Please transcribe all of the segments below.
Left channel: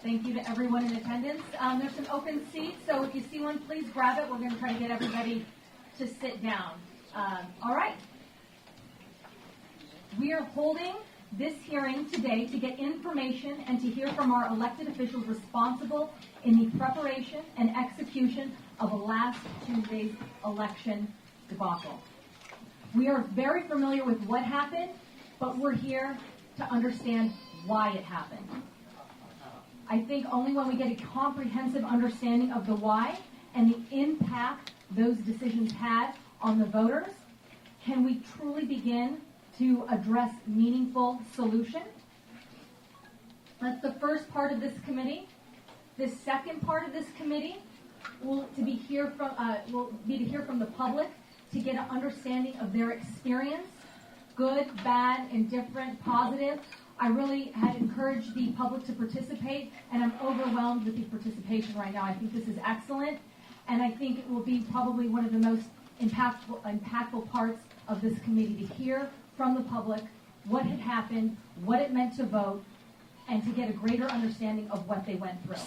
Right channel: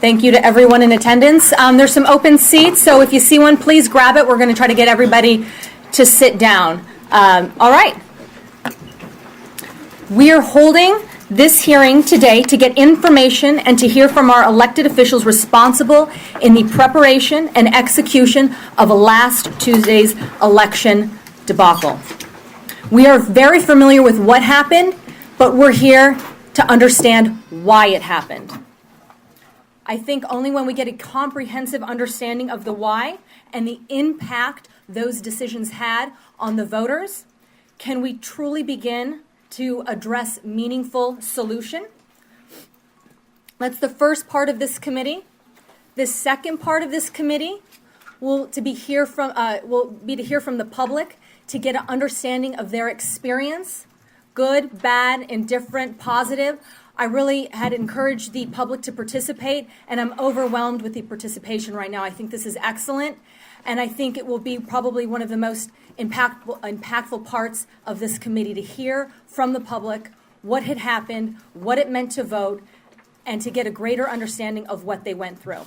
Thank you to everyone in attendance. There's some open seats, so if you see one, please grab it. We're going to try to get everybody to sit down. All right. We are holding this hearing today to get information and to hear from our elected officials responsible in the preparation and execution of last Tuesday's election debacle. We are very familiar with what happened, but we're here to understand why it happened. I think only when we get a comprehensive understanding of the why and the impact those decisions had on the voters can we truly begin to address meaningful solution. That's the first part of this committee. The second part of this committee will be to hear from the public to get an understanding of their experience, good, bad, indifferent, positive. I really had encouraged the public to participate, and I'm overwhelmed with the participation right now. I think this is excellent, and I think it will be probably one of the most impactful parts of this committee to hear from the public what had happened, what it meant to vote, and to get a greater understanding of what they went through.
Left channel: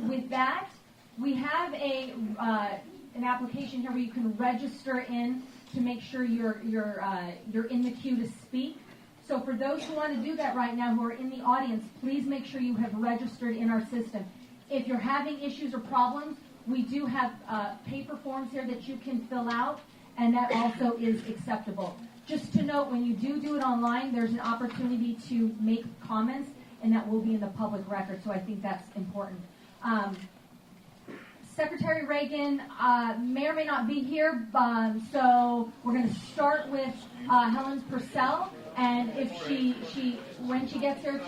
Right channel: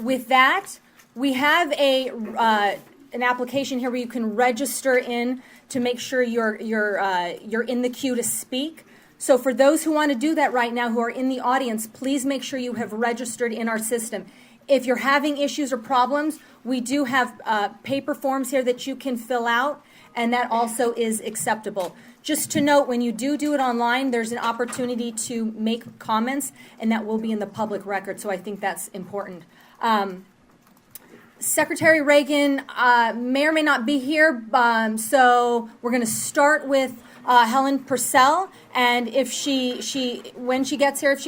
With that, we have an application here where you can register in to make sure you're in the queue to speak. So for those who want to do that right now, who are in the audience, please make sure you have registered in our system. If you're having issues or problems, we do have paper forms here that you can fill out, and that also is acceptable. Just to note, when you do it online, there's an opportunity to make comments, and that will be in the public record, so I think that's important. Secretary Reagan may or may not be here, so we're going to start with Helen Purcell. And if when she gets here,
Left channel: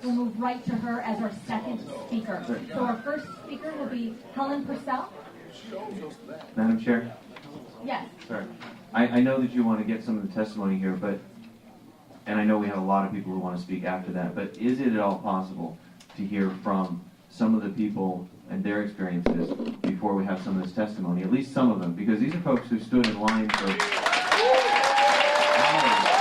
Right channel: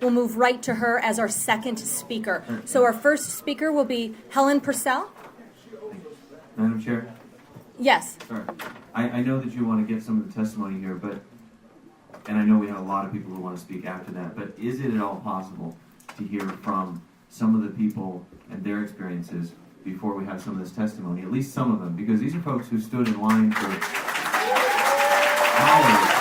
we'll move right to her as our second speaker. So our first speaker will be Helen Purcell. Madam Chair? Yes. Sorry. I know that you want to get some of the testimony here, and I know we have a lot of people who want to speak after that, but is it at all possible to hear from some of the people and their experiences before we have some of this testimony, at least some of them, because these are folks who stood in line for hours.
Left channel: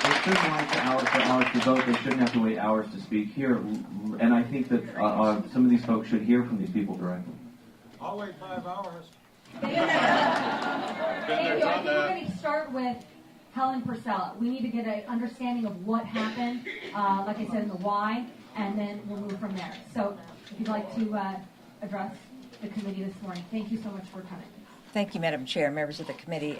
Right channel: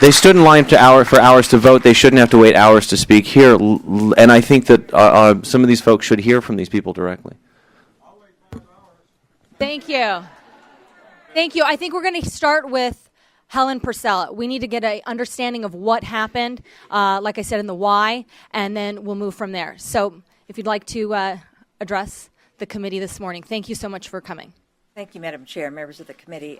They stood in line for hours to vote. They shouldn't have to wait hours to speak here. And I think that some of these folks should hear from these people directly. I'll wait 5 hours. Thank you. Thank you. I think we're going to start with Helen Purcell. We need to get an understanding of what happened, like I said, in the why, and then we'll move from there. So if you'd like to address the committee this morning. Thank you so much for coming. Thank you, Madam Chair, members of the committee.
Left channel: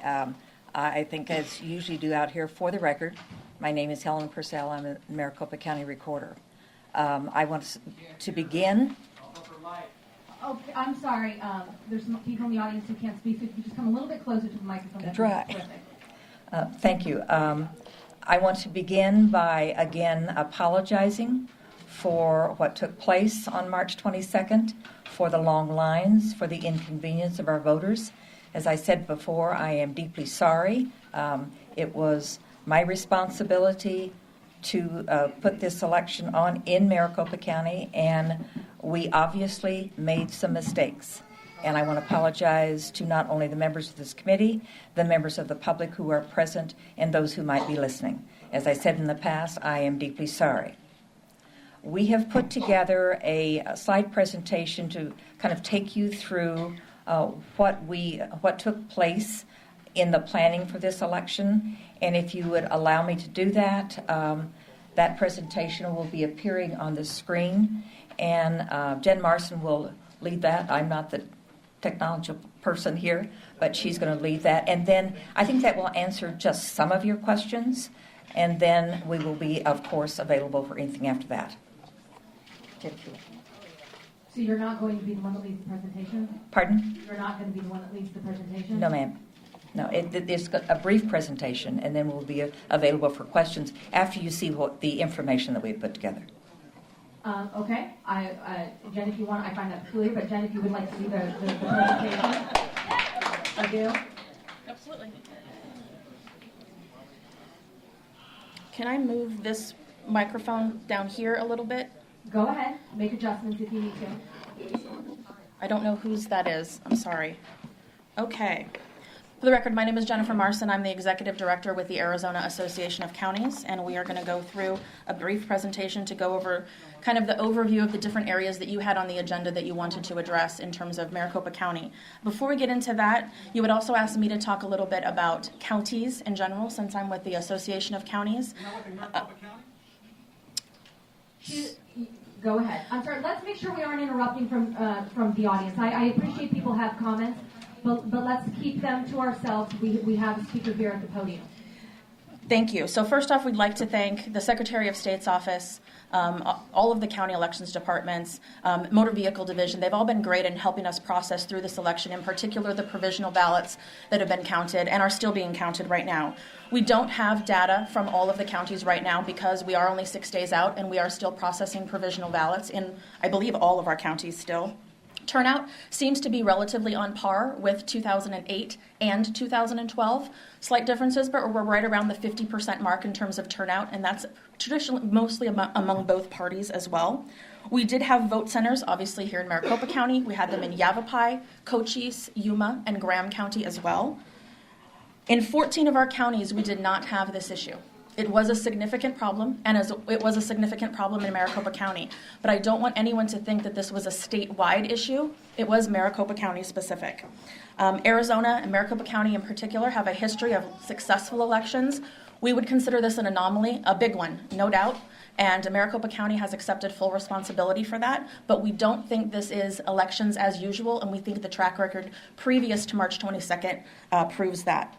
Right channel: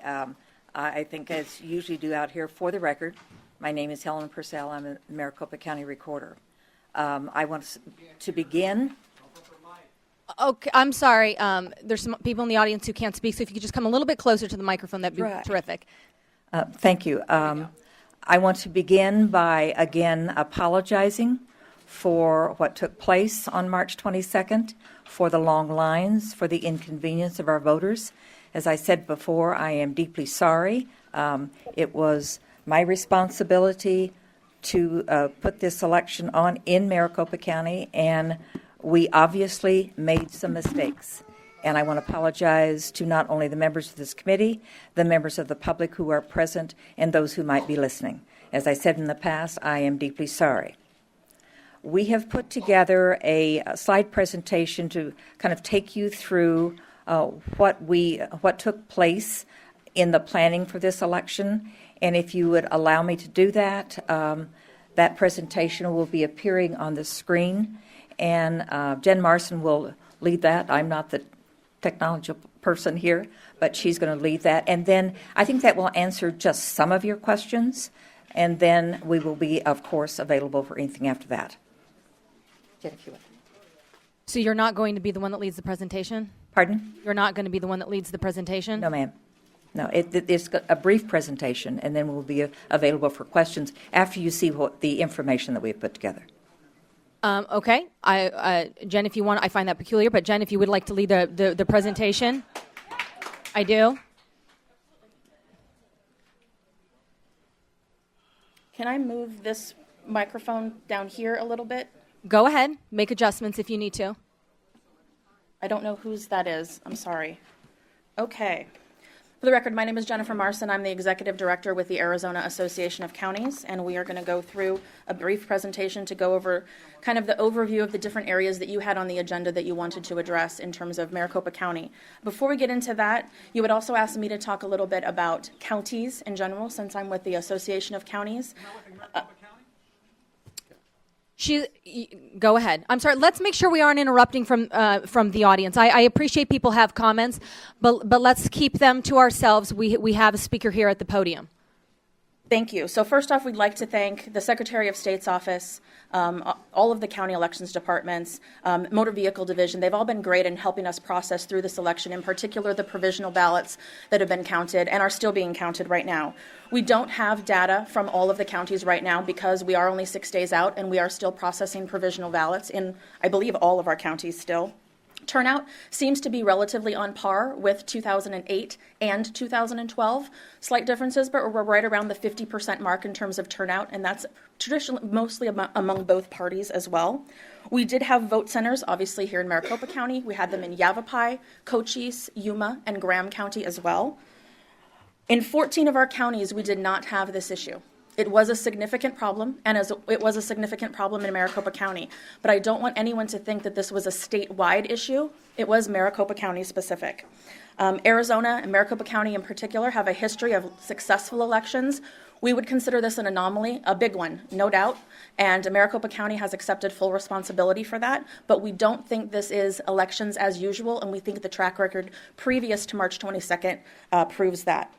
I think, as you usually do out here, for the record, my name is Helen Purcell. I'm a Maricopa County Recorder. I want to begin. Okay, I'm sorry. There's some people in the audience who can't speak, so if you could just come a little bit closer to the microphone, that'd be terrific. Thank you. I want to begin by, again, apologizing for what took place on March 22nd, for the long lines, for the inconvenience of our voters. As I said before, I am deeply sorry. It was my responsibility to put this election on in Maricopa County, and we obviously made some mistakes. And I want to apologize to not only the members of this committee, the members of the public who are present, and those who might be listening. As I said in the past, I am deeply sorry. We have put together a slide presentation to kind of take you through what took place in the planning for this election. And if you would allow me to do that, that presentation will be appearing on the screen. And Jen Marson will lead that. I'm not the technology person here, but she's going to lead that. And then I think that will answer just some of your questions. And then we will be, of course, available for anything after that. Thank you. So you're not going to be the one that leads the presentation? Pardon? You're not going to be the one that leads the presentation? No, ma'am. No, it's a brief presentation, and then we'll be available for questions after you see the information that we've put together. Okay. Jen, if you want, I find that peculiar, but Jen, if you would like to lead the presentation. I do. Absolutely. Can I move this microphone down here a little bit? Go ahead. Make adjustments if you need to. I don't know whose that is. I'm sorry. Okay. For the record, my name is Jennifer Marson. I'm the Executive Director with the Arizona Association of Counties, and we are going to go through a brief presentation to go over kind of the overview of the different areas that you had on the agenda that you wanted to address in terms of Maricopa County. Before we get into that, you would also ask me to talk a little bit about counties in general, since I'm with the Association of Counties. Go ahead. I'm sorry. Let's make sure we aren't interrupting from the audience. I appreciate people have comments, but let's keep them to ourselves. We have a speaker here at the podium. Thank you. So first off, we'd like to thank the Secretary of State's office, all of the county elections departments, motor vehicle division. They've all been great in helping us process through this election, in particular the provisional ballots that have been counted and are still being counted right now. We don't have data from all of the counties right now because we are only 6 days out and we are still processing provisional ballots in, I believe, all of our counties still. Turnout seems to be relatively on par with 2008 and 2012. Slight differences, but we're right around the 50% mark in terms of turnout, and that's traditionally mostly among both parties as well. We did have vote centers, obviously, here in Maricopa County. We had them in Yavapai, Cochise, Yuma, and Graham County as well. In 14 of our counties, we did not have this issue. It was a significant problem, and it was a significant problem in Maricopa County. But I don't want anyone to think that this was a statewide issue. It was Maricopa County specific. Arizona and Maricopa County in particular have a history of successful elections. We would consider this an anomaly, a big one, no doubt. And Maricopa County has accepted full responsibility for that. But we don't think this is elections as usual, and we think the track record previous to March 22nd proves that.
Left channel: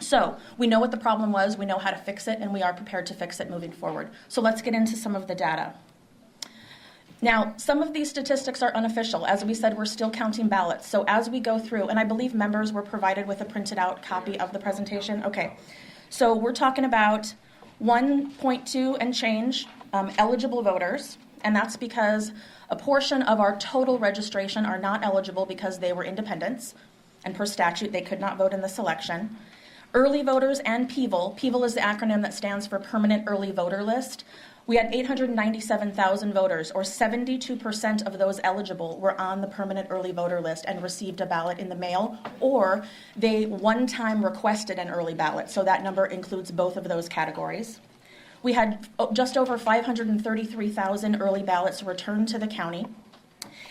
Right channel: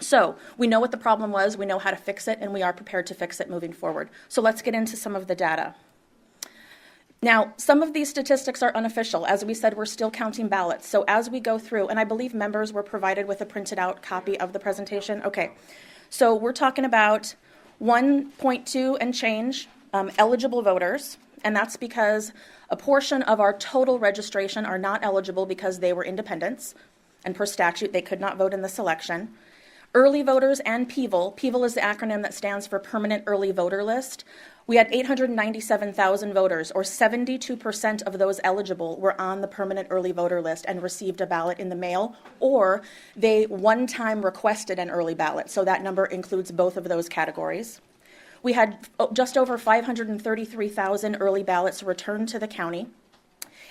So we know what the problem was, we know how to fix it, and we are prepared to fix it moving forward. So let's get into some of the data. Now, some of these statistics are unofficial. As we said, we're still counting ballots. So as we go through, and I believe members were provided with a printed out copy of the presentation. Okay, so we're talking about 1.2 and change eligible voters, and that's because a portion of our total registration are not eligible because they were independents, and per statute they could not vote in this election. Early voters and PEVL. PEVL is the acronym that stands for Permanent Early Voter List. We had 897,000 voters, or 72% of those eligible were on the Permanent Early Voter List and received a ballot in the mail, or they one time requested an early ballot. So that number includes both of those categories. We had just over 533,000 early ballots returned to the county,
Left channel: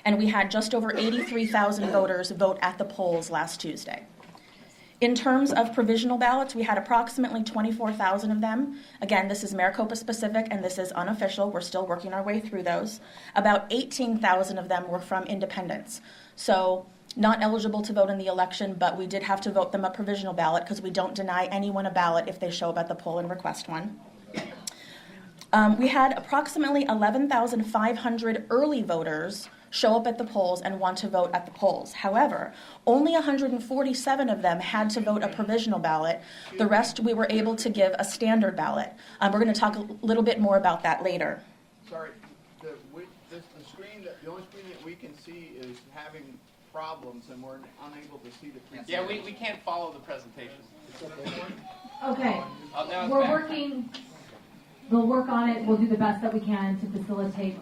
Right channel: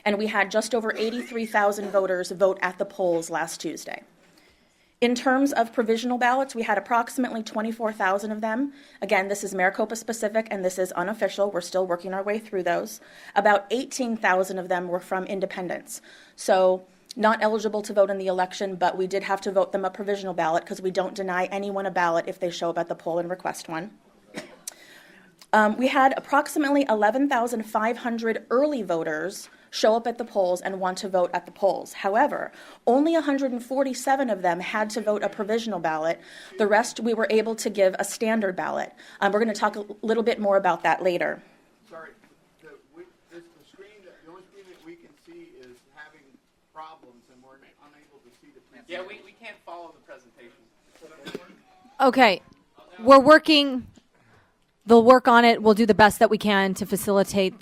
and we had just over 83,000 voters vote at the polls last Tuesday. In terms of provisional ballots, we had approximately 24,000 of them. Again, this is Maricopa specific and this is unofficial. We're still working our way through those. About 18,000 of them were from independents. So not eligible to vote in the election, but we did have to vote them a provisional ballot because we don't deny anyone a ballot if they show up at the poll and request one. We had approximately 11,500 early voters show up at the polls and want to vote at the polls. However, only 147 of them had to vote a provisional ballot. The rest we were able to give a standard ballot. We're going to talk a little bit more about that later. Sorry, the only screen that we can see is having problems, and we're unable to see the presentation. Yeah, we can't follow the presentation. Okay, we're working. They'll work on it. We'll do the best that we can to facilitate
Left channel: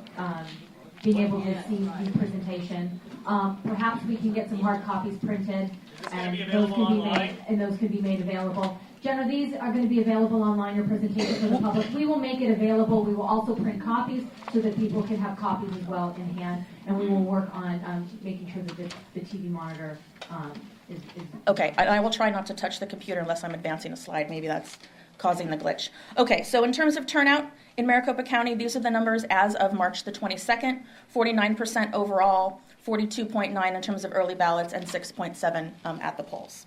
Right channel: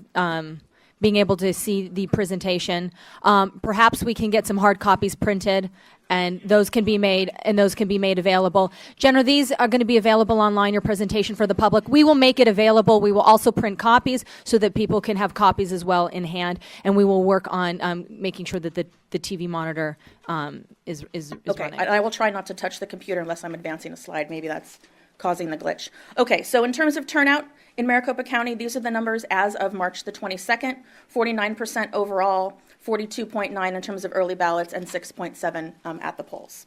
being able to see the presentation. Perhaps we can get some hard copies printed, and those can be made available. Jenna, these are going to be available online, your presentation for the public. We will make it available. We will also print copies so that people can have copies as well in hand, and we will work on making sure that the TV monitor is Okay, running. I will try not to touch the computer unless I'm advancing a slide. Maybe that's causing the glitch. Okay, so in terms of turnout in Maricopa County, these are the numbers as of March the 22nd, 49% overall, 42.9 in terms of early ballots, and 6.7 at the polls.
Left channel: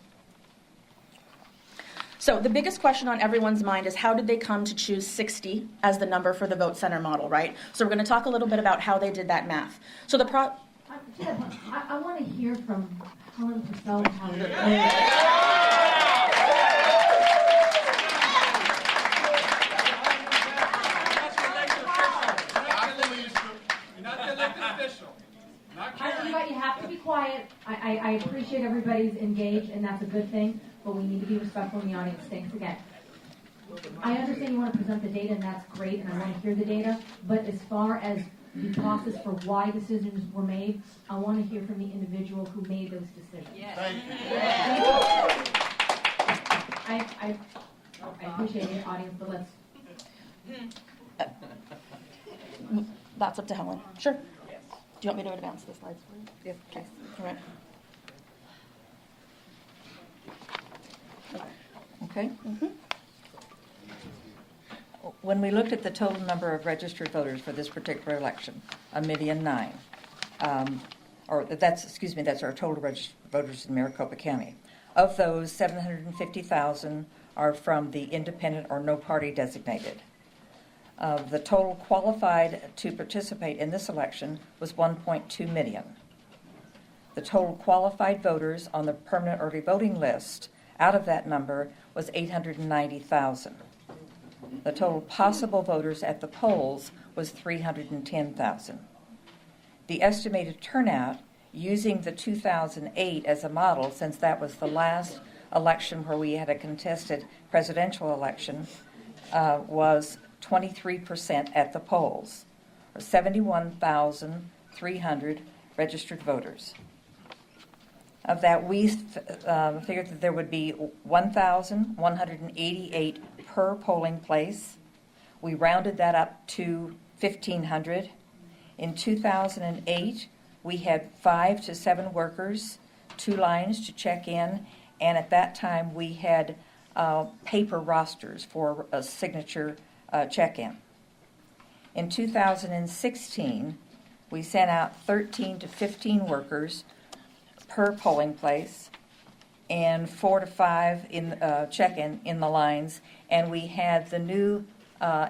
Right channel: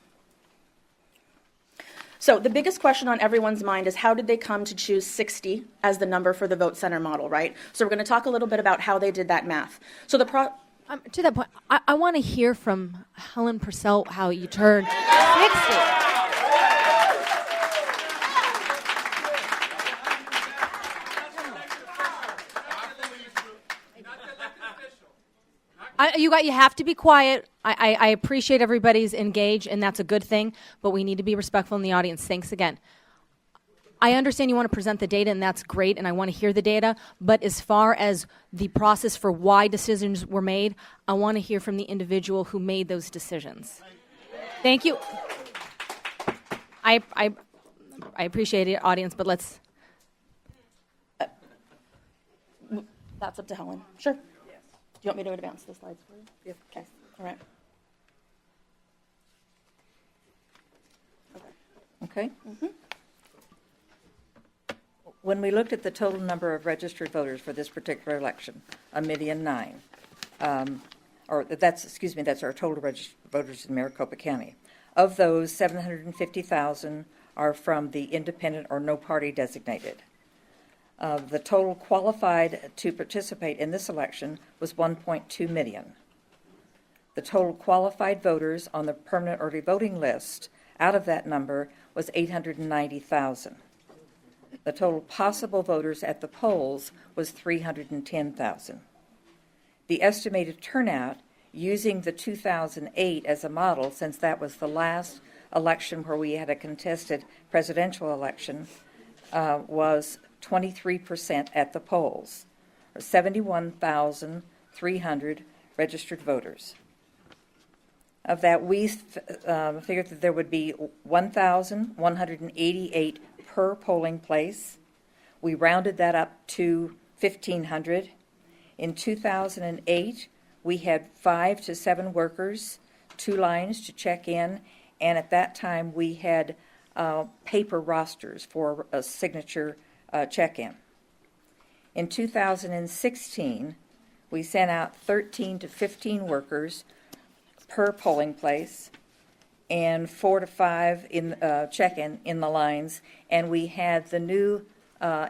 So the biggest question on everyone's mind is how did they come to choose 60 as the number for the vote center model, right? So we're going to talk a little bit about how they did that math. So to that point, I want to hear from Helen Purcell how you turned 60. You have to be quiet. I appreciate everybody's engaged, and that's a good thing, but we need to be respectful in the audience. Thanks again. I understand you want to present the data, and that's great, and I want to hear the data, but as far as the process for why decisions were made, I want to hear from the individual who made those decisions. Thank you. I appreciate it, audience, but let's, That's up to Helen. Sure. Do you want me to advance the slides for you? Yeah. Okay. All right. Okay? When we looked at the total number of registered voters for this particular election, 1,000,009, that's our total registered voters in Maricopa County. Of those, 750,000 are from the independent or no party designated. The total qualified to participate in this election was 1.2 million. The total qualified voters on the permanent early voting list out of that number was 890,000. The total possible voters at the polls was 310,000. The estimated turnout, using the 2008 as a model, since that was the last election where we had a contested presidential election, was 23% at the polls, or 71,300 registered voters. Of that, we figured that there would be 1,188 per polling place. We rounded that up to 1,500. In 2008, we had 5 to 7 workers, 2 lines to check in, and at that time we had paper rosters for a signature check-in. In 2016, we sent out 13 to 15 workers per polling place and 4 to 5 in check-in in the lines, and we had the new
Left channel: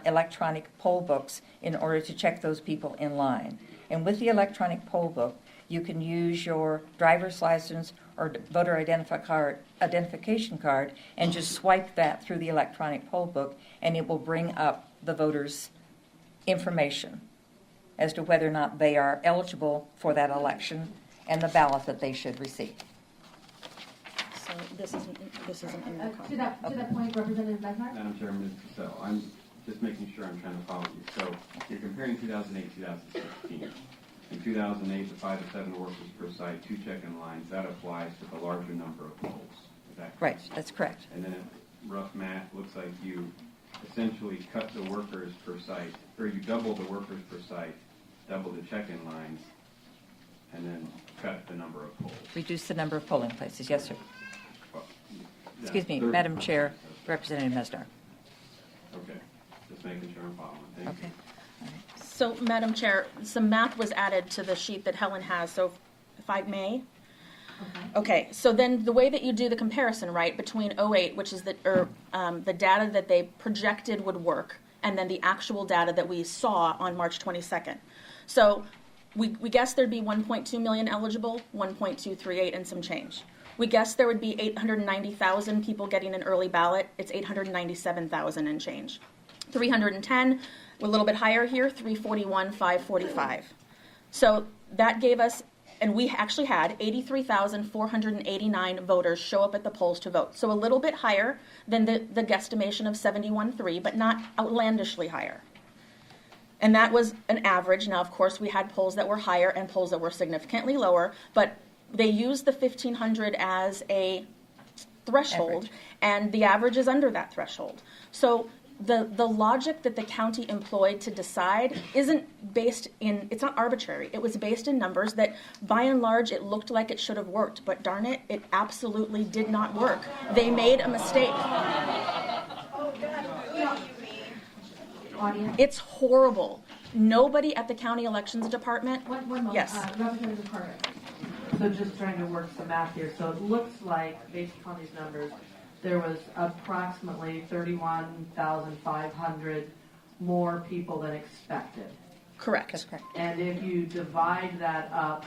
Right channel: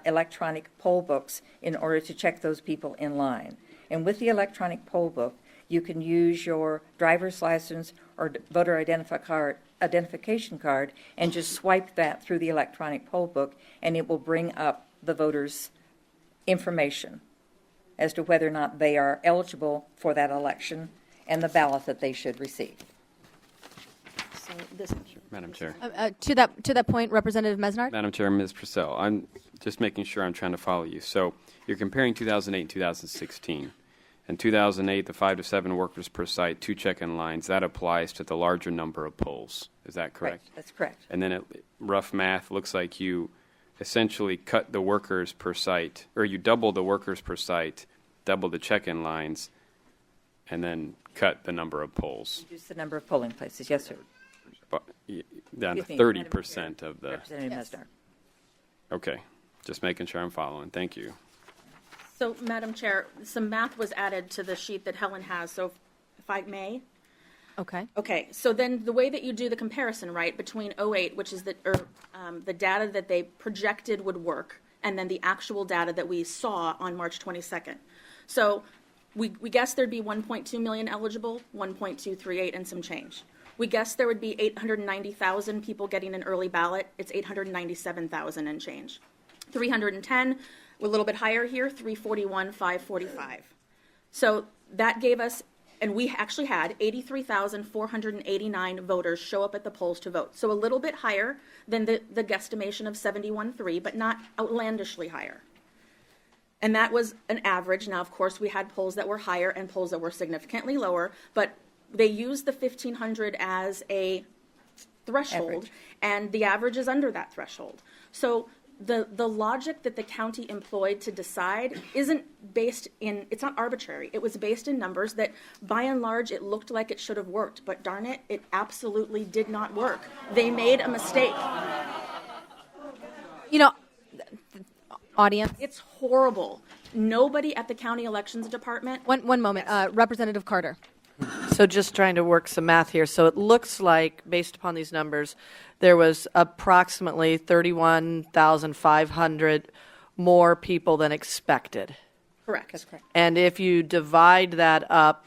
electronic poll books in order to check those people in line. And with the electronic poll book, you can use your driver's license or voter identification card and just swipe that through the electronic poll book, and it will bring up the voters' information as to whether or not they are eligible for that election and the ballot that they should receive. So this is Madam Chair. to that point, Representative Mesnar? Madam Chair, Ms. Purcell, I'm just making sure I'm trying to follow you. So you're comparing 2008 and 2016. In 2008, the 5 to 7 workers per site, 2 check-in lines, that applies to the larger number of polls. Is that correct? Right, that's correct. And then rough math looks like you essentially cut the workers per site, or you double the workers per site, double the check-in lines, and then cut the number of polls. Reduce the number of polling places, yes, sir. But, down Excuse me, 30% Madam Chair, of the. Representative Mesnar. Okay, just making sure I'm following. Thank you. So, Madam Chair, some math was added to the sheet that Helen has, so if I may. Okay. Okay, so then the way that you do the comparison, right, between 08, which is the data that they projected would work, and then the actual data that we saw on March 22nd. So we guessed there'd be 1.2 million eligible, 1.238 and some change. We guessed there would be 890,000 people getting an early ballot. It's 897,000 and change. 310, we're a little bit higher here, 341, 545. So that gave us, and we actually had 83,489 voters show up at the polls to vote. So a little bit higher than the guesstimation of 71.3, but not outlandishly higher. And that was an average. Now, of course, we had polls that were higher and polls that were significantly lower, but they used the 1,500 as a threshold, Average. and the average is under that threshold. So the logic that the county employed to decide isn't based in, it's not arbitrary. It was based in numbers that, by and large, it looked like it should have worked, but darn it, it absolutely did not work. They made a mistake. You know, audience, It's horrible. Nobody at the county elections department. one moment. Yes. Representative Carter. So just trying to work some math here. So it looks like, based upon these numbers, there was approximately 31,500 more people than expected. Correct. That's correct. And if you divide that up,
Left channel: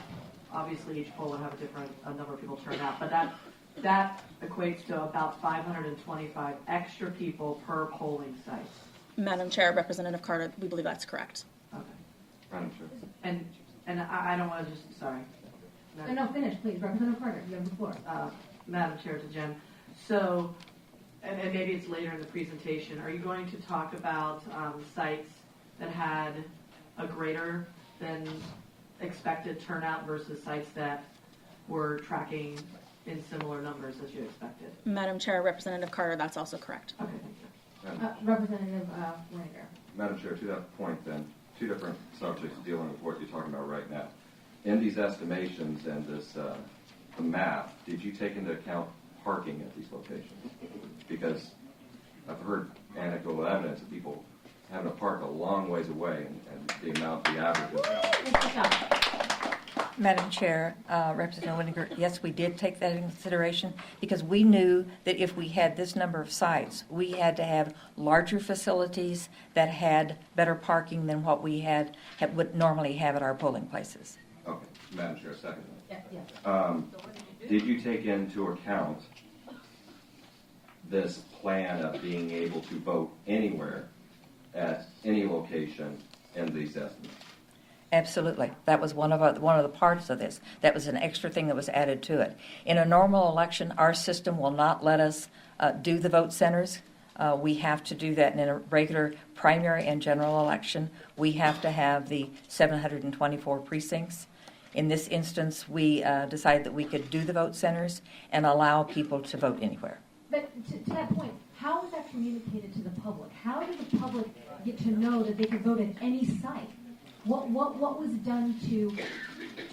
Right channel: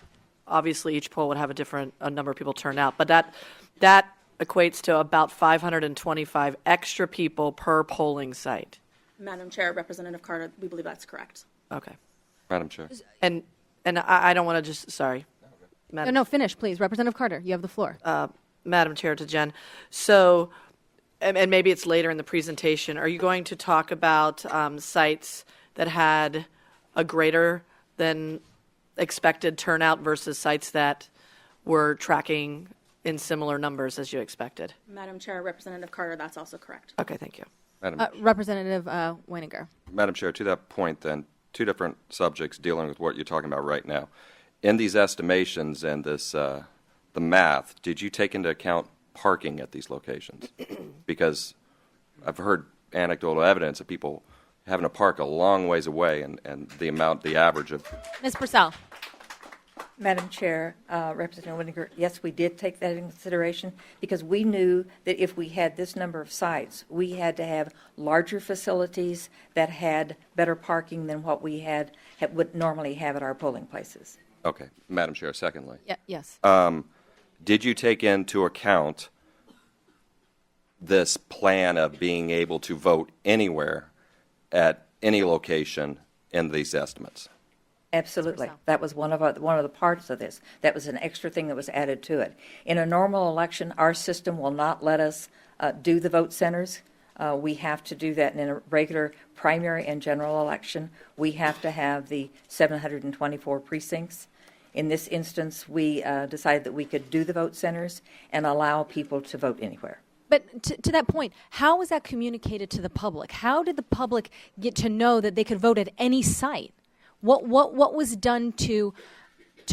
obviously each poll would have a number of people turn out, but that equates to about 525 extra people per polling site. Madam Chair, Representative Carter, we believe that's correct. Okay. Madam Chair. And I don't want to just, sorry. No, finish, please. Representative Carter, you have the floor. Madam Chair, to Jen. So, and maybe it's later in the presentation, are you going to talk about sites that had a greater than expected turnout versus sites that were tracking in similar numbers as you expected. Madam Chair, Representative Carter, that's also correct. Okay, thank you. Representative Winiger. Madam Chair, to that point then, two different subjects dealing with what you're talking about right now. In these estimations and this, the math, did you take into account parking at these locations? Because I've heard anecdotal evidence of people having to park a long ways away and the average of. Ms. Purcell. Madam Chair, Representative Winiger, yes, we did take that into consideration because we knew that if we had this number of sites, we had to have larger facilities that had better parking than what we would normally have at our polling places. Okay, Madam Chair, secondly. Yes. Did you take into account this plan of being able to vote anywhere at any location in these estimates? Absolutely. That was one of the parts of this. That was an extra thing that was added to it. In a normal election, our system will not let us do the vote centers. We have to do that in a regular primary and general election. We have to have the 724 precincts. In this instance, we decided that we could do the vote centers and allow people to vote anywhere. But to that point, how was that communicated to the public? How did the public get to know that they could vote at any site? What was done to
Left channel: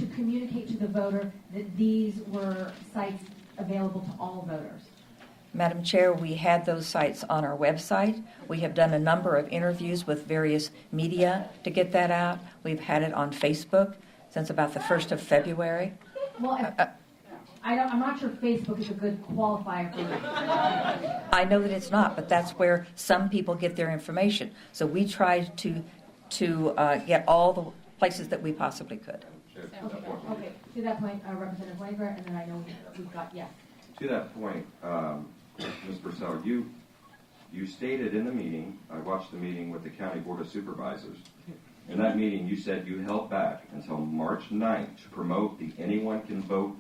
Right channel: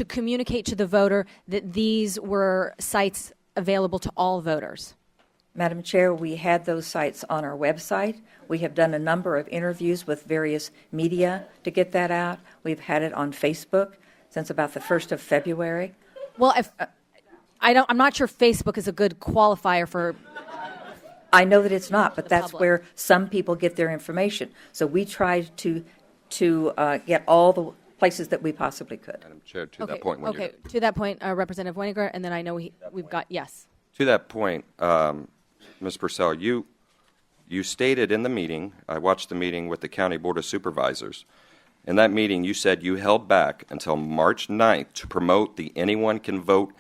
communicate to the voter that these were sites available to all voters? Madam Chair, we had those sites on our website. We have done a number of interviews with various media to get that out. We've had it on Facebook since about the 1st of February. Well, I'm not sure Facebook is a good qualifier for. I know that it's not, but that's where some people get their information. So we tried to get all the places that we possibly could. Madam Chair, to that point. Okay, to that point, Representative Winiger, and then I know we've got, yes. To that point, Ms. Purcell, you stated in the meeting, I watched the meeting with the County Board of Supervisors. In that meeting, you said you held back until March 9th to promote the anyone can vote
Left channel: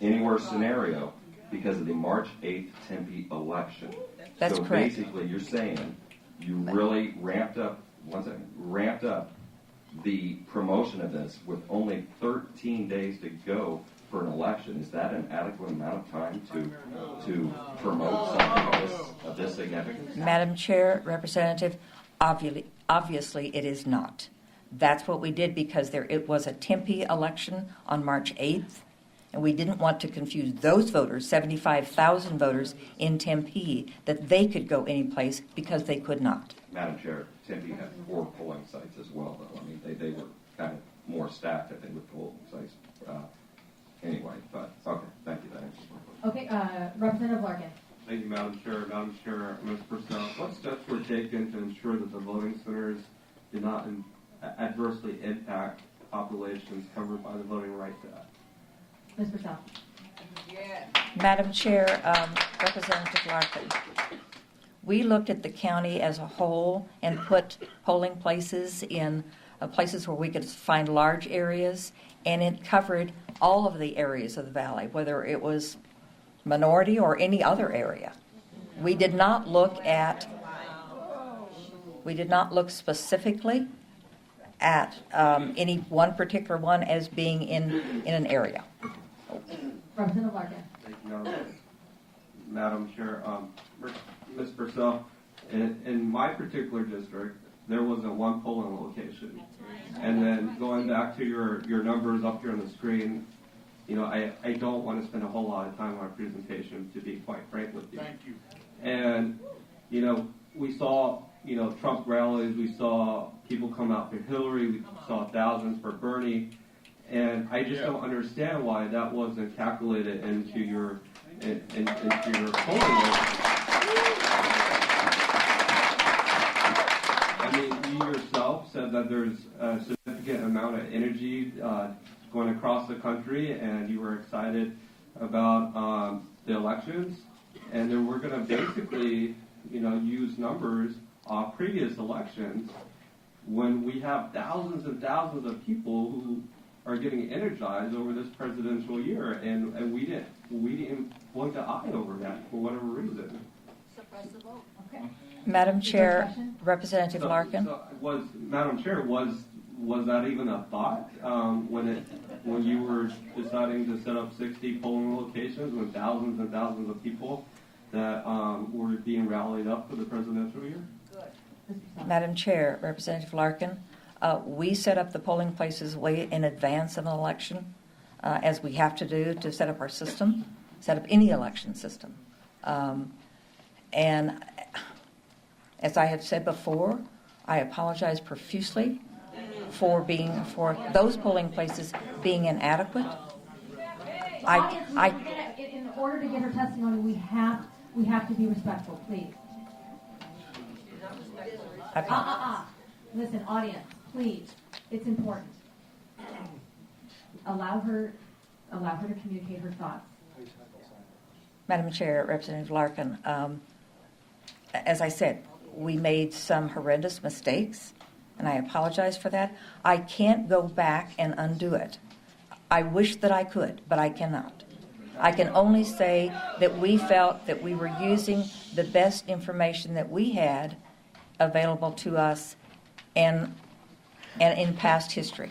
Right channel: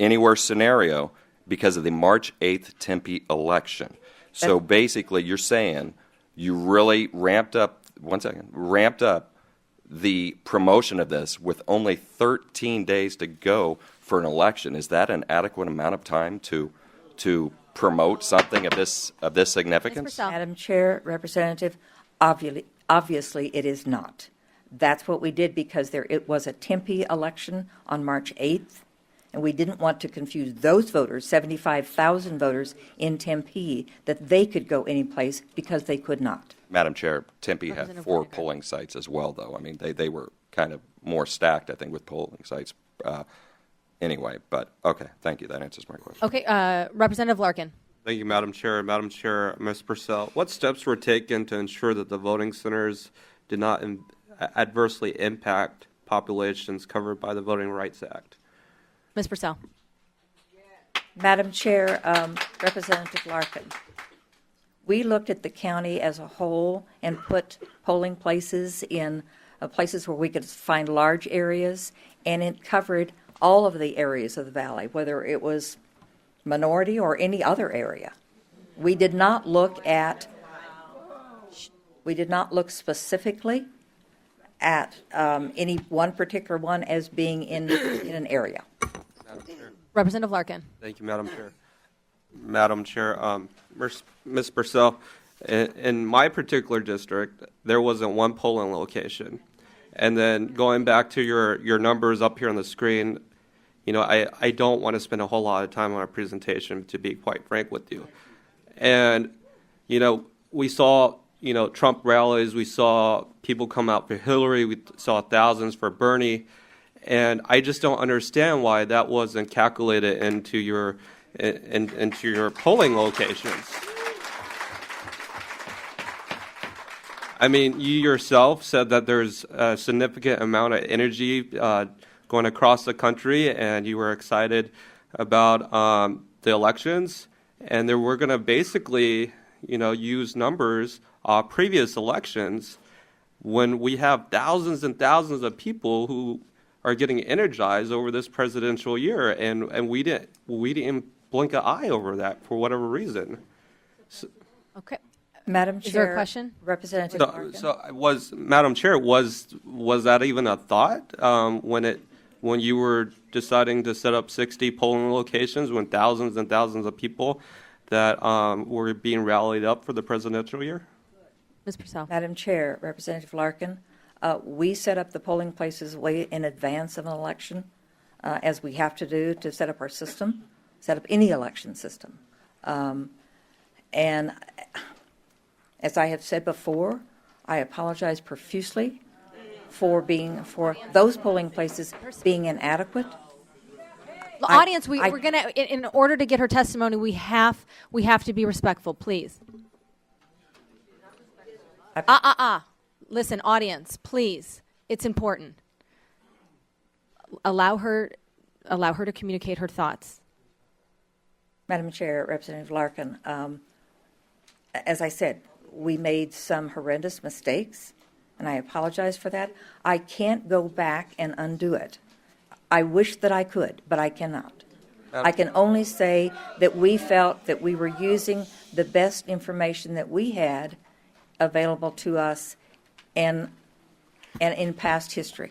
anywhere scenario because of the March 8th Tempe election. So correct. basically, you're saying you really ramped up the promotion of this with only 13 days to go for an election. Is that an adequate amount of time to promote something of this significance? Madam Chair, Representative, obviously it is not. That's what we did because it was a Tempe election on March 8th, and we didn't want to confuse those voters, 75,000 voters in Tempe, that they could go any place because they could not. Madam Chair, Tempe had 4 polling sites as well, though. I mean, they were kind of more stacked, I think, with polling sites anyway. But, okay, thank you. That answers my question. Okay, Representative Larkin. Thank you, Madam Chair. Madam Chair, Ms. Purcell, what steps were taken to ensure that the voting centers did not adversely impact populations covered by the Voting Rights Act? Ms. Purcell. Madam Chair, Representative Larkin, we looked at the county as a whole and put polling places in places where we could find large areas, and it covered all of the areas of the valley, whether it was minority or any other area. We did not look specifically at any one particular one as being in an area. Representative Larkin. Thank you, Madam Chair. Madam Chair, Ms. Purcell, in my particular district, there wasn't one polling location. And then going back to your numbers up here on the screen, you know, I don't want to spend a whole lot of time on our presentation, to be quite frank with you. And, you know, we saw, you know, Trump rallies, we saw people come out for Hillary, we saw thousands for Bernie, and I just don't understand why that wasn't calculated into your polling locations. I mean, you yourself said that there's a significant amount of energy going across the country, and you were excited about the elections, and they were going to basically, you know, use numbers of previous elections when we have thousands and thousands of people who are getting energized over this presidential year, and we didn't blink an eye over that for whatever reason. Okay. Madam Is there a Chair, question? Representative Larkin. Madam Chair, was that even a thought when you were deciding to set up 60 polling locations when thousands and thousands of people that were being rallied up for the presidential year? Ms. Purcell. Madam Chair, Representative Larkin, we set up the polling places way in advance of an election, as we have to do to set up our system, set up any election system. And as I have said before, I apologize profusely for those polling places being inadequate. The audience, we're going to, in order to get her testimony, we have to be respectful, please. Listen, audience, please. It's important. Allow her to communicate her thoughts. Madam Chair, Representative Larkin, as I said, we made some horrendous mistakes, and I apologize for that. I can't go back and undo it. I wish that I could, but I cannot. I can only say that we felt that we were using the best information that we had available to us and in past history.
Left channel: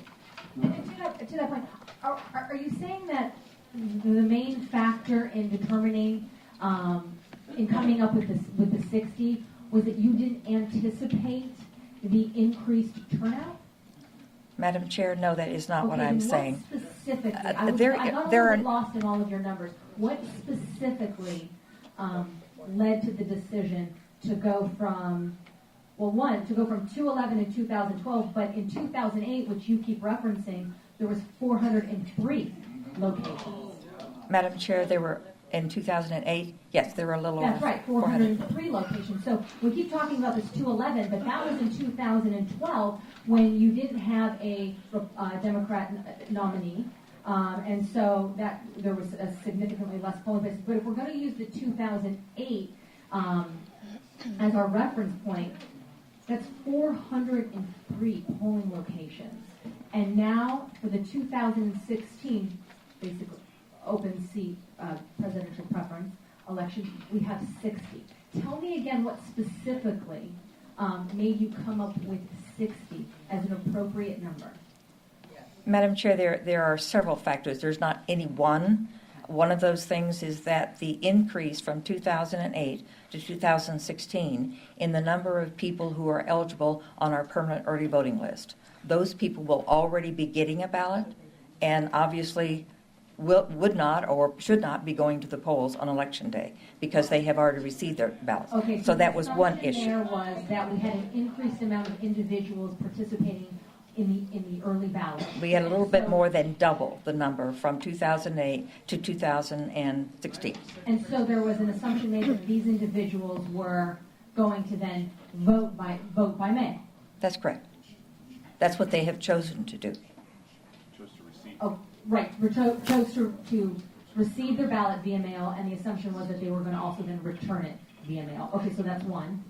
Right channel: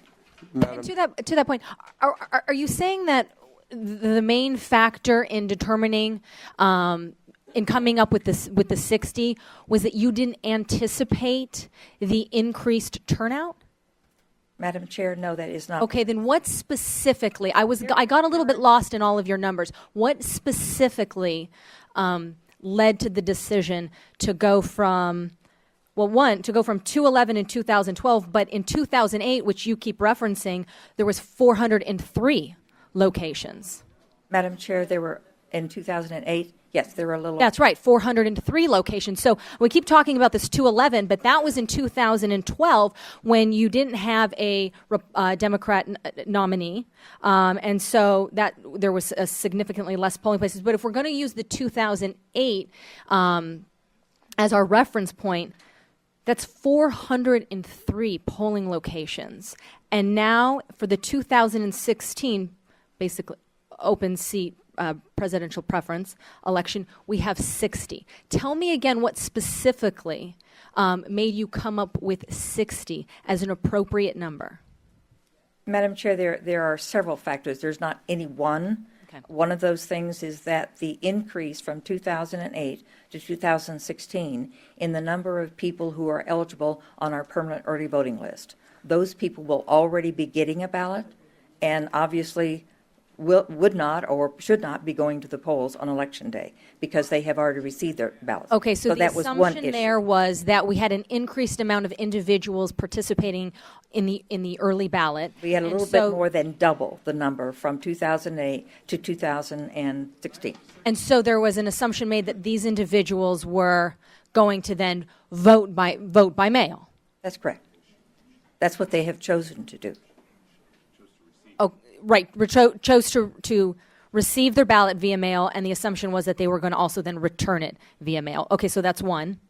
To that point, are you saying that the main factor in determining, in coming up with the 60, was that you didn't anticipate the increased turnout? Madam Chair, no, that is not Okay, what I'm then what saying. specifically? I got a little bit lost in all of your numbers. What specifically led to the decision to go from? Well, to go from 211 in 2012, but in 2008, which you keep referencing, there was 403 locations. Madam Chair, there were, in 2008, yes, there were a little... That's right, 403 locations. So we keep talking about this 211, but that was in 2012 when you didn't have a Democrat nominee. And so that there was a significantly less polling places. But if we're going to use the 2008 as our reference point, that's 403 polling locations. And now for the 2016, basically, open seat presidential preference election, we have 60. Tell me again what specifically made you come up with 60 as an appropriate number. Madam Chair, there are several factors. There's not any one. Okay. One of those things is that the increase from 2008 to 2016 in the number of people who are eligible on our permanent early voting list. Those people will already be getting a ballot and obviously would not or should not be going to the polls on Election Day because they have already received their ballots. Okay, so the that was one assumption issue. there was that we had an increased amount of individuals participating in the early ballot. We had a little bit more than double the number from 2008 to 2016. And so there was an assumption made that these individuals were going to then vote by mail. That's correct. That's what they have chosen to do. Oh, right. Chose to receive their ballot via mail, and the assumption was that they were going to also then return it via mail. Okay, so that's one.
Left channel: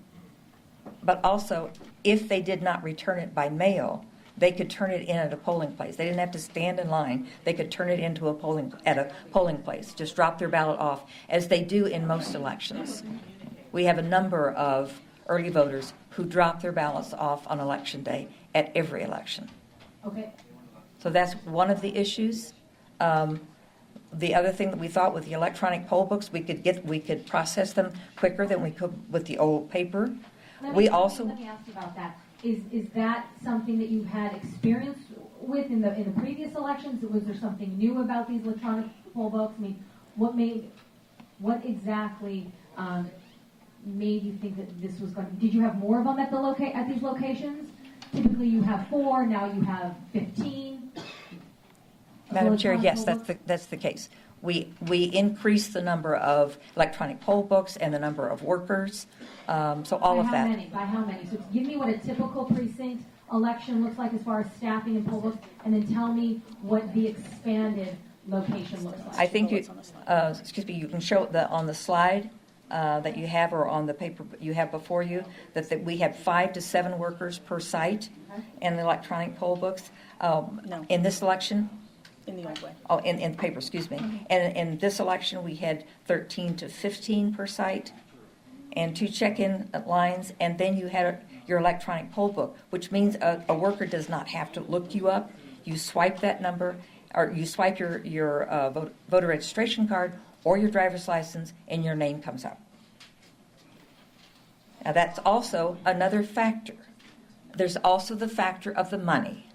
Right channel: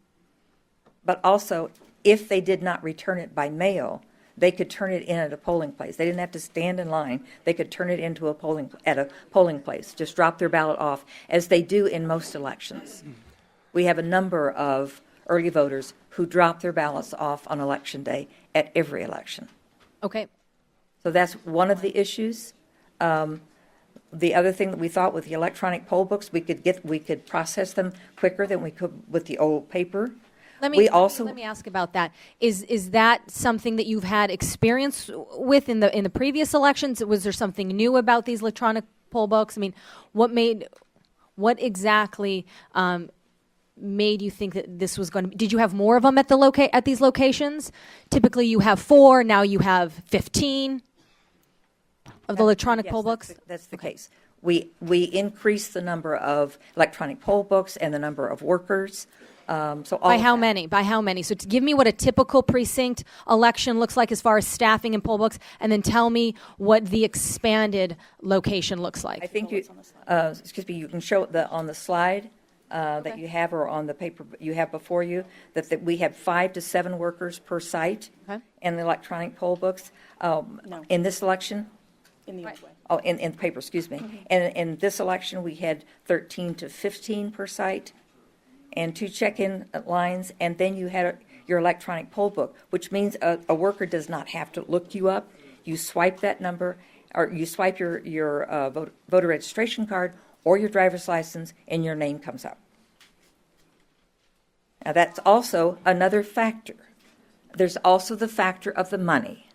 But also, if they did not return it by mail, they could turn it in at a polling place. They didn't have to stand in line. They could turn it into a polling place. Just drop their ballot off, as they do in most elections. We have a number of early voters who drop their ballots off on Election Day at every election. Okay. So that's one of the issues. The other thing that we thought with the electronic poll books, we could process them quicker than we could with the old paper. Let me ask about that. Is that something that you've had experience with in the previous elections? Was there something new about these electronic poll books? I mean, what exactly made you think that this was going to be? Did you have more of them at these locations? Typically, you have 4. Now you have 15 of electronic poll books. Yes, that's the case. We increased the number of electronic poll books and the number of workers. So all By of how that. many? By how many? So to give me what a typical precinct election looks like as far as staffing and poll books, and then tell me what the expanded location looks like. I think you can show it on the slide that you have or on the paper you have before you that we have 5 to 7 workers per site in the electronic poll books. In this election, In the way. oh, in the paper, excuse me. And in this election, we had 13 to 15 per site and 2 check-in lines, and then you had your electronic poll book, which means a worker does not have to look you up. You swipe that number, or you swipe your voter registration card or your driver's license, and your name comes up. Now, that's also another factor. There's also the factor of the money,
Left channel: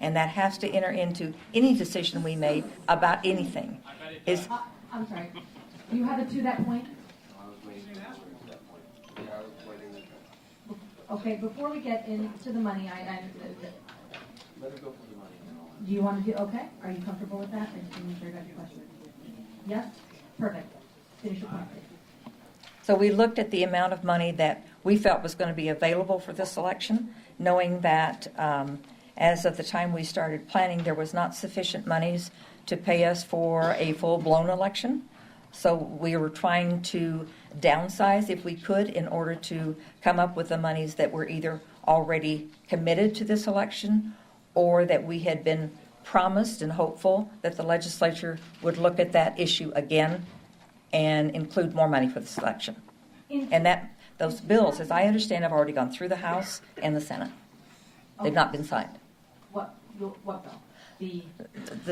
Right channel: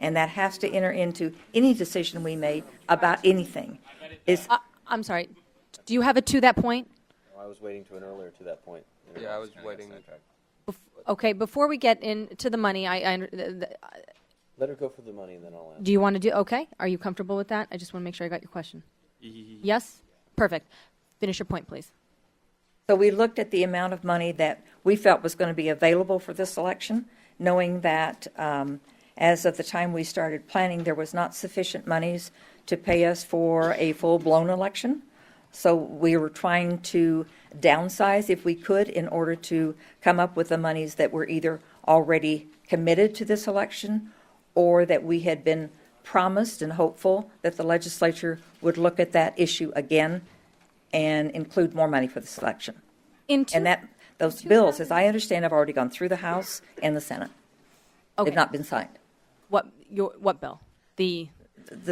and that has to enter into any decision we make about anything. I'm sorry. Do you have it to that point? I was waiting for an earlier to that point. Yeah, I was waiting. Okay, before we get into the money, Let her go for the money and then I'll. do you want to do, okay? Are you comfortable with that? I just want to make sure I got your question. Yes? Perfect. Finish your point, please. So we looked at the amount of money that we felt was going to be available for this election, knowing that as of the time we started planning, there was not sufficient monies to pay us for a full-blown election. So we were trying to downsize if we could in order to come up with the monies that were either already committed to this election or that we had been promised and hopeful that the legislature would look at that issue again and include more money for this election. And those bills, as I understand, have already gone through the House and the Senate. Okay. They've not been signed. What bill? The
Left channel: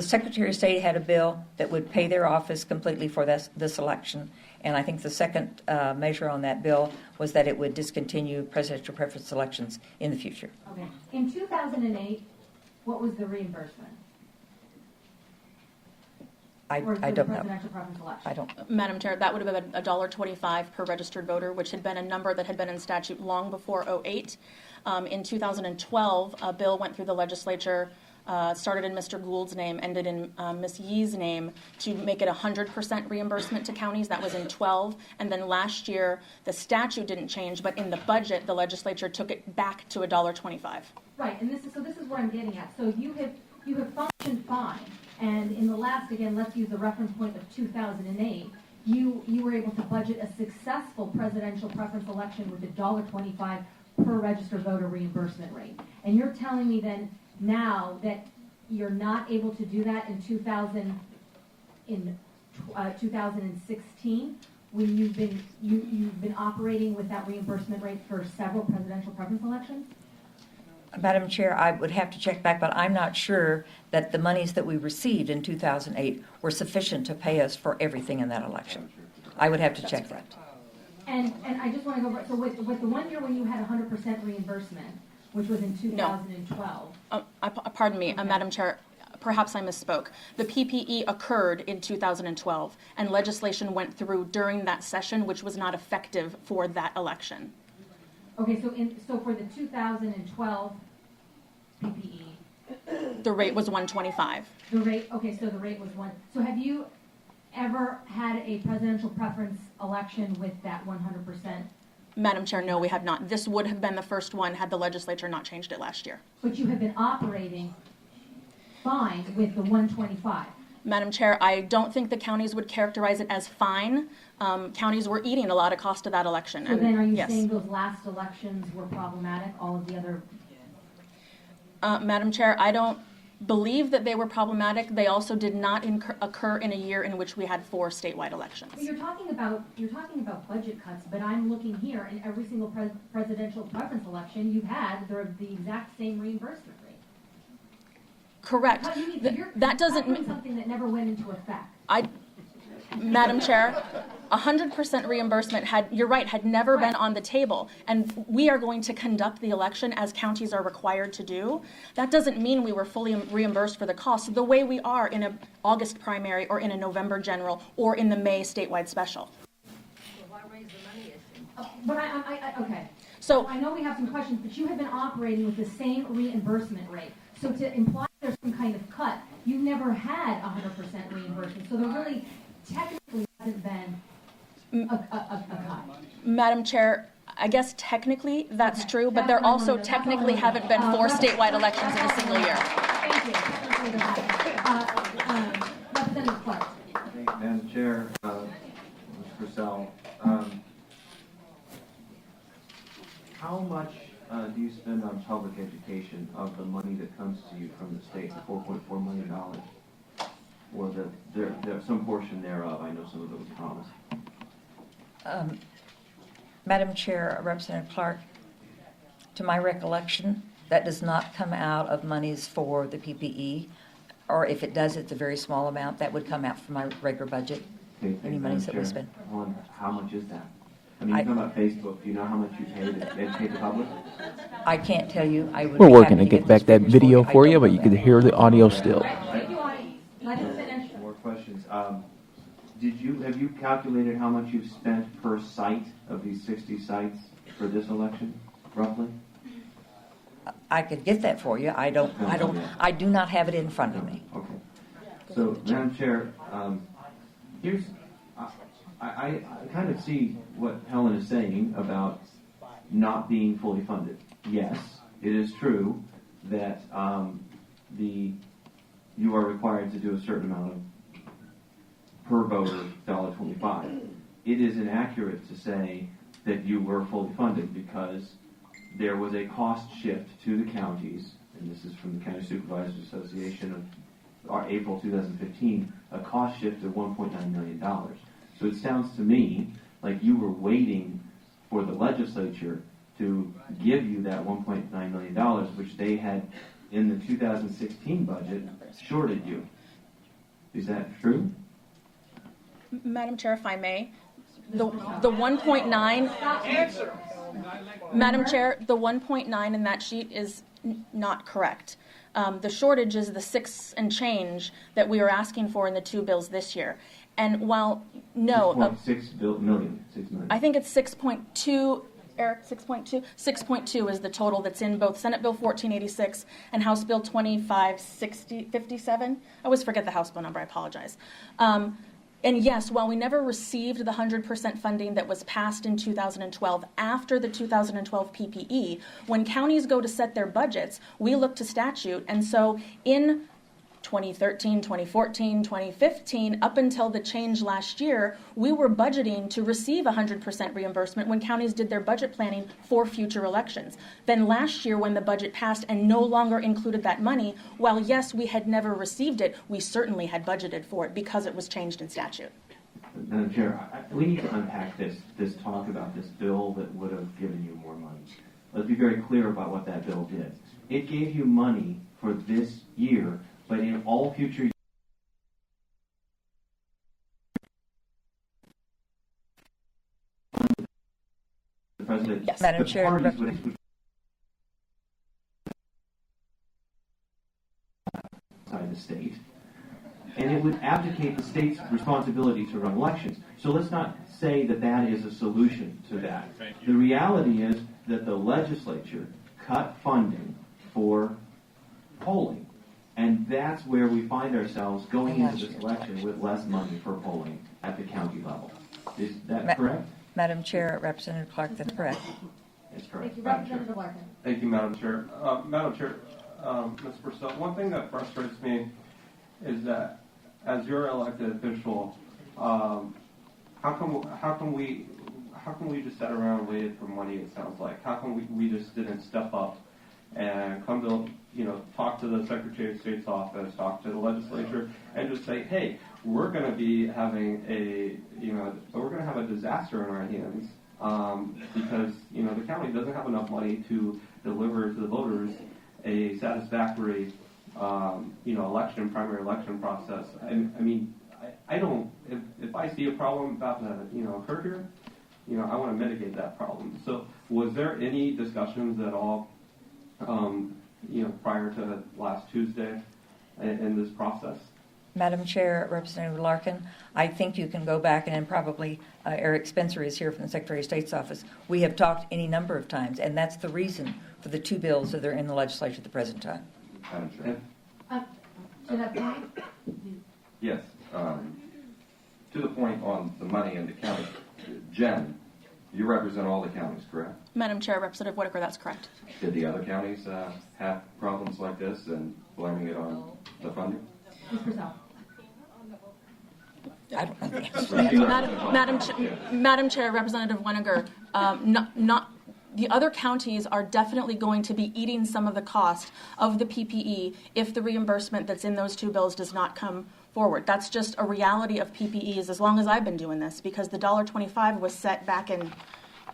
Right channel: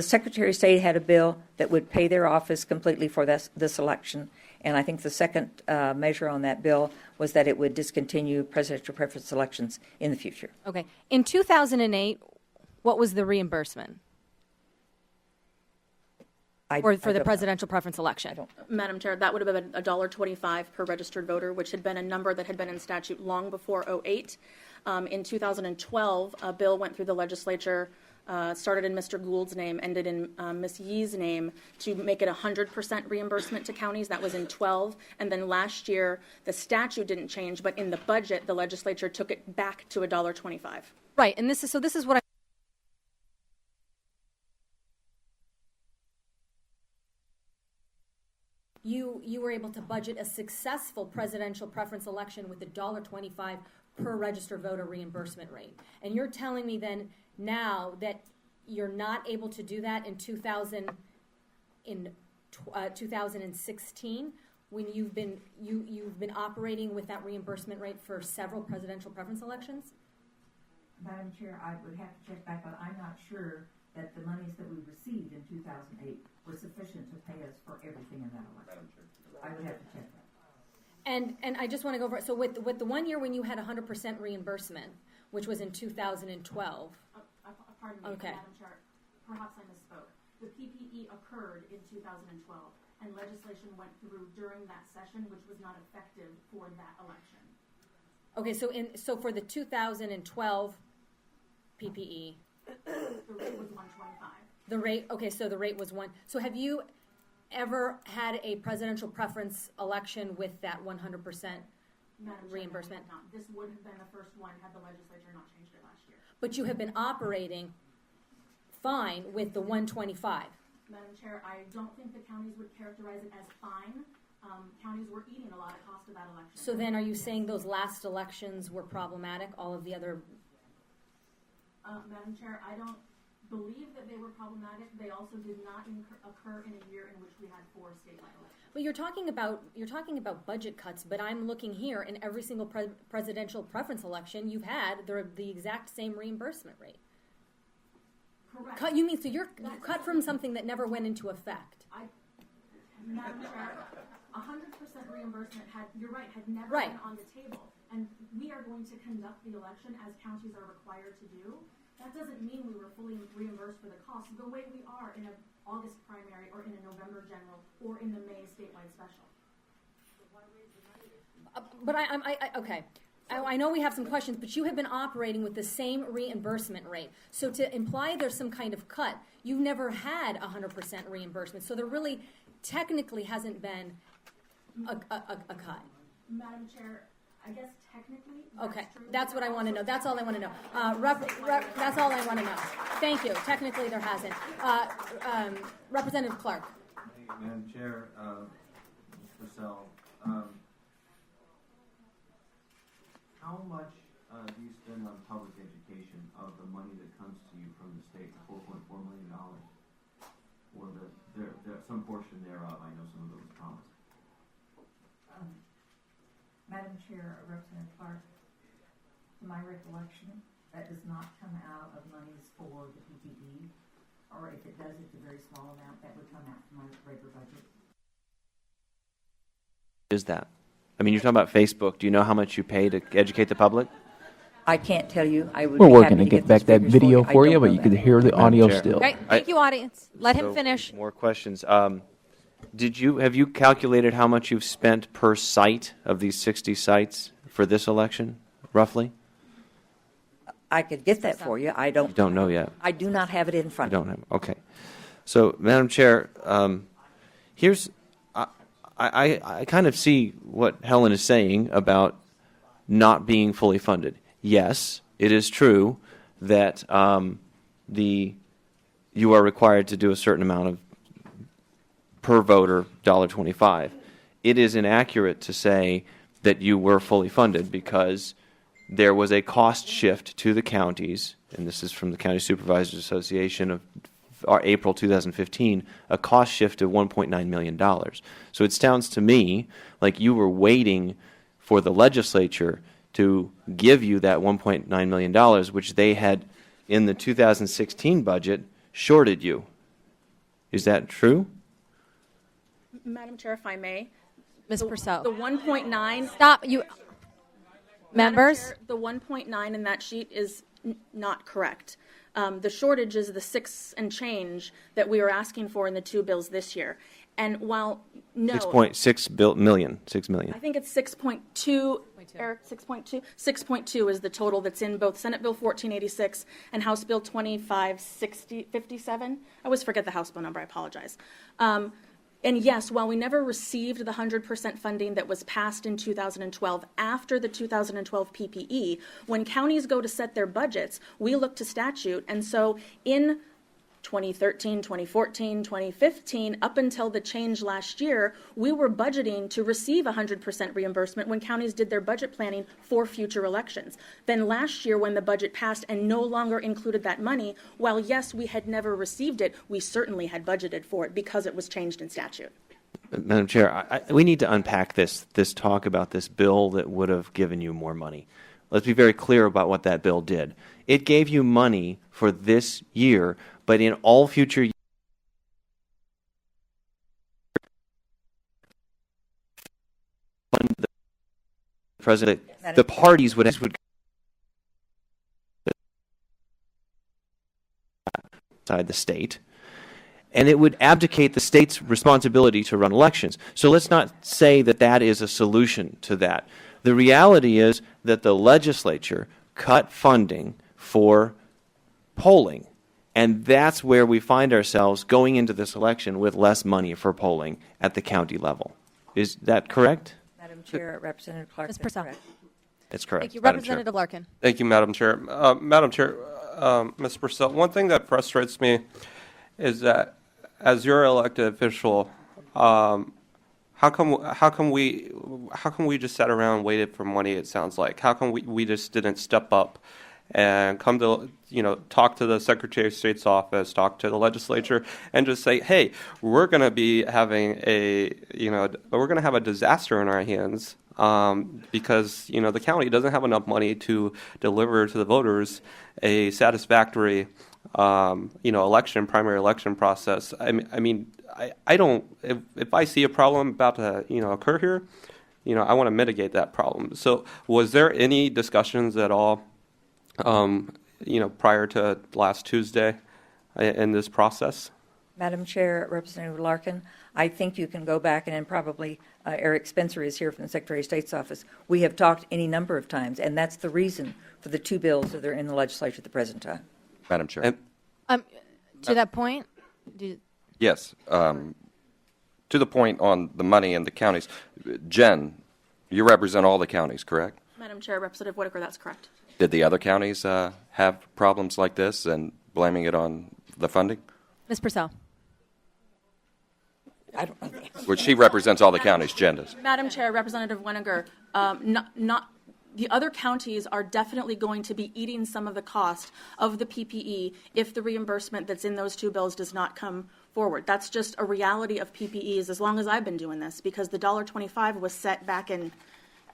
Secretary of State had a bill that would pay their office completely for this election. And I think the second measure on that bill was that it would discontinue presidential preference elections in the future. Okay. In 2008, what was the reimbursement for I the don't presidential preference election? I don't. Madam Chair, that would have been $1.25 per registered voter, which had been a number that had been in statute long before '08. In 2012, a bill went through the legislature, started in Mr. Gould's name, ended in Ms. Yee's name, to make it 100% reimbursement to counties. That was in 12. And then last year, the statute didn't change, but in the budget, the legislature took it back to $1.25. Right, and this is what I'm getting at. So you have functioned fine, and in the last, again, let's use the reference point of 2008, you were able to budget a successful presidential preference election with $1.25 per registered voter reimbursement rate. And you're telling me then now that you're not able to do that in 2016 when you've been operating with that reimbursement rate for several presidential preference elections? Madam Chair, I would have to check back, but I'm not sure that the monies that we received in 2008 were sufficient to pay us for everything in that election. I would have to check that. And I just want to go over, so with the 1 year when you had 100% reimbursement, which was in 2012. Pardon me, Okay. Madam Chair, perhaps I misspoke. The PPE occurred in 2012, and legislation went through during that session, which was not effective for that election. Okay, so for the 2012 PPE, The rate was 125. the rate was 1. So have you ever had a presidential preference election with that 100%? Madam Chair, no, we had not. This would have been the first one had the legislature not changed it last year. But you have been operating fine with the 125. Madam Chair, I don't think the counties would characterize it as fine. Counties were eating a lot of cost of that election. So and then are you yes. saying those last elections were problematic, all of the other? Madam Chair, I don't believe that they were problematic. They also did not occur in a year in which we had 4 statewide elections. Well, you're talking about budget cuts, but I'm looking here, in every single presidential preference election, you've had the exact same reimbursement rate. Correct. You mean, so you're that doesn't covering mean something that never went into effect. Madam Chair, 100% reimbursement had never been on the table, and we are going to conduct the election as counties are required to do. That doesn't mean we were fully reimbursed for the cost the way we are in an August primary or in a November general or in the May statewide special. But okay. So I know we have some questions, but you have been operating with the same reimbursement rate. So to imply there's some kind of cut, you've never had 100% reimbursement. So there really technically hasn't been a cut. Madam Chair, I guess technically that's Okay. true, but That's there what I wanna also know. That's all I technically wanna haven't know. been 4 Rep- statewide rep- elections in that's a all I single wanna year. know. Thank you. Technically there hasn't. Representative Clark. Madam Chair, Ms. Purcell, how much do you spend on public education of the money that comes to you from the state, the $4.4 million? Or there's some portion thereof, I know some of it was promised. Madam Chair, Representative Clark, to my recollection, that does not come out of monies for the PPE. or if it does, it's a very small amount, that would come out from my regular budget, Okay, any Madam monies that we Chair, spend. Helen, how much Is that? I mean, you're talking about Facebook. Do you know how much you pay to educate the public? I can't tell you. I would We're be working happy to get those back that figures video you. I for don't you, but know you can that. hear the audio still. Right, thank you, audience. Let him finish. More questions. Have you calculated how much you've spent per site of these 60 sites for this election, roughly? I could get that for you. I don't Don't know yet. I do not have it in front of Don't me. know. Okay. So, Madam Chair, here's, I kind of see what Helen is saying about not being fully funded. Yes, it is true that you are required to do a certain amount of per voter $1.25. It is inaccurate to say that you were fully funded because there was a cost shift to the counties, and this is from the County Supervisors Association of April 2015, a cost shift of $1.9 million. So it sounds to me like you were waiting for the legislature to give you that $1.9 million, which they had in the 2016 budget shorted you. Is that true? Madam Chair, if I may. Ms. Purcell. The 1.9. Stop. You. Madam Members? Chair, the 1.9 in that sheet is not correct. The shortage is the 6 and change that we are asking for in the two bills this year. And while, no. 6.6 million. 6 million. I think it's 6.2, Eric, 6.2? 6.2 is the total that's in both Senate Bill 1486 and House Bill 2557. I always forget the House bill number, I apologize. And yes, while we never received the 100% funding that was passed in 2012 after the 2012 PPE, when counties go to set their budgets, we look to statute. And so in 2013, 2014, 2015, up until the change last year, we were budgeting to receive 100% reimbursement when counties did their budget planning for future elections. Then last year, when the budget passed and no longer included that money, while yes, we had never received it, we certainly had budgeted for it because it was changed in statute. Madam Chair, we need to unpack this talk about this bill that would have given you more money. Let's be very clear about what that bill did. It gave you money for this year, but in all future years, the president, Yes. the Madam Chair, parties would outside the state, and it would abdicate the state's responsibility to run elections. So let's not say that that is a solution to that. The reality is that the legislature cut funding for polling, and that's where we find ourselves going into this election with less money for polling at the county level. Is that correct? Madam Chair, Representative Clark, Ms. that's Purcell. correct. That's correct. Thank you, Madam Chair. Representative Larkin. Thank you, Madam Chair. Madam Chair, Ms. Purcell, one thing that frustrates me is that as your elected official, how come we just sat around and waited for money? It sounds like how come we just didn't step up and come to talk to the Secretary of State's office, talk to the legislature, and just say, hey, we're going to be having we're going to have a disaster in our hands because the county doesn't have enough money to deliver to the voters a satisfactory primary election process. I don't. If I see a problem about to occur here, I want to mitigate that problem. So, was there any discussions at all, prior to last Tuesday, in this process? Madam Chair, Representative Larkin, I think you can go back and probably Eric Spencer is here from the Secretary of State's office. We have talked any number of times, and that's the reason for the two bills that are in the legislature at the present time. Madam Chair. To that point, Yes. To the point on the money in the counties, Jen, you represent all the counties, correct? Madam Chair, Representative Whitaker, that's correct. Did the other counties have problems like this and blaming it on the funding? Ms. Purcell. Well, she represents all the Madam- counties, Jen does. Madam Chair, Representative Whitaker, the other counties are definitely going to be eating some of the cost of the PPE if the reimbursement that's in those two bills does not come forward. That's just a reality of PPEs as long as I've been doing this, because the $1.25 was set back in,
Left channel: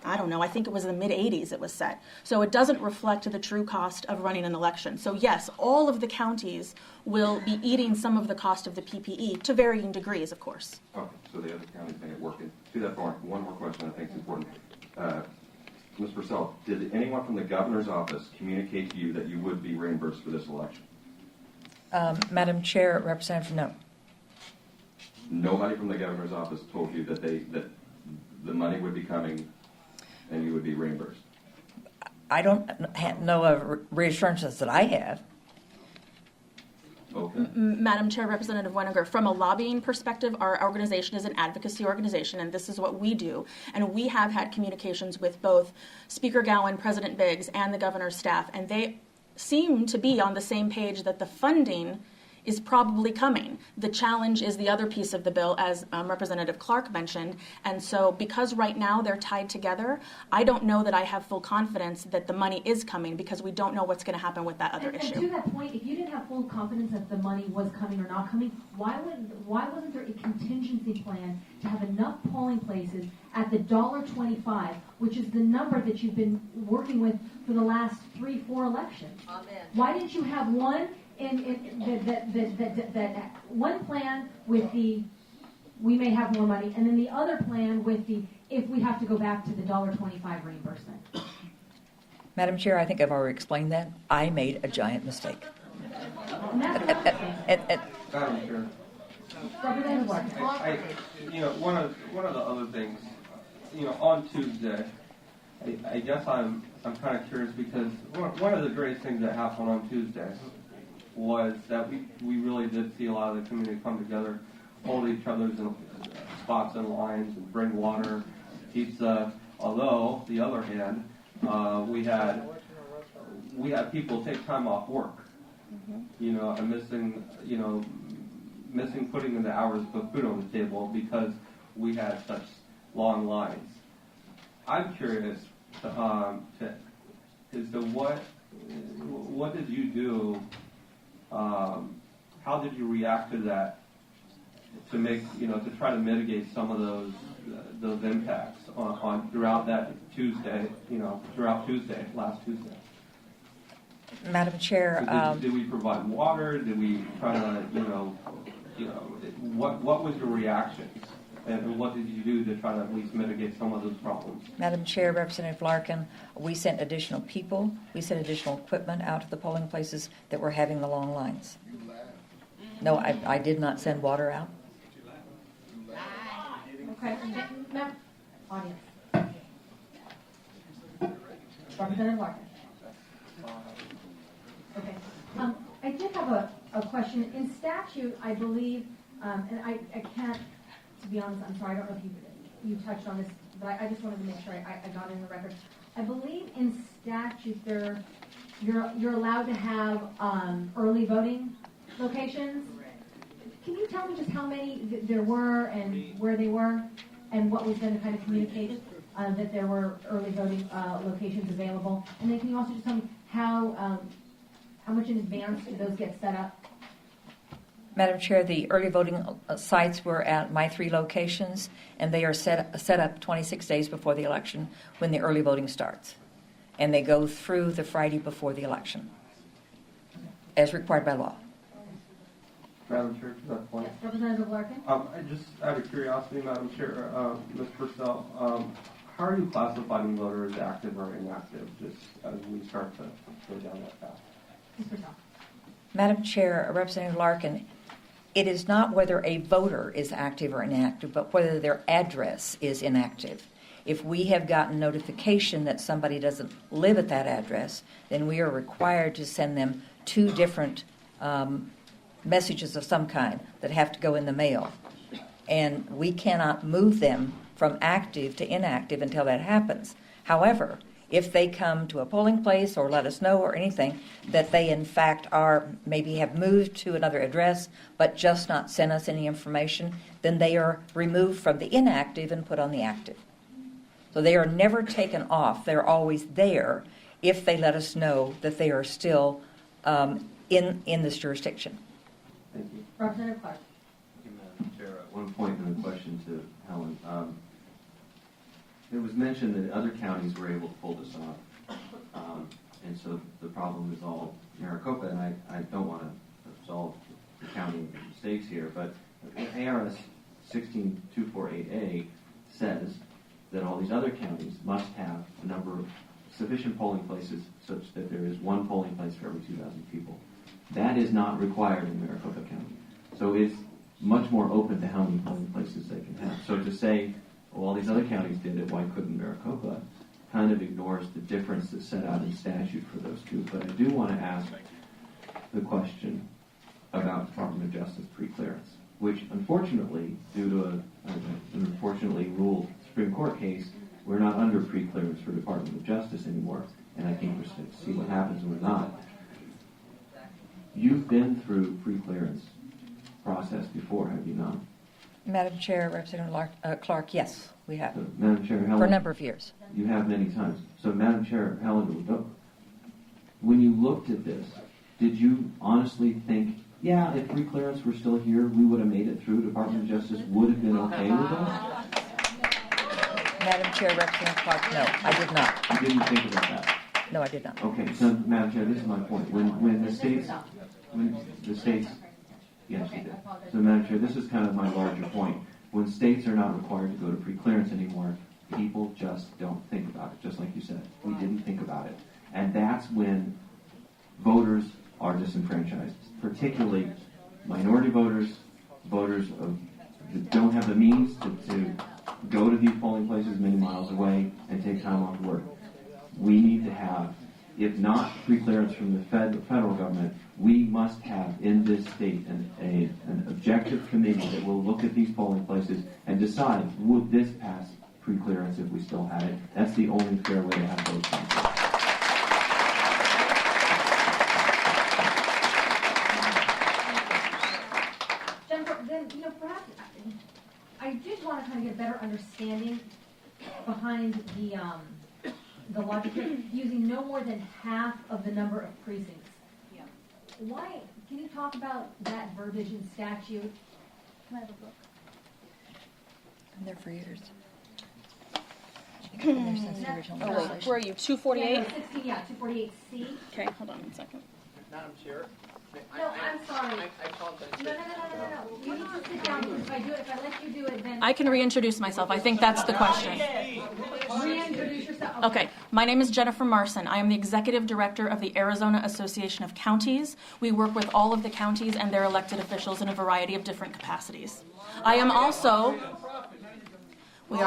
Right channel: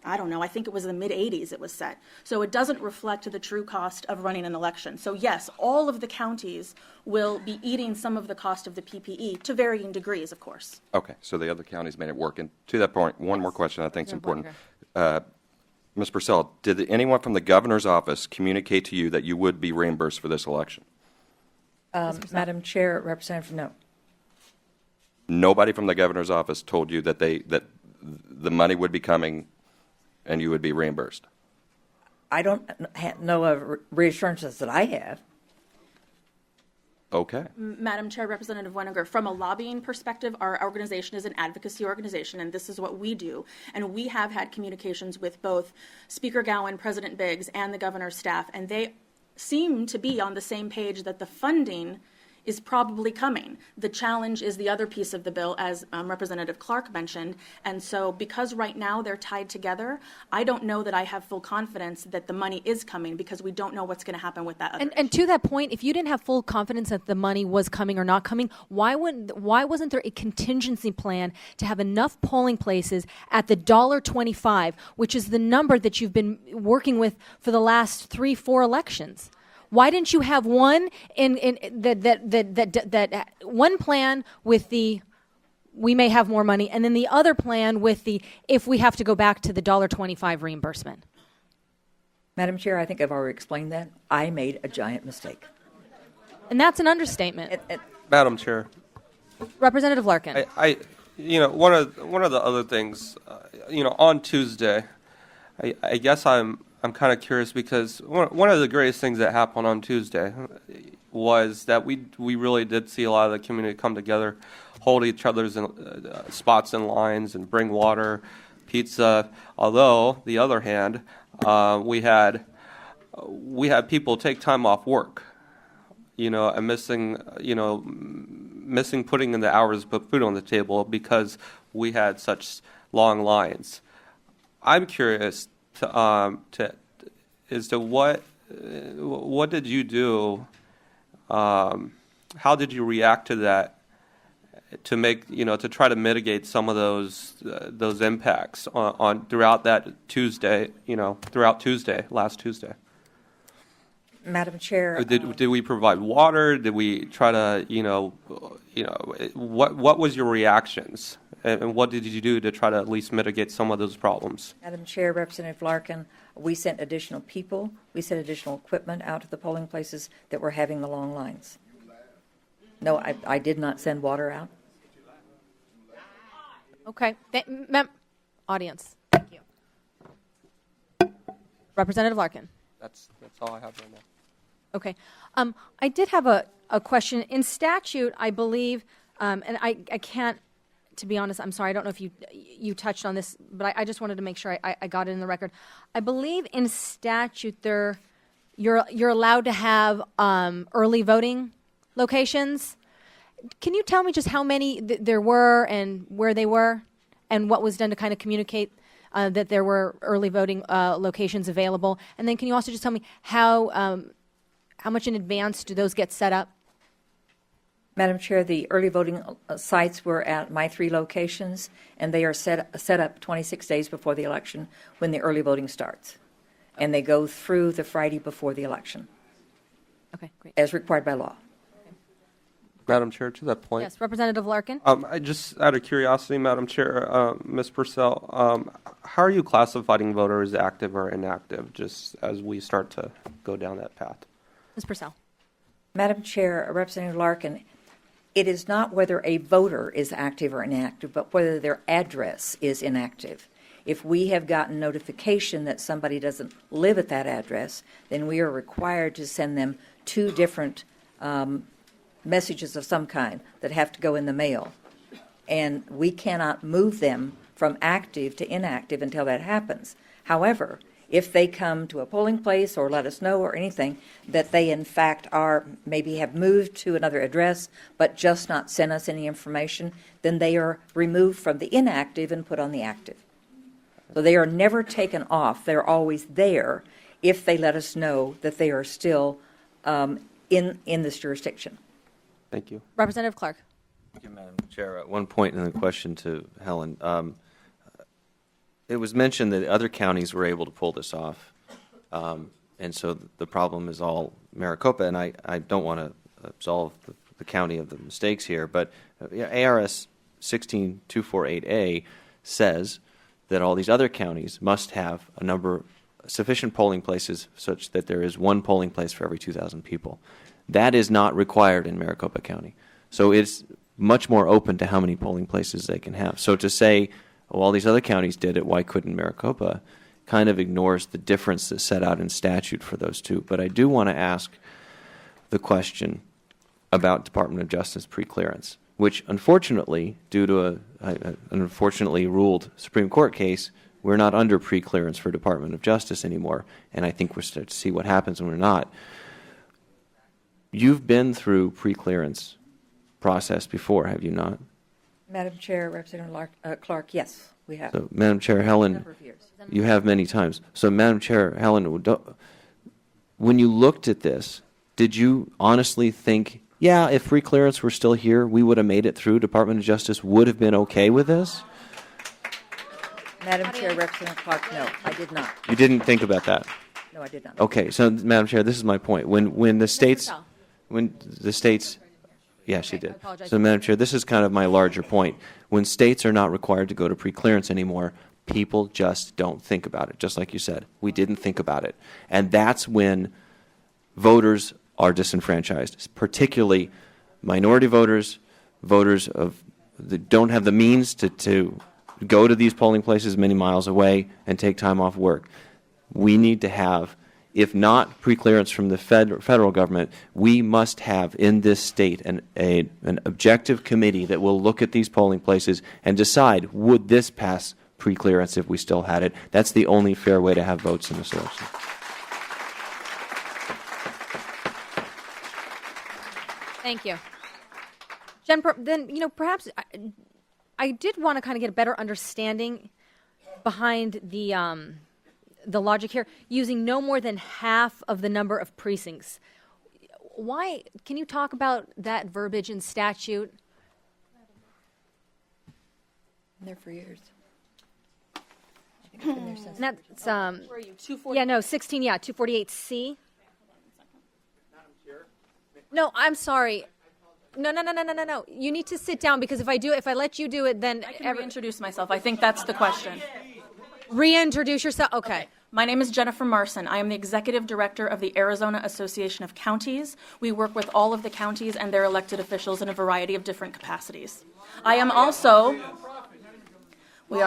I don't know, I think it was in the mid-'80s it was set. So it doesn't reflect the true cost of running an election. So yes, all of the counties will be eating some of the cost of the PPE to varying degrees, of course. Okay, so the other counties made it work. And to that point, one more question I think is important. Ms. Purcell, did anyone from the governor's office communicate to you that you would be reimbursed for this election? Madam Chair, Representative, no. Nobody from the governor's office told you that the money would be coming and you would be reimbursed? I don't know of reassurances that I have. Okay. Madam Chair, Representative Weniger, from a lobbying perspective, our organization is an advocacy organization, and this is what we do. And we have had communications with both Speaker Gowan, President Biggs, and the governor's staff, and they seem to be on the same page that the funding is probably coming. The challenge is the other piece of the bill, as Representative Clark mentioned. And so because right now they're tied together, I don't know that I have full confidence that the money is coming because we don't know what's going to happen with that other And issue. to that point, if you didn't have full confidence that the money was coming or not coming, why wasn't there a contingency plan to have enough polling places at the $1.25, which is the number that you've been working with for the last 3-4 elections? Why didn't you have one that one plan with the we may have more money, and then the other plan with the if we have to go back to the $1.25 reimbursement? Madam Chair, I think I've already explained that. I made a giant mistake. And that's an understatement. Madam Chair, Representative Larkin. I one of the other things, on Tuesday, I guess I'm kind of curious because one of the greatest things that happened on Tuesday was that we really did see a lot of the community come together, hold each other's spots in lines, and bring water, pizza. Although, the other hand, we had people take time off work, and missing putting in the hours to put food on the table because we had such long lines. I'm curious as to what did you do? How did you react to that? To make to try to mitigate some of those impacts on throughout that Tuesday, last Tuesday. Madam Chair, Did we provide water? Did we try to what was your reactions? And what did you do to try to at least mitigate some of those problems? Madam Chair, Representative Larkin, we sent additional people, we sent additional equipment out to the polling places that were having the long lines. No, I did not send water out. Okay. Audience. Representative Larkin. That's all I have. Okay. I did have a question. In statute, I believe, and I can't, to be honest, I'm sorry, I don't know if you touched on this, but I just wanted to make sure I got it in the record. I believe in statute you're allowed to have early voting locations. Can you tell me just how many there were and where they were and what was done to kind of communicate that there were early voting locations available? And then can you also just tell me how much in advance do those get set up? Madam Chair, the early voting sites were at my 3 locations, and they are set up 26 days before the election when the early voting starts. And they go through the Friday before the election. Okay, great. As required by law. Madam Chair, to that point. Yes, Representative Larkin. I just, out of curiosity, Madam Chair, Ms. Purcell, how are you classifying voters active or inactive, just as we start to go down that path? Ms. Purcell. Madam Chair, Representative Larkin, it is not whether a voter is active or inactive, but whether their address is inactive. If we have gotten notification that somebody doesn't live at that address, then we are required to send them 2 different messages of some kind that have to go in the mail. And we cannot move them from active to inactive until that happens. However, if they come to a polling place or let us know or anything that they in fact are maybe have moved to another address but just not sent us any information, then they are removed from the inactive and put on the active. So they are never taken off. They're always there if they let us know that they are still in this jurisdiction. Thank you. Representative Clark. Thank you, Madam Chair. At one point in the question to Helen, it was mentioned that other counties were able to pull this off. And so the problem is all Maricopa, and I don't want to absolve the county of the mistakes here, but ARS 16248A says that all these other counties must have sufficient polling places such that there is one polling place for every 2,000 people. That is not required in Maricopa County. So it's much more open to how many polling places they can have. So to say, well, all these other counties did it, why couldn't Maricopa, kind of ignores the difference that's set out in statute for those two. But I do want to ask the question about Department of Justice preclearance, which unfortunately, due to an unfortunately ruled Supreme Court case, we're not under preclearance for Department of Justice anymore, and I think we're starting to see what happens when we're not. You've been through preclearance process before, have you not? Madam Chair, Representative Clark, yes, we have. So, Madam Chair For a Helen, number of years. you have many times. So, Madam Chair Helen, when you looked at this, did you honestly think, yeah, if preclearance were still here, we would have made it through, Department of Justice would have been okay with this? Madam Chair, Representative Clark, no, I did not. You didn't think about that? No, I did not. Okay, so, Madam Chair, this is my point. When the states, yeah, she did. So, Madam Chair, this is kind of my larger point. When states are not required to go to preclearance anymore, people just don't think about it, just like you said. We didn't think about it. And that's when voters are disenfranchised, particularly minority voters, voters that don't have the means to go to these polling places many miles away and take time off work. We need to have, if not preclearance from the federal government, we must have in this state an objective committee that will look at these polling places and decide, would this pass preclearance if we still had it? That's the only fair way to have votes in the state. Thank you. Jen, then, perhaps I did want to kind of get a better understanding behind the logic here, using no more than half of the number of precincts. Why, can you talk about that verbiage in statute? I'm there for years. That's, Where are you, 248? yeah, no, 248C. Okay, hold on one second. Madam Chair? No, I'm sorry. I apologize. No. You need to sit down, because if I let you do it, then. I can reintroduce myself. I think that's the question. Reintroduce yourself, Okay. My name is Jennifer Marson. I am the Executive Director of the Arizona Association of Counties. We work with all of the counties and their elected officials in a variety of different capacities. I am also... We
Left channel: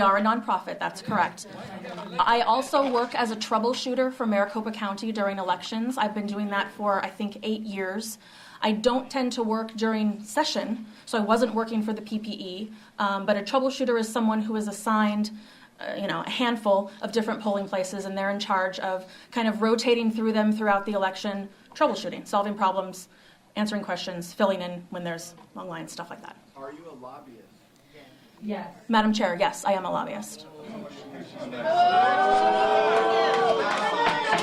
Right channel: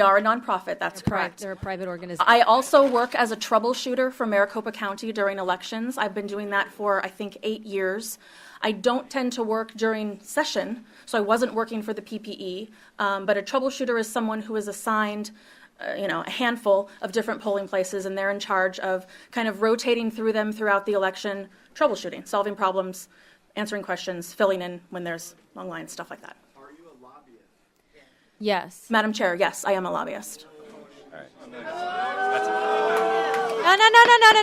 are a nonprofit, that's correct. They're a private organization. I also work as a troubleshooter for Maricopa County during elections. I've been doing that for, I think, 8 years. I don't tend to work during session, so I wasn't working for the PPE, but a troubleshooter is someone who is assigned a handful of different polling places, and they're in charge of kind of rotating through them throughout the election, troubleshooting, solving problems, answering questions, filling in when there's long lines, stuff like that. Are you a lobbyist? Yes. Madam Chair, yes, I am a lobbyist.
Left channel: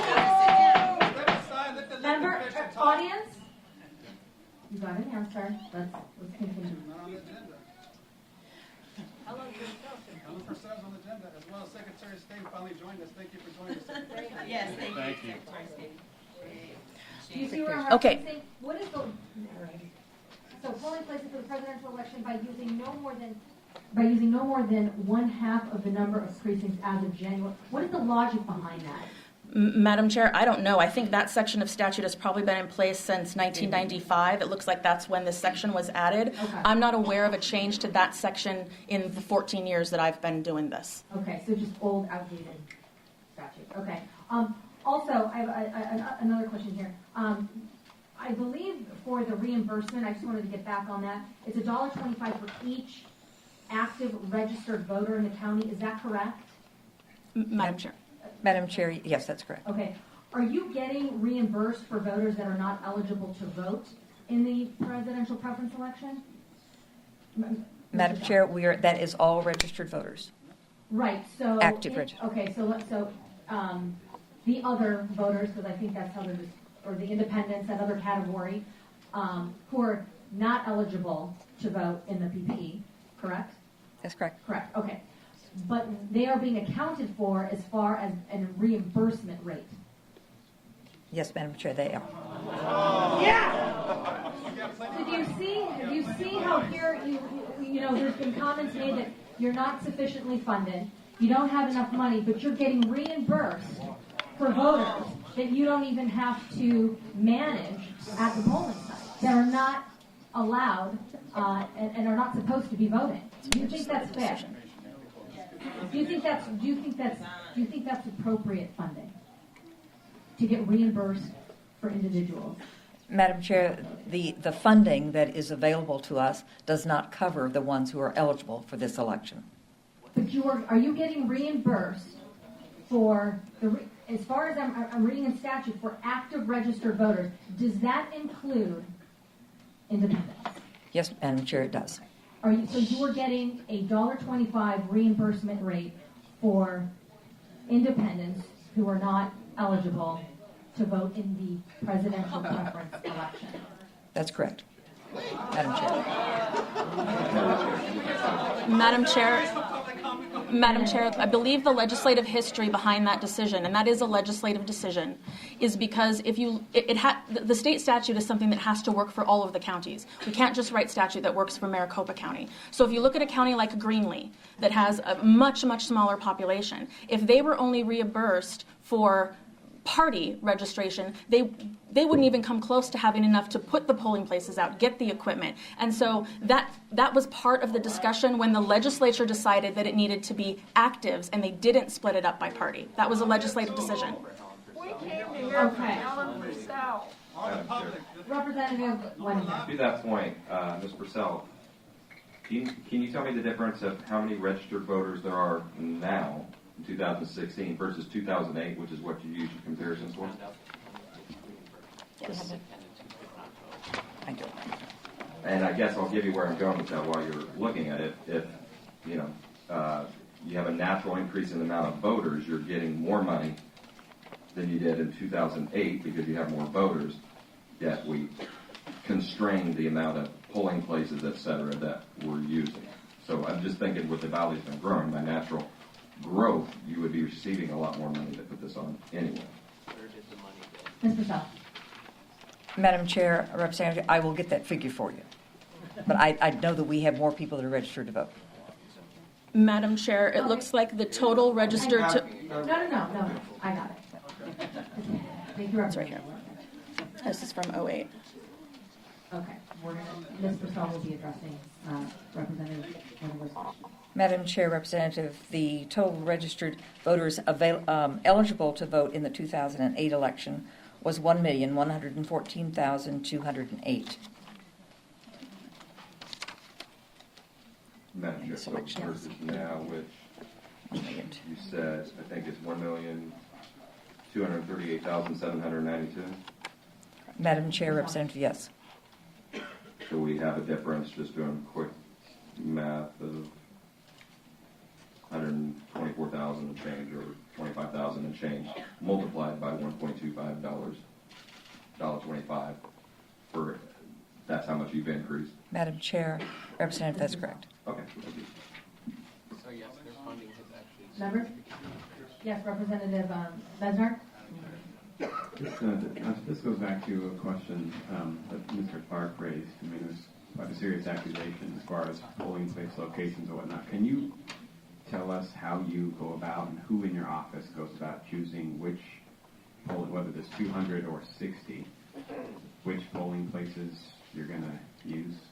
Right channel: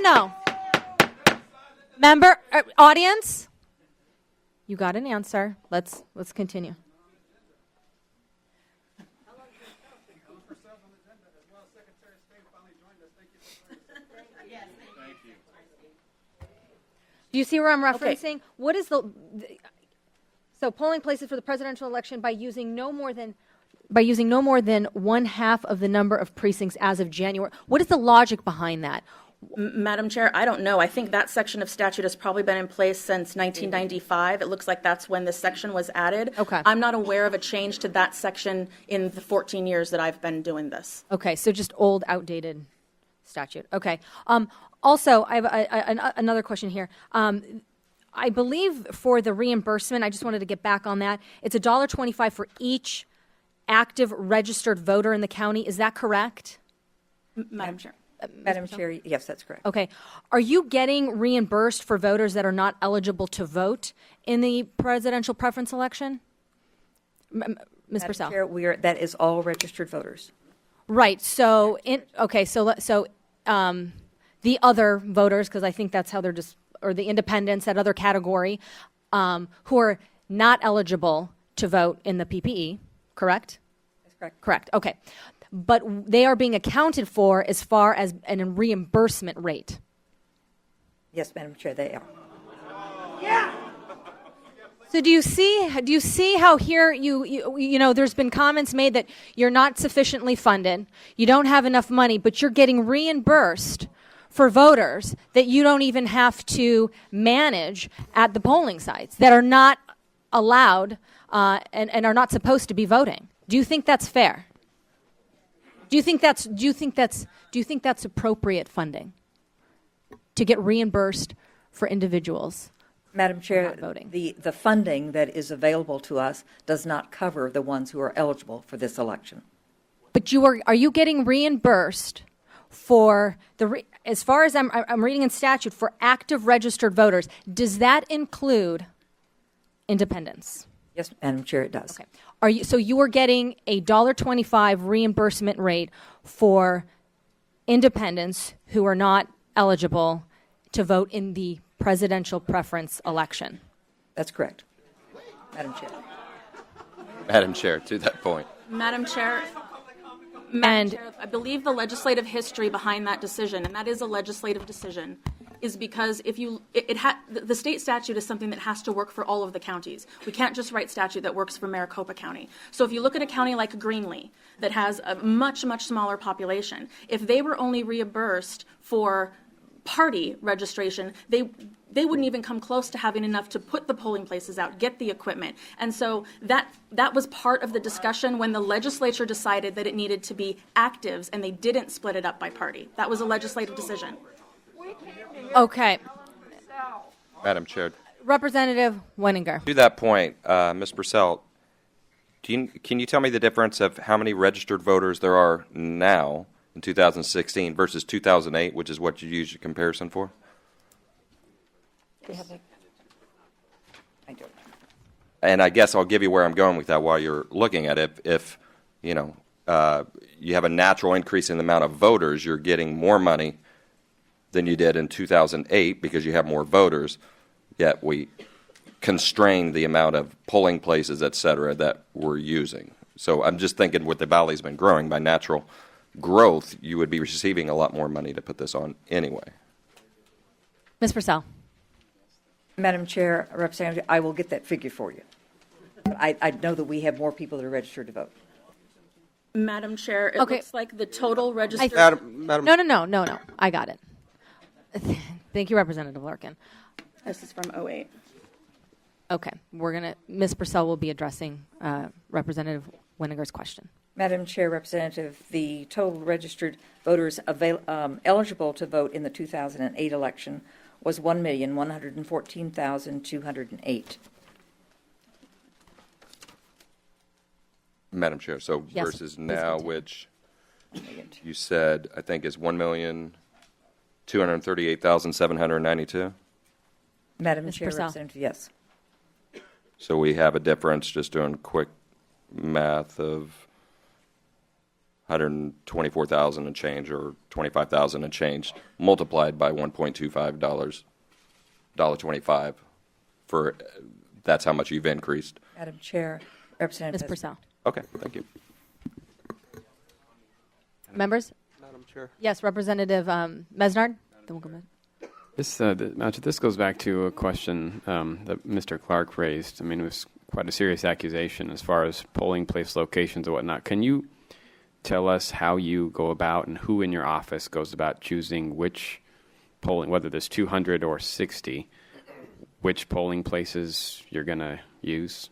No. Member, audience, you got an answer. Let's continue. Helen Purcell's on the agenda, as well as Secretary of State finally joined us. Thank you for joining us. Yes, thank you. Do you see where I'm Okay. referencing? What is so polling places for the presidential election by using no more than one half of the number of precincts as of January. What is the logic behind that? Madam Chair, I don't know. I think that section of statute has probably been in place since 1995. It looks like that's when this section was added. Okay. I'm not aware of a change to that section in the 14 years that I've been doing this. Okay, so just old, outdated statute. Okay. Also, I have another question here. I believe for the reimbursement, I just wanted to get back on that. It's $1.25 for each active registered voter in the county. Is that correct? Madam Chair. Madam Chair, yes, that's correct. Okay. Are you getting reimbursed for voters that are not eligible to vote in the presidential preference election? Ms. Madam Purcell. Chair, that is all registered voters. Right. So, Active registered. okay. So the other voters, because I think that's how they're or the independents, that other category, who are not eligible to vote in the PPE, correct? That's correct. Correct. Okay. but they are being accounted for as far as a reimbursement rate. Yes, Madam Chair, they are. So do you see how here you know there's been comments made that you're not sufficiently funded, you don't have enough money, but you're getting reimbursed for voters that you don't even have to manage at the polling sites that are not allowed and are not supposed to be voting. Do you think that's fair? Do you think that's appropriate funding to get reimbursed for individuals? Madam Chair, Voting. the funding that is available to us does not cover the ones who are eligible for this election. But are you getting reimbursed for as far as I'm reading in statute, for active registered voters? Does that include independents? Yes, Madam Chair, it does. So you are getting a $1.25 reimbursement rate for independents who are not eligible to vote in the presidential preference election? That's correct. Madam Chair. Madam Chair, to that point. Madam Chair, I believe the legislative history behind that decision, and that is a legislative decision, is because if the state statute is something that has to work for all of the counties. We can't just write statute that works for Maricopa County. So if you look at a county like Greenlee that has a much, much smaller population, if they were only reimbursed for party registration, they wouldn't even come close to having enough to put the polling places out, get the equipment. And so that was part of the discussion when the legislature decided that it needed to be actives and they didn't split it up by party. That was a legislative decision. Okay. Madam Chair, Representative Wenninger. to that point, Ms. Purcell, can you tell me the difference of how many registered voters there are now in 2016 versus 2008, which is what you use your comparison for? I do. And I guess I'll give you where I'm going with that while you're looking at it. If you have a natural increase in the amount of voters, you're getting more money than you did in 2008 because you have more voters, yet we constrained the amount of polling places, et cetera, that we're using. So I'm just thinking with the valley's been growing by natural growth, you would be receiving a lot more money to put this on anyway. Ms. Purcell. Madam Chair, Representative, I will get that figure for you. But I know that we have more people that are registered to vote. Madam Chair, it Okay. looks like the total registered... No. I got it. Thank you, Representative Larkin. This is from 08. Okay, Ms. Purcell will be addressing Representative Wenninger's question. Madam Chair, Representative, the total registered voters eligible to vote in the 2008 election was 1,114,208. Madam Chair, so Yes, versus please now, continue. which you said, I think is 1,238,792. Madam Chair, Purcell. Representative, yes. So we have a difference, just doing quick math, of 124,000 and change, or 25,000 and change, multiplied by $1.25, $1.25, for, that's how much you've increased. Madam Chair, Representative, Ms. that's Purcell. correct. Okay, thank you. Members? Yes, Representative Mesnard? This goes back to a question that Mr. Clark raised. I mean, it was quite a serious accusation as far as polling place locations and whatnot. Can you tell us how you go about and who in your office goes about choosing which polling, whether there's 200 or 60, which polling places you're going to use?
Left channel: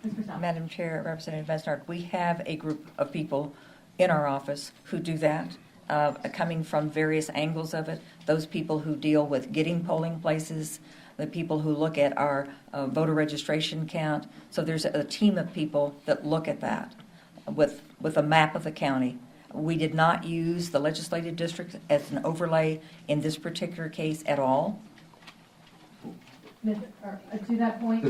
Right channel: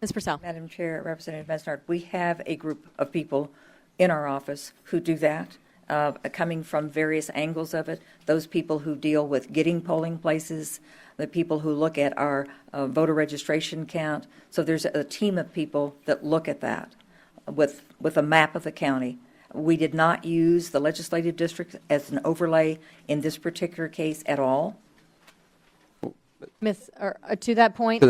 Ms. Purcell. Madam Chair, Representative Mesnard, we have a group of people in our office who do that, coming from various angles of it. Those people who deal with getting polling places, the people who look at our voter registration count. So there's a team of people that look at that with a map of the county. We did not use the legislative district as an overlay in this particular case at all. To that point?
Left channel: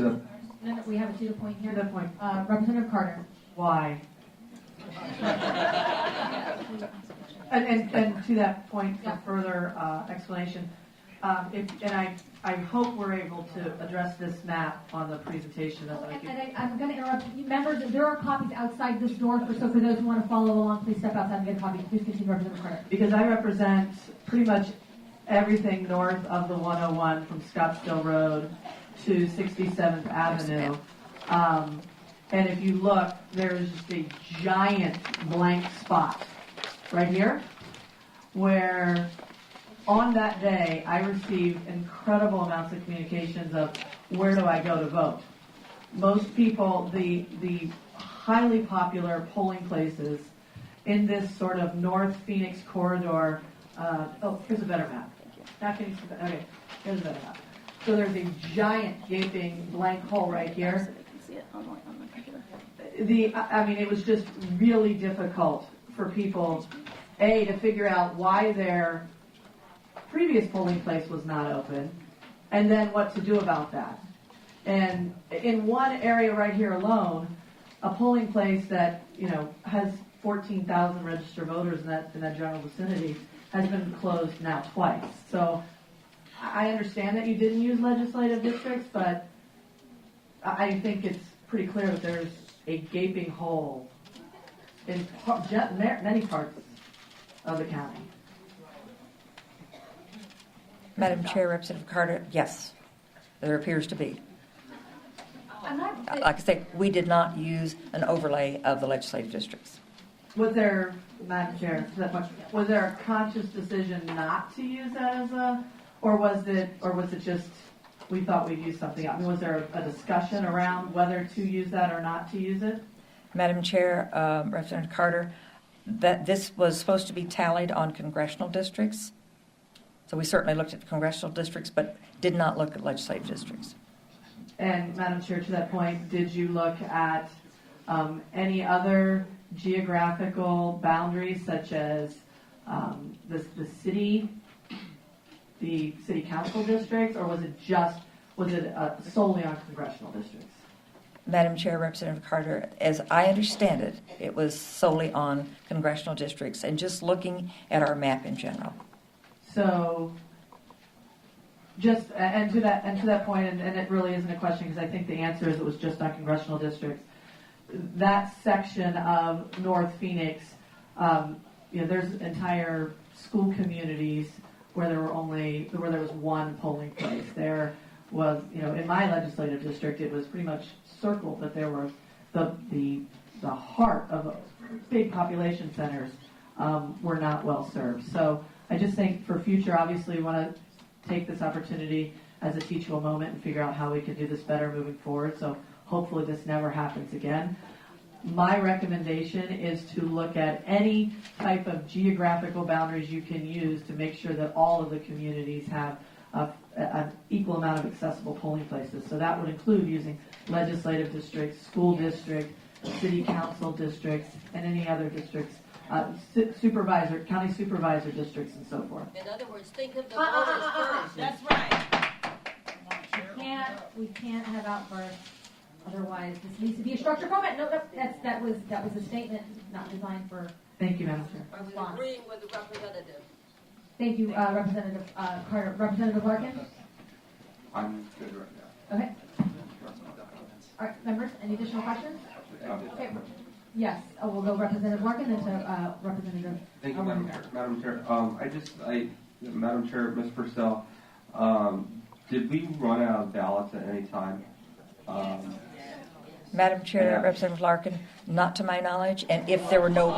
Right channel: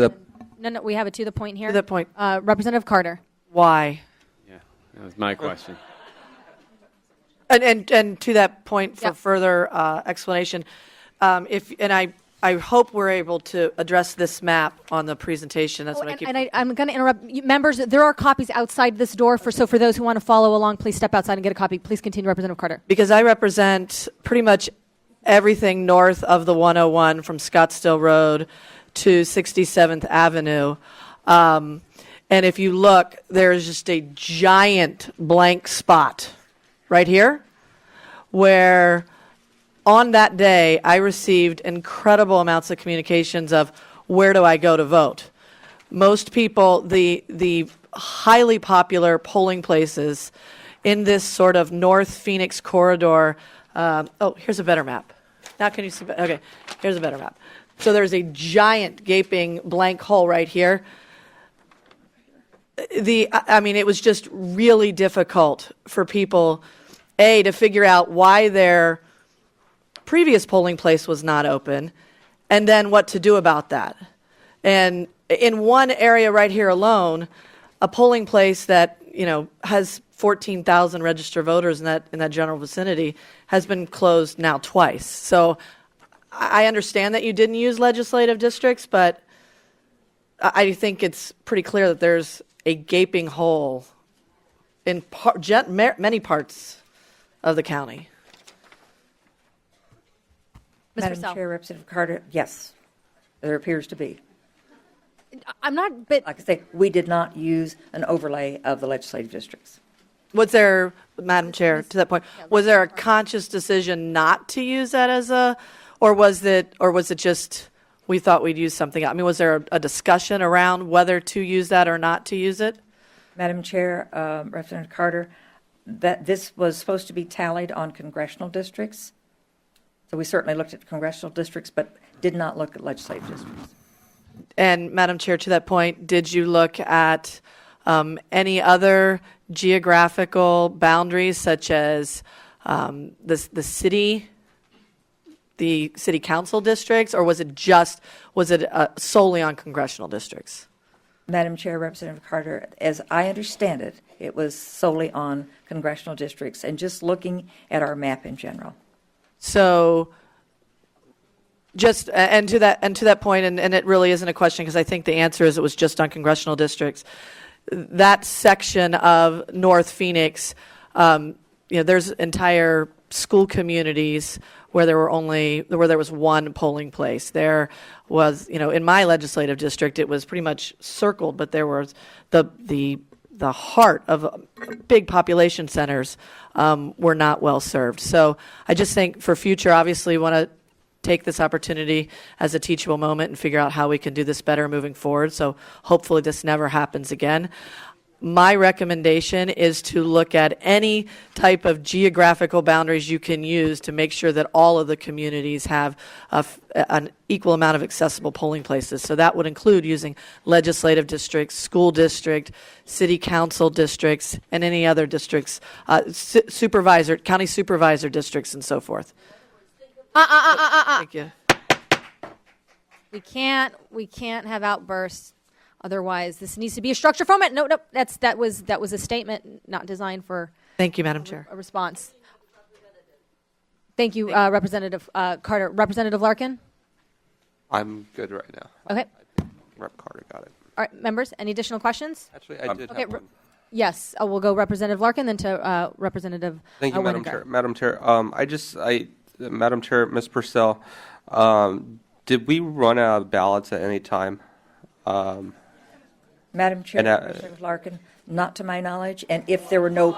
No, we have it to the point here. To the point. Representative Carter. Why? That's my question. And to that point, for Yeah. further explanation, I hope we're able to address this map on the presentation. That's what I keep. I'm going to interrupt you, members. There are copies outside this door. So for those who want to follow along, please step outside and get a copy. Please continue, Representative Carter. Because I represent pretty much everything north of the 101 from Scottsdale Road to 67th Avenue. And if you look, there's just a giant blank spot right here where on that day I received incredible amounts of communications of where do I go to vote. Most people, the highly popular polling places in this sort of North Phoenix corridor. Here's a better map. Now can you see? Okay, here's a better map. So there's a giant gaping blank hole right here. It was just really difficult for people, to figure out why their previous polling place was not open, and then what to do about that. And in one area right here alone, a polling place that has 14,000 registered voters in that general vicinity has been closed now twice. So I understand that you didn't use legislative districts, but I think it's pretty clear that there's a gaping hole in many parts of the county. Madam Chair, Representative Carter, yes, there appears to be. I'm not, but Like I say, we did not use an overlay of the legislative districts. Was there, Madam Chair, to that point, was there a conscious decision not to use that as or was it just we thought we'd use something? I mean, was there a discussion around whether to use that or not to use it? Madam Chair, Representative Carter, that this was supposed to be tallied on congressional districts. So we certainly looked at congressional districts, but did not look at legislative districts. And Madam Chair, to that point, did you look at any other geographical boundaries, such as the city council districts, or was it solely on congressional districts? Madam Chair, Representative Carter, as I understand it, it was solely on congressional districts and just looking at our map in general. So, and to that point, and it really isn't a question because I think the answer is it was just on congressional districts. That section of North Phoenix, there's entire school communities where there was one polling place. There was, in my legislative district, it was pretty much circled, but there was the heart of big population centers were not well served. So I just think for future, obviously, want to take this opportunity as a teachable moment and figure out how we can do this better moving forward. So hopefully this never happens again. My recommendation is to look at any type of geographical boundaries you can use to make sure that all of the communities have an equal amount of accessible polling places. So that would include using legislative districts, school district, city council districts, and any other districts, county supervisor districts, and so forth. In other words, think of Thank you. That's right. we can't have outbursts. Otherwise, this needs to be a structured format. No, that was a statement not designed for Thank you, Madam Chair. a response. Agreeing with the representative. Thank you, Representative Carter. Representative Larkin? I'm good right now. Okay. Rep. Carter got it. All right, members, any additional questions? Actually, I did Okay. have one. Yes, we'll go Representative Larkin, then to Representative Thank you, Madam Winiger. Chair. Madam Chair, Madam Chair, Ms. Purcell, did we run out of ballots at any time? Madam Chair, And, Representative Larkin, not to my knowledge, and if there were no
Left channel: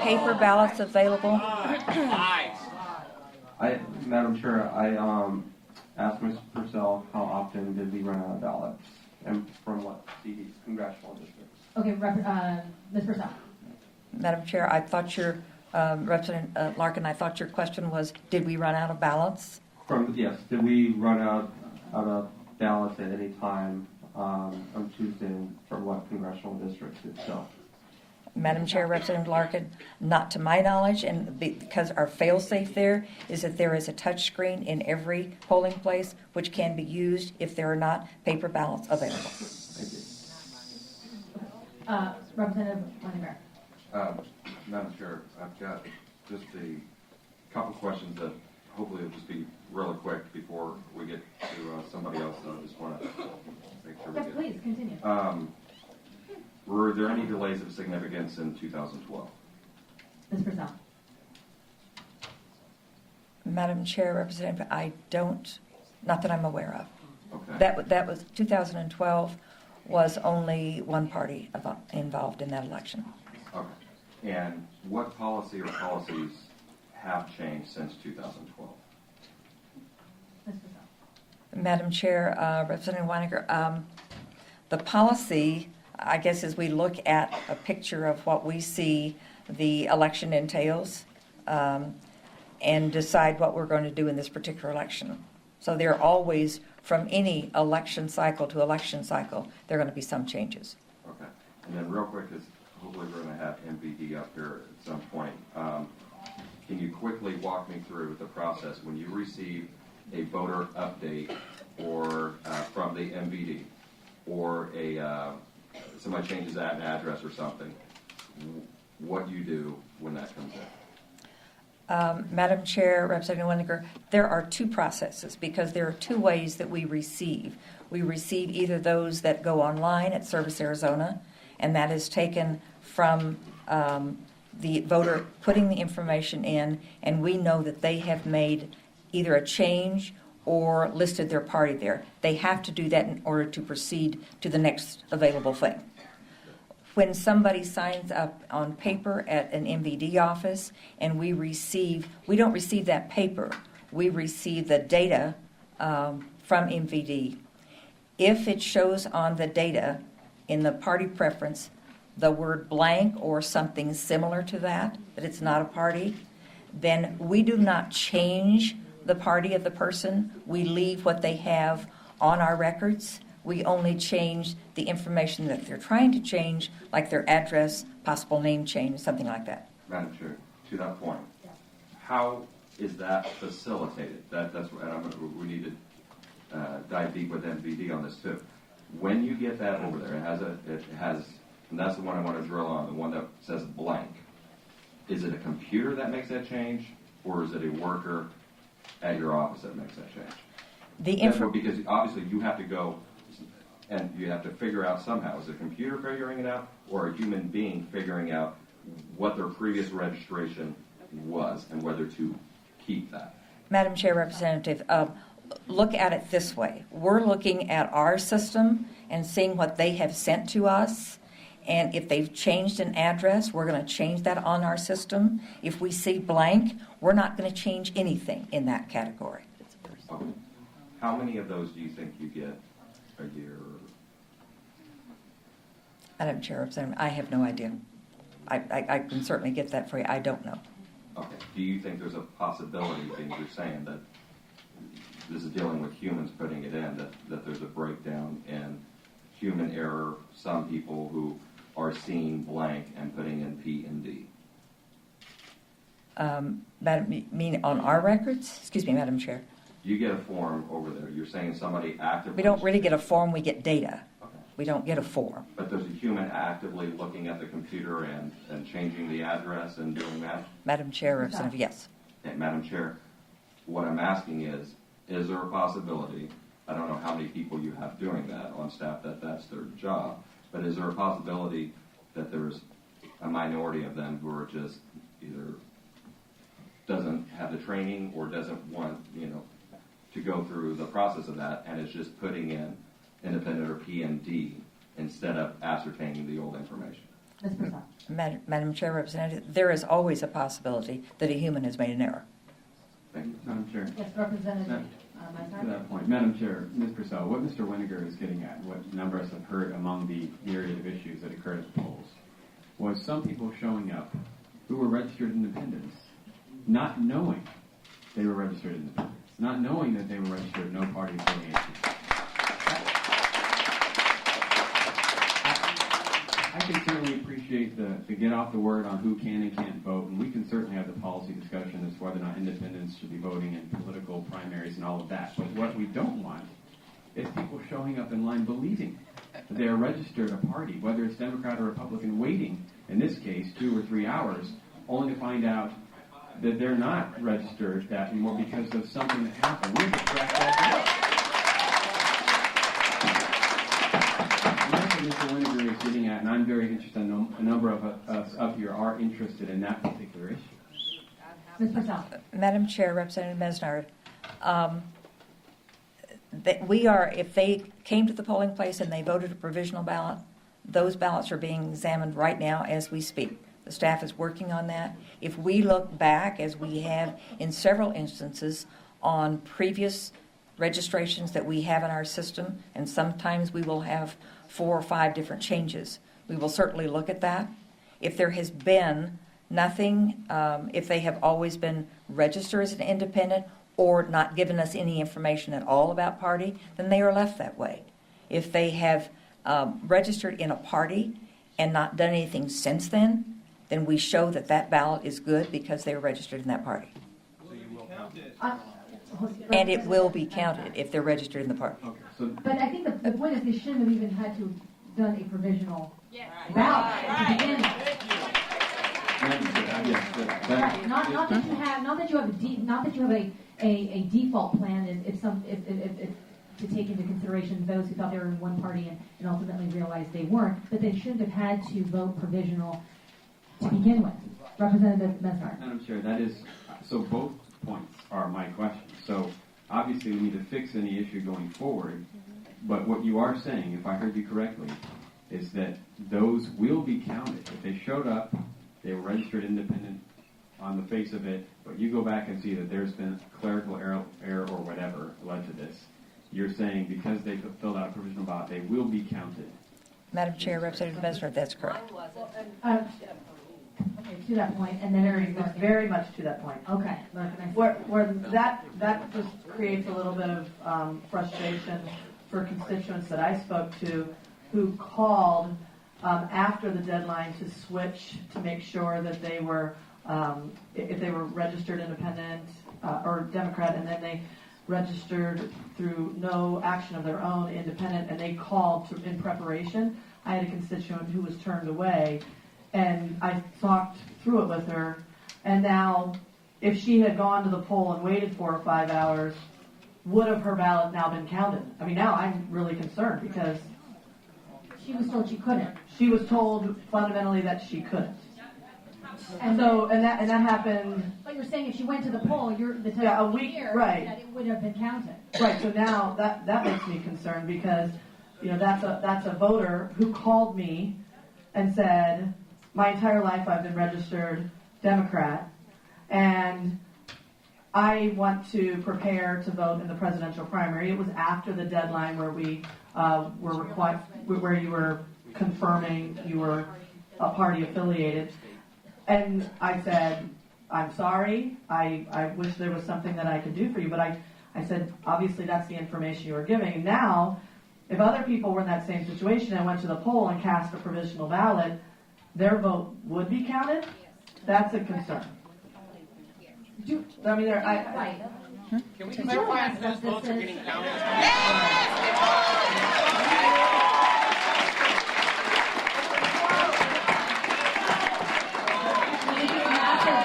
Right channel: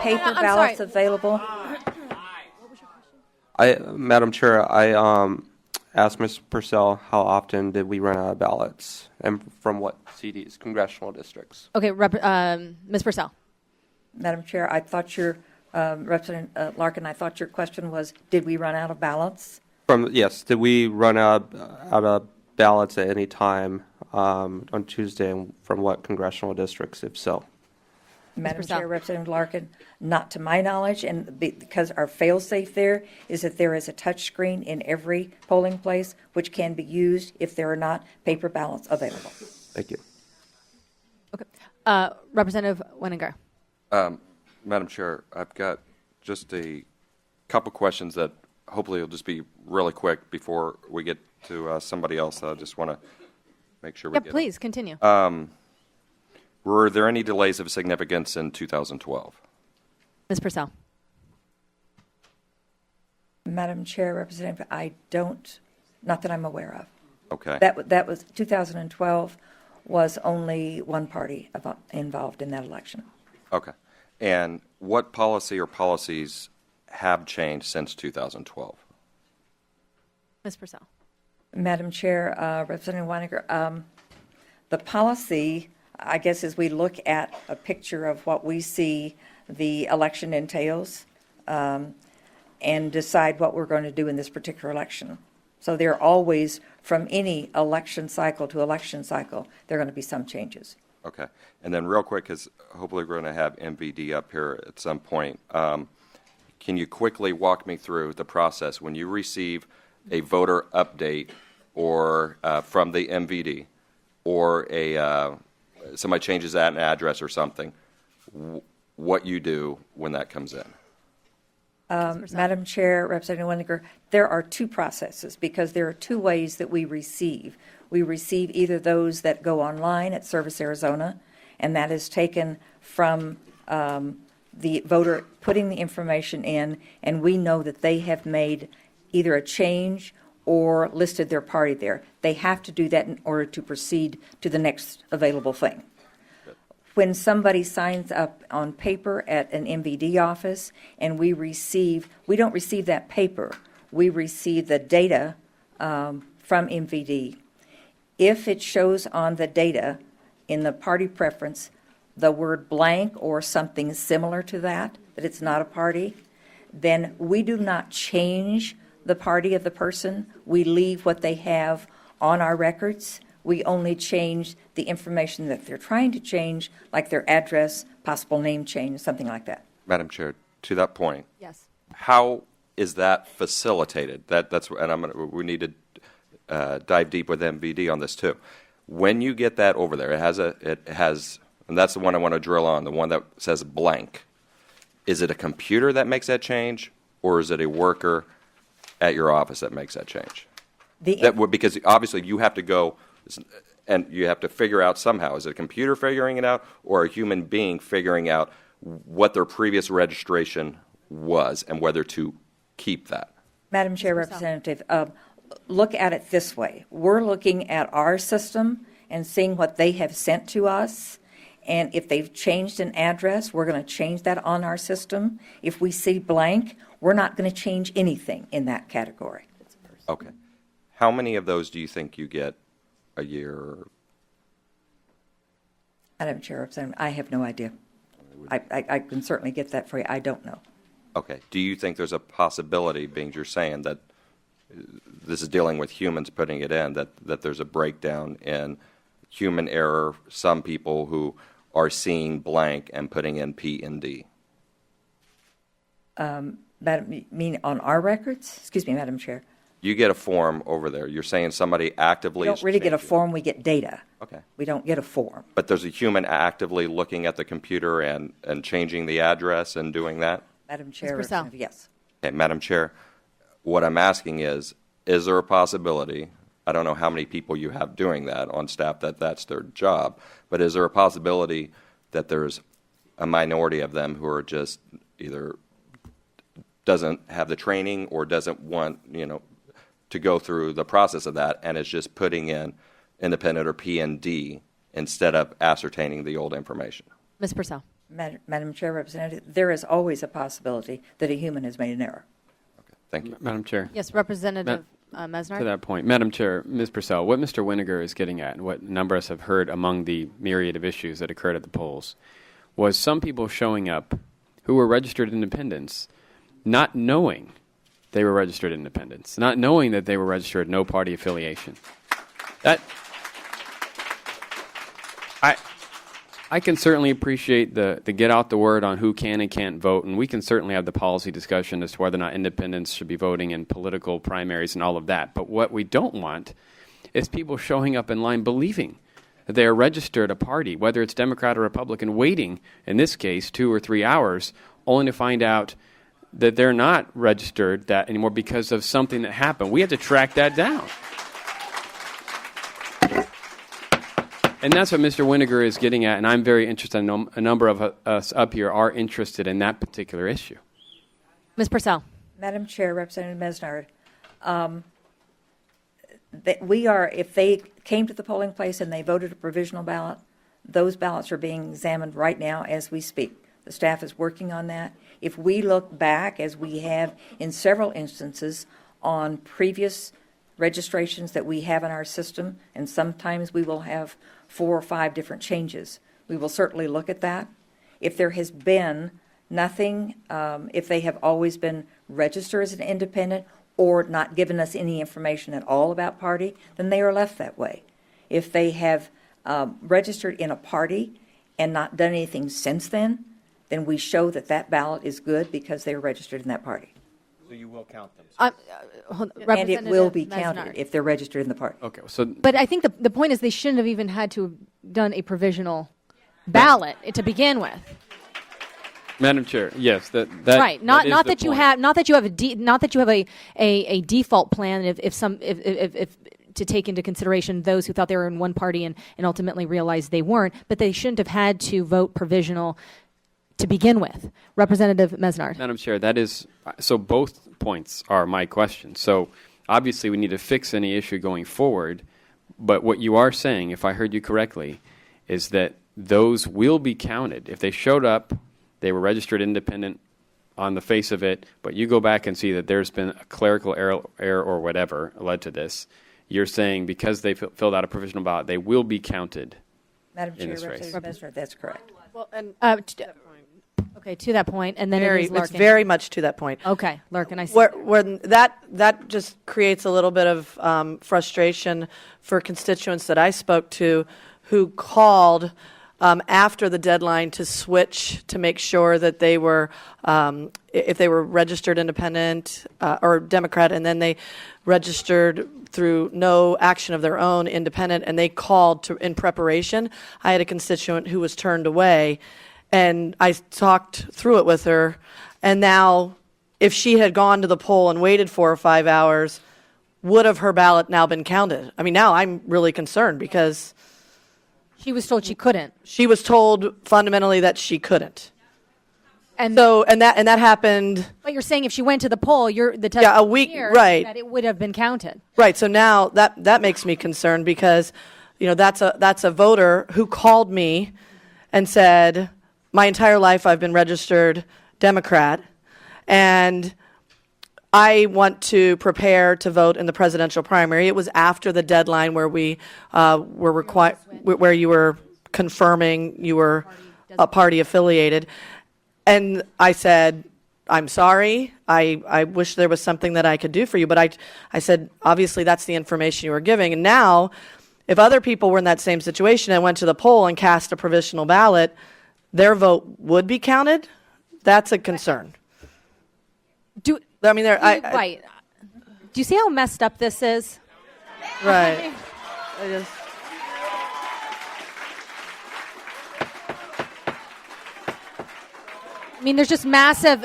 paper I'm ballots sorry. available, Madam Chair, I asked Ms. Purcell how often did we run out of ballots and from what CDs, congressional districts? Okay, Ms. Purcell. Madam Chair, I thought Representative Larkin, I thought your question was, did we run out of ballots? Yes, did we run out of ballots at any time on Tuesday and from what congressional districts, if so? Madam Purcell. Chair, Representative Larkin, not to my knowledge, and because our fail-safe there is that there is a touch screen in every polling place which can be used if there are not paper ballots available. Thank you. Okay. Representative Winiger. Madam Chair, I've got just a couple questions that hopefully it'll just be really quick before we get to somebody else. I just want to make sure we Yeah, get. please, continue. Were there any delays of significance in 2012? Ms. Purcell. Madam Chair, Representative, I don't, not that I'm aware of. Okay. That was, 2012 was only one party involved in that election. Okay. And what policy or policies have changed since 2012? Ms. Purcell. Madam Chair, Representative Weininger, the policy, I guess, as we look at a picture of what we see the election entails, and decide what we're going to do in this particular election. So there are always, from any election cycle to election cycle, there are going to be some changes. Okay. And then real quick, because hopefully we're going to have MVD up here at some point, can you quickly walk me through the process when you receive a voter update or from the MVD, or somebody changes that an address or something, what you do when that comes in? Madam Chair, Representative Weininger, there are two processes because there are two ways that we receive. We receive either those that go online at Service Arizona, and that is taken from the voter putting the information in, and we know that they have made either a change or listed their party there. They have to do that in order to proceed to the next available thing. When somebody signs up on paper at an MVD office and we don't receive that paper, we receive the data from MVD. If it shows on the data in the party preference the word blank or something similar to that it's not a party, then we do not change the party of the person. We leave what they have on our records. We only change the information that they're trying to change, like their address, possible name change, something like that. Madam Chair, to that point, Yes. how is that facilitated? We need to dive deep with MVD on this too. When you get that over there, it has, and that's the one I want to drill on, the one that says blank. Is it a computer that makes that change, or is it a worker at your office that makes that change? Because obviously you have to go and you have to figure out somehow. Is it a computer figuring it out, or a human being figuring out what their previous registration was and whether to keep that? Madam Chair, Representative, look at it this way. We're looking at our system and seeing what they have sent to us. And if they've changed an address, we're going to change that on our system. If we see blank, we're not going to change anything in that category. Okay. How many of those do you think you get a year? Madam Chair, Representative, I have no idea. I can certainly get that for you. I don't know. Okay. Do you think there's a possibility, being you're saying that this is dealing with humans putting it in, that there's a breakdown in human error, some people who are seeing blank and putting in P and D? Madam, you mean on our records? Excuse me, Madam Chair. You get a form over there. You're saying somebody actively... We don't really get a form. We get data. Okay. We don't get a form. But there's a human actively looking at the computer and changing the address and doing that? Madam Chair, Ms. Purcell. Representative, yes. Okay, Madam Chair, what I'm asking is there a possibility, I don't know how many people you have doing that on staff that's their job, but is there a possibility that there's a minority of them who are just either doesn't have the training or doesn't want, to go through the process of that and is just putting in independent or P and D instead of ascertaining the old information? Ms. Purcell. Madam Chair, Representative, there is always a possibility that a human has made an error. Thank you. Madam Chair. Yes, Representative Mesner. To that point, Madam Chair, Ms. Purcell, what Mr. Winiger is getting at, and what a number of us have heard among the myriad of issues that occurred at the polls, was some people showing up who were registered independents, not knowing they were registered independents, not knowing that they were registered no party affiliation. I can certainly appreciate the get out the word on who can and can't vote, and we can certainly have the policy discussion as to whether or not independents should be voting in political primaries and all of that. But what we don't want is people showing up in line believing that they are registered a party, whether it's Democrat or Republican, waiting, in this case, 2 or 3 hours, only to find out that they're not registered that anymore because of something that happened. We have to track that down. And that's what Mr. Winiger is getting at, and I'm very interested. A number of us up here are interested in that particular issue. Ms. Purcell. Madam Chair, Representative Mesnard, that we are, if they came to the polling place and they voted a provisional ballot, those ballots are being examined right now as we speak. The staff is working on that. If we look back, as we have in several instances, on previous registrations that we have in our system, and sometimes we will have 4 or 5 different changes, we will certainly look at that. If there has been nothing, if they have always been registered as an independent or not given us any information at all about party, then they are left that way. If they have registered in a party and not done anything since then we show that that ballot is good because they are registered in that party. So you will count it. And it will be counted if they're registered in the party. Okay, so But I think the point is they shouldn't have even had to have done a provisional ballot to begin with. Madam Chair, yes, that Right. Not is not the that you point. have not that you have a default plan if to take into consideration those who thought they were in one party and ultimately realized they weren't, but they shouldn't have had to vote provisional to begin with. Representative Mesnard. Madam Chair, that is, so both points are my question. So obviously we need to fix any issue going forward, but what you are saying, if I heard you correctly, is that those will be counted. If they showed up, they were registered independent on the face of it, but you go back and see that there's been a clerical error or whatever led to this, you're saying because they filled out a provisional ballot, they will be counted. Madam In Chair, this race. Representative Mesnard, that's correct. Okay, to that point, and then it is It's Larkin. very much to that point. Okay, Larkin, I see. Where that just creates a little bit of frustration for constituents that I spoke to who called after the deadline to switch to make sure that they were, if they were registered independent or Democrat, and then they registered through no action of their own independent, and they called in preparation. I had a constituent who was turned away, and I talked through it with her, and now if she had gone to the poll and waited 4 or 5 hours, would have her ballot now been counted? I mean, now I'm really concerned because She was told she couldn't. she was told fundamentally that she couldn't. And So, and that happened, but you're saying if she went to the poll, the Yeah, a week- here right. that it would have been counted. right, so now that makes me concerned because, that's a voter who called me and said, my entire life I've been registered Democrat, and I want to prepare to vote in the presidential primary. It was after the deadline where we were required, where you were confirming you were a party affiliated. And I said, I'm sorry, I wish there was something that I could do for you. But I said, obviously that's the information you were giving. And now, if other people were in that same situation and went to the poll and cast a provisional ballot, their vote would be counted? That's a concern. I mean, Right. Do you see how messed up this is? Right. I mean, there's just massive.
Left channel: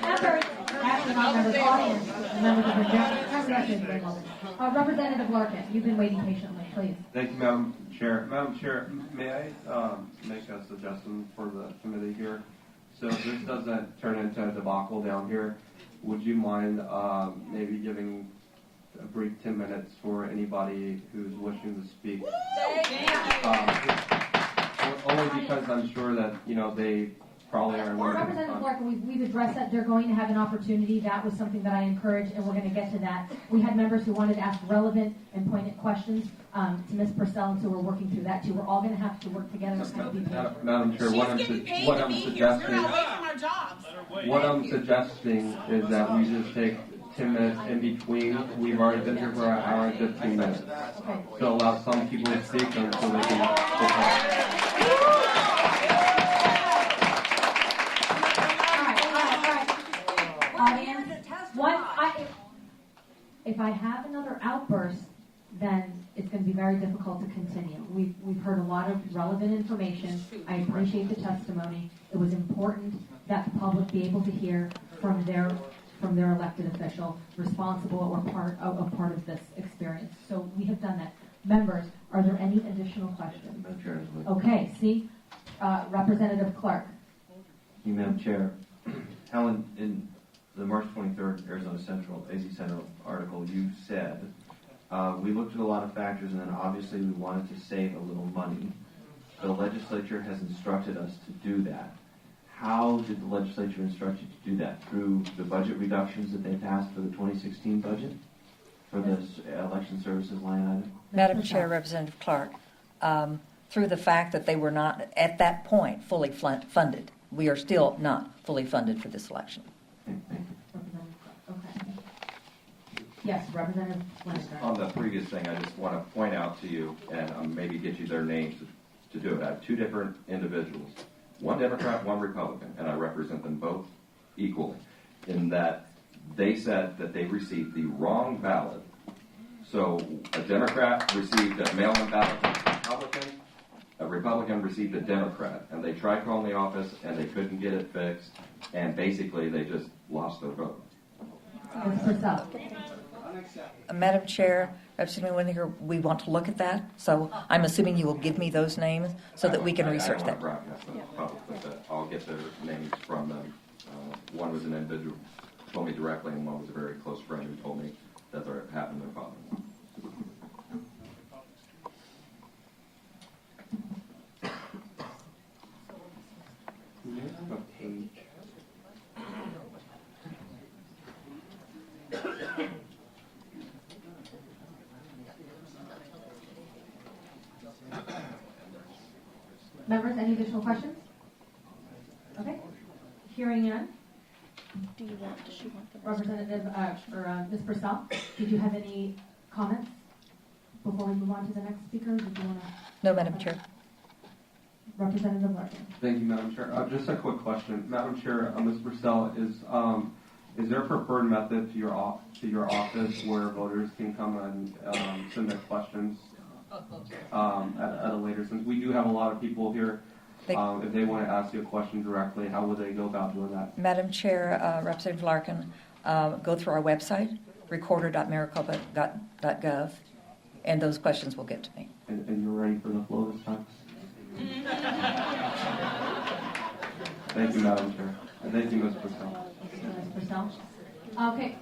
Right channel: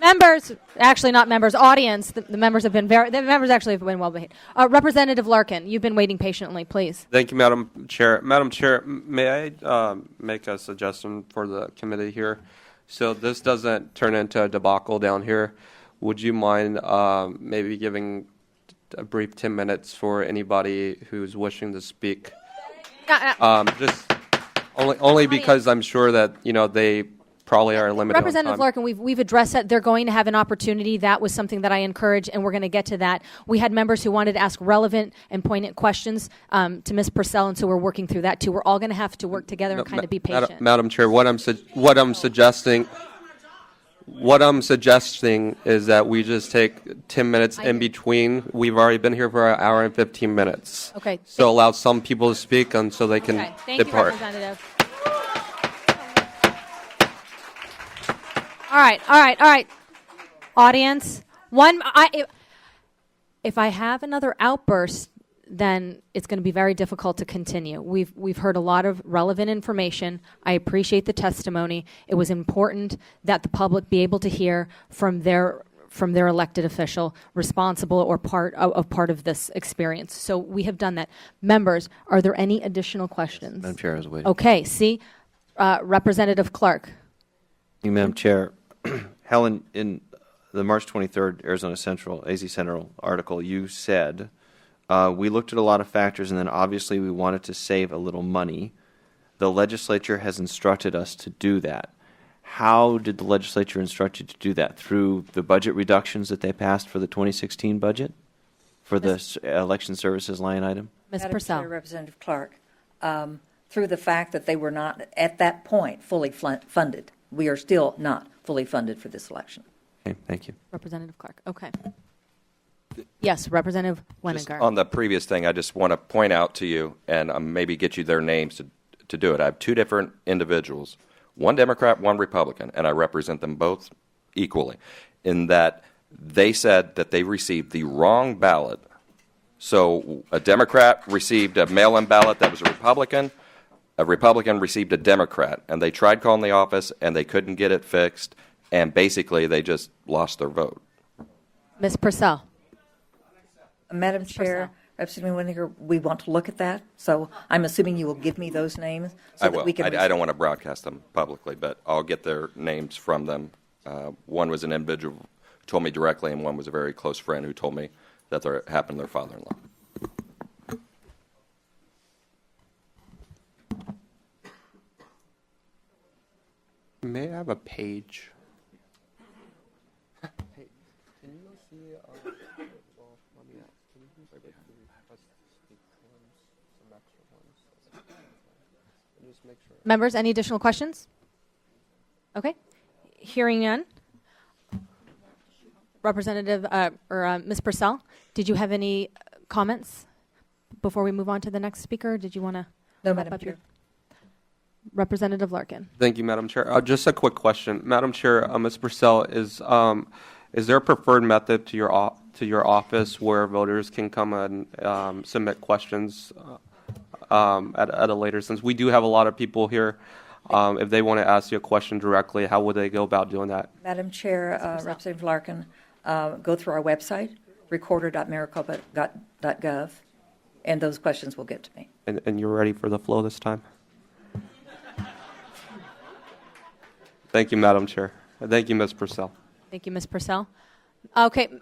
Members, actually not members, audience. The members have been the members actually have been well behaved. Representative Larkin, you've been waiting patiently, please. Thank you, Madam Chair. Madam Chair, may I make a suggestion for the committee here? So this doesn't turn into a debacle down here. Would you mind maybe giving a brief 10 minutes for anybody who's wishing to speak? Just only because I'm sure that, they probably are limited on Representative time. Larkin, we've addressed that. They're going to have an opportunity. That was something that I encouraged, and we're going to get to that. We had members who wanted to ask relevant and poignant questions to Ms. Purcell, and so we're working through that too. We're all going to have to work together and kind of be patient. Madam Chair, what I'm suggesting is that we just take 10 minutes in between. We've already been here for an hour and 15 minutes. Okay. So allow some people to speak until they can Thank you, depart. Representative. All right. Audience, if I have another outburst, then it's going to be very difficult to continue. We've heard a lot of relevant information. I appreciate the testimony. It was important that the public be able to hear from their elected official responsible or part of this experience. So we have done that. Members, are there any additional questions? Madam Chair, I was waiting. Okay, see, Representative Clark. Thank you, Madam Chair. Helen, in the March 23rd Arizona Central, AZ Central article, you said, we looked at a lot of factors and then obviously we wanted to save a little money. The legislature has instructed us to do that. How did the legislature instruct you to do that? Through the budget reductions that they passed for the 2016 budget? For the election services line item? Ms. Madam Purcell. Chair, Representative Clark, through the fact that they were not, at that point, fully funded. We are still not fully funded for this election. Okay, thank you. Representative Clark, okay. Yes, Representative Just Wenninger. on the previous thing, I just want to point out to you, and maybe get you their names to do it. I have two different individuals, one Democrat, one Republican, and I represent them both equally, in that they said that they received the wrong ballot. So a Democrat received a mail-in ballot that was a Republican received a Democrat, and they tried calling the office, and they couldn't get it fixed, and basically they just lost their vote. Ms. Purcell. Madam Chair, Representative Winninger, we want to look at that, so I'm assuming you will give me those names so I that will. we can I don't research want to that. broadcast them publicly, but I'll get their names from them. One was an individual who told me directly, and one was a very close friend who told me that it happened to their father-in-law. May I have a page? Members, any additional questions? Okay. Hearing none. Representative, Ms. Purcell, did you have any comments before we move on to the next speaker? Did you want to? No, Madam Chair. Representative Larkin. Thank you, Madam Chair. Just a quick question. Madam Chair, Ms. Purcell, is there a preferred method to your office where voters can come and submit questions at a later, since we do have a lot of people here? If they want to ask you a question directly, how would they go about doing that? Madam Chair, Representative Larkin, go through our website, recorder.maricopa.gov, and those questions will get to me. And you're ready for the flow this time? Thank you, Madam Chair. Thank you, Ms. Purcell. Thank you, Ms. Purcell. Okay,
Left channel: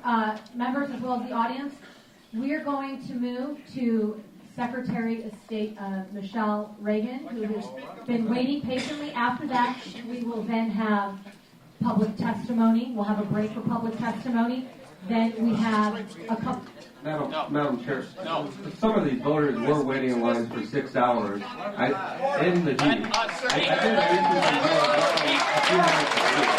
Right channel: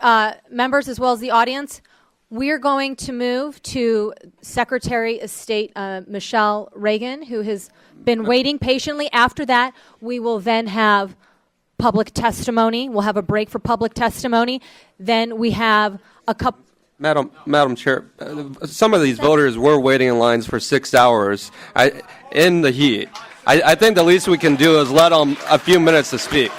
members as well as the audience, we are going to move to Secretary of State Michele Reagan, who has been waiting patiently. After that, we will then have public testimony. We'll have a break for public testimony. Then we have a couple. Madam Chair, some of these voters were waiting in lines for 6 hours in the heat. I think the least we can do is let them a few minutes to speak.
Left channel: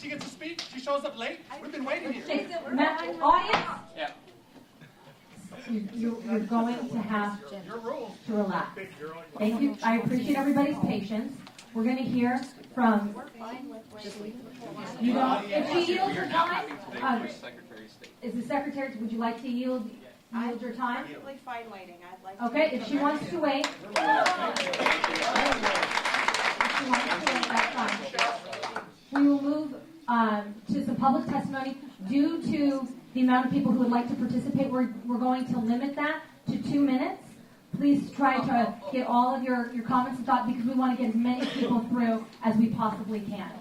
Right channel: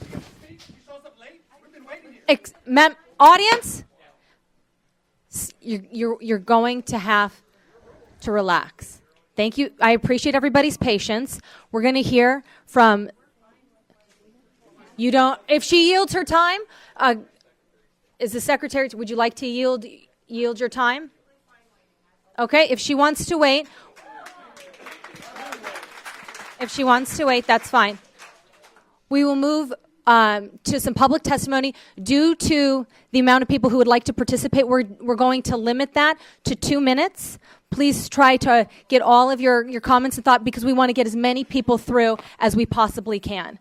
She gets to speak, she shows up late, we've been waiting here. Audience, you're going to have to relax. Thank you. I appreciate everybody's patience. We're going to hear from. You don't. If she yields her time, is the secretary? Would you like to yield your time? Okay. If she wants to wait. If she wants to wait, that's fine. We will move to some public testimony. Due to the amount of people who would like to participate, we're going to limit that to 2 minutes. Please try to get all of your comments and thought, because we want to get as many people through as we possibly can.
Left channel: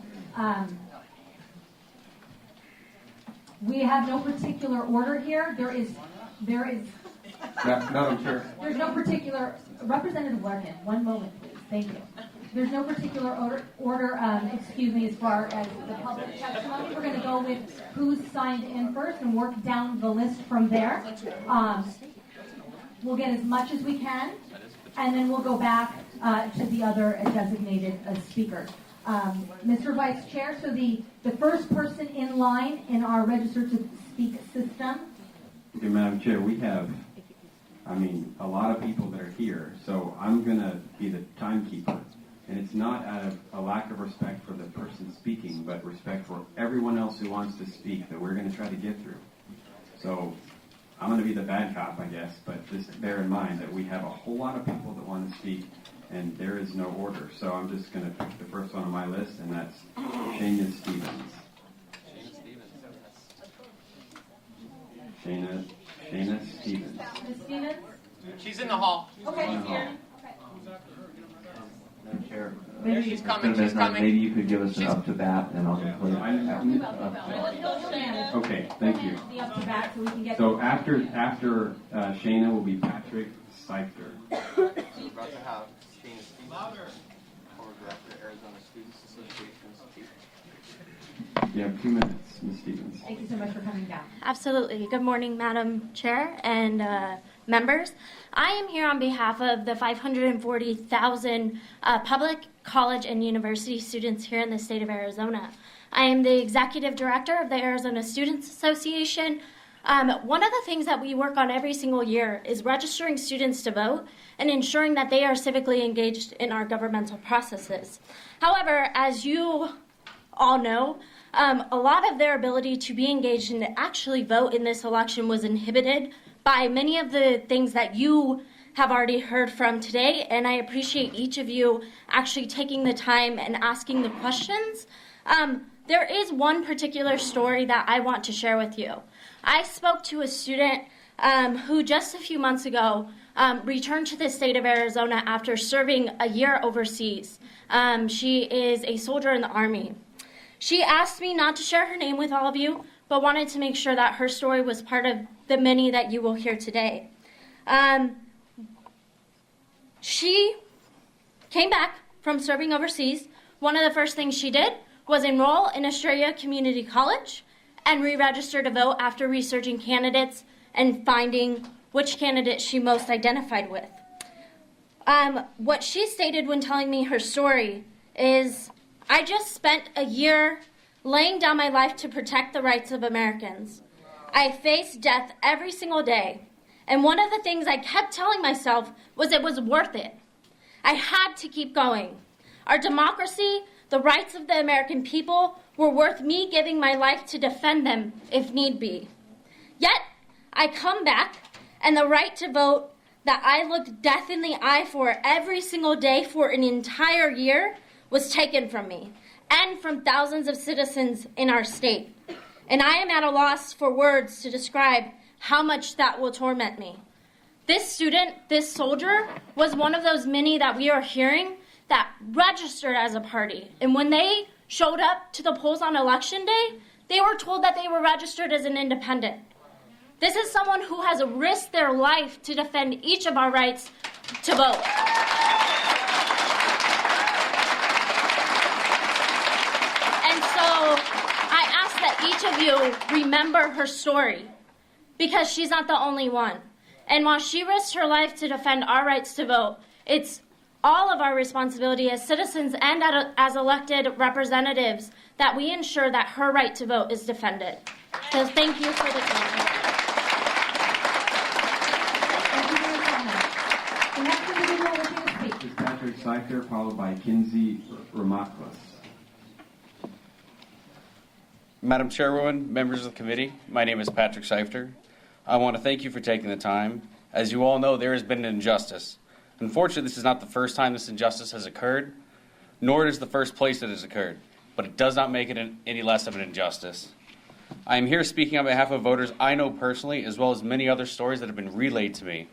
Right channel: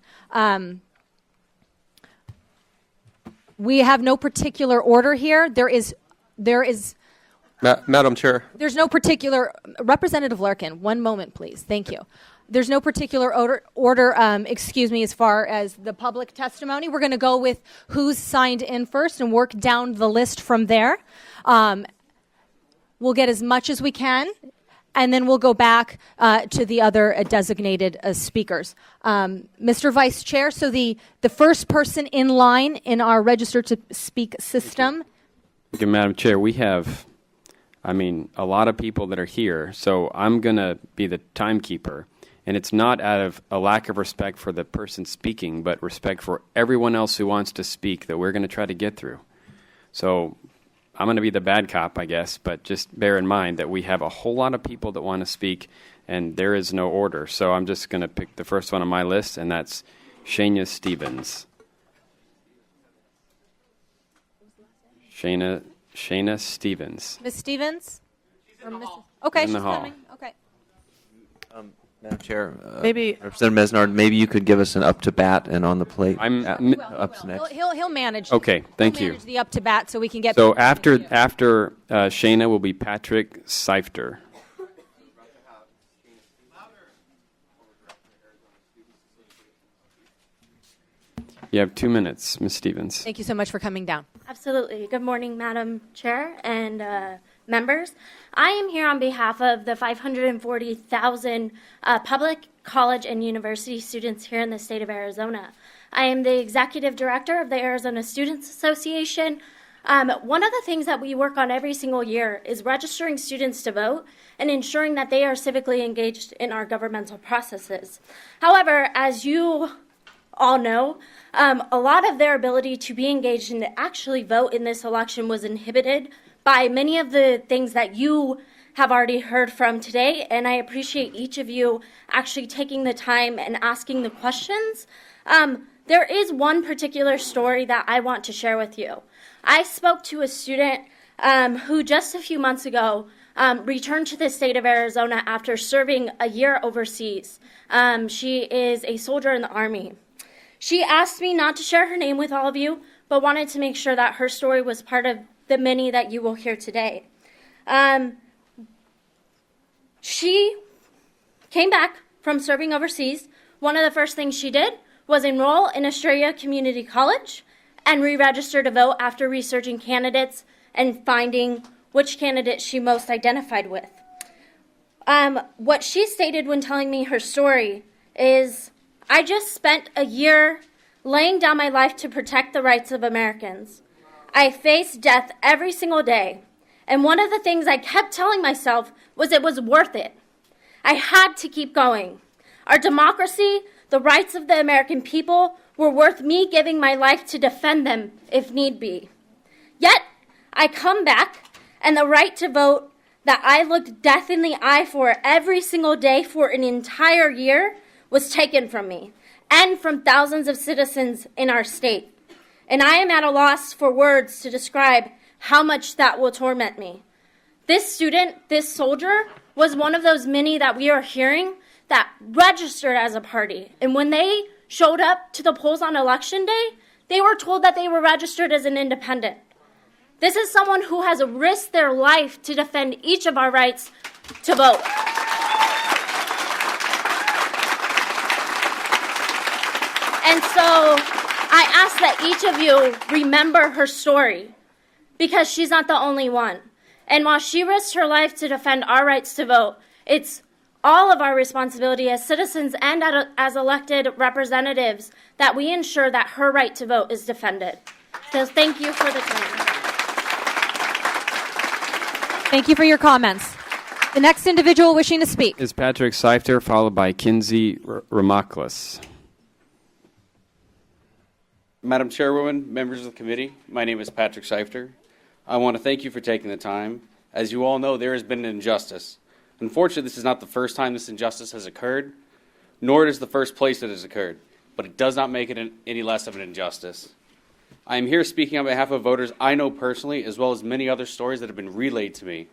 We have no particular order here. There is. Madam Chair. There's no particular. Representative Larkin, 1 moment, please. Thank you. There's no particular order, as far as the public testimony. We're going to go with who's signed in first and work down the list from there. We'll get as much as we can, and then we'll go back to the other designated speakers. Mr. Vice Chair, so the first person in line in our register to speak system. Okay, Madam Chair, we have, a lot of people that are here, so I'm going to be the timekeeper. And it's not out of a lack of respect for the person speaking, but respect for everyone else who wants to speak that we're going to try to get through. So I'm going to be the bad cop, I guess, but just bear in mind that we have a whole lot of people that want to speak, and there is no order. So I'm just going to pick the first one on my list, and that's Shayna Stevens. Shayna Stevens. Ms. Stevens? She's in the hall. Okay. In the she's hall. coming. Okay. Madam Chair, Maybe- Representative Mesnard, maybe you could give us an up to bat and on the plate. Up to next. He'll manage. Okay, thank He'll you. manage the up to bat so we can get. So after Shayna will be Patrick Seifter. You have 2 minutes, Ms. Stevens. Thank you so much for coming down. Absolutely. Good morning, Madam Chair and members. I am here on behalf of the 540,000 public college and university students here in the state of Arizona. I am the executive director of the Arizona Students Association. One of the things that we work on every single year is registering students to vote and ensuring that they are civically engaged in our governmental processes. However, as you all know, a lot of their ability to be engaged and to actually vote in this election was inhibited by many of the things that you have already heard from today, and I appreciate each of you actually taking the time and asking the questions. There is one particular story that I want to share with you. I spoke to a student who just a few months ago returned to the state of Arizona after serving a year overseas. She is a soldier in the Army. She asked me not to share her name with all of you, but wanted to make sure that her story was part of the many that you will hear today. She came back from serving overseas. One of the first things she did was enroll in Estrella Community College and re-register to vote after researching candidates and finding which candidate she most identified with. What she stated when telling me her story is, I just spent a year laying down my life to protect the rights of Americans. I faced death every single day, and one of the things I kept telling myself was it was worth it. I had to keep going. Our democracy, the rights of the American people, were worth me giving my life to defend them if need be. Yet, I come back, and the right to vote that I looked death in the eye for every single day for an entire year was taken from me and from thousands of citizens in our state. And I am at a loss for words to describe how much that will torment me. This student, this soldier, was one of those many that we are hearing that registered as a party. And when they showed up to the polls on election day, they were told that they were registered as an independent. This is someone who has risked their life to defend each of our rights to vote. And so I ask that each of you remember her story, because she's not the only one. And while she risked her life to defend our rights to vote, it's all of our responsibility as citizens and as elected representatives that we ensure that her right to vote is defended. So thank you for the time. Thank you for your comments. The next individual wishing to speak. Is Patrick Seifter, followed by Kinsey Ramaklis. Madam Chairwoman, members of the committee, my name is Patrick Seifter. I want to thank you for taking the time. As you all know, there has been an injustice. Unfortunately, this is not the first time this injustice has occurred, nor is it the first place that it has occurred, but it does not make it any less of an injustice. I am here speaking on behalf of voters I know personally, as well as many other stories that have been relayed to me.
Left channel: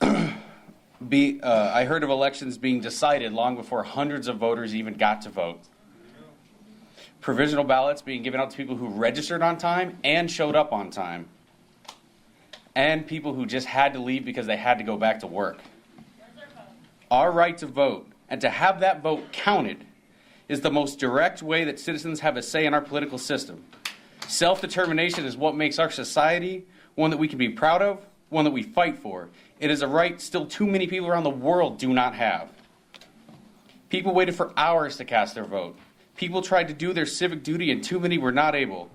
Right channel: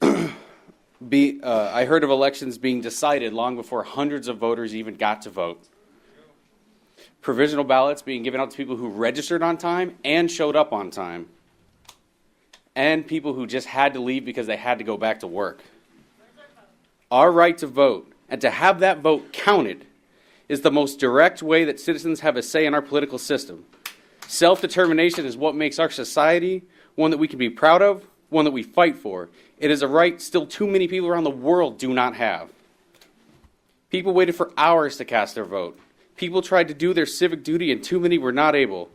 I heard of elections being decided long before hundreds of voters even got to vote. Provisional ballots being given out to people who registered on time and showed up on time. And people who just had to leave because they had to go back to work. Our right to vote, and to have that vote counted, is the most direct way that citizens have a say in our political system. Self-determination is what makes our society one that we can be proud of, one that we fight for. It is a right still too many people around the world do not have. People waited for hours to cast their vote. People tried to do their civic duty and too many were not able.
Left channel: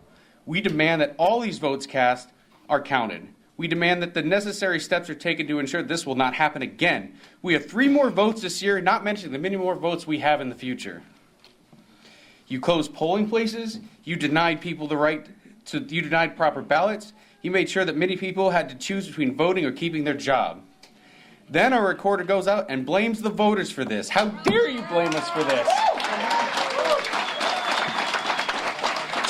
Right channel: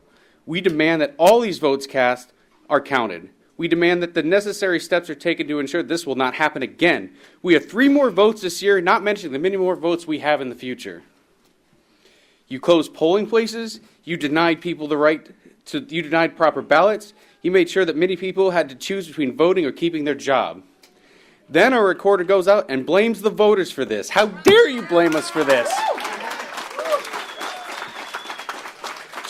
We demand that all these votes cast are counted. We demand that the necessary steps are taken to ensure this will not happen again. We have 3 more votes this year, not mentioning the many more votes we have in the future. You closed polling places. You denied people the right to, you denied proper ballots. You made sure that many people had to choose between voting or keeping their job. Then our recorder goes out and blames the voters for this. How dare you blame us for this?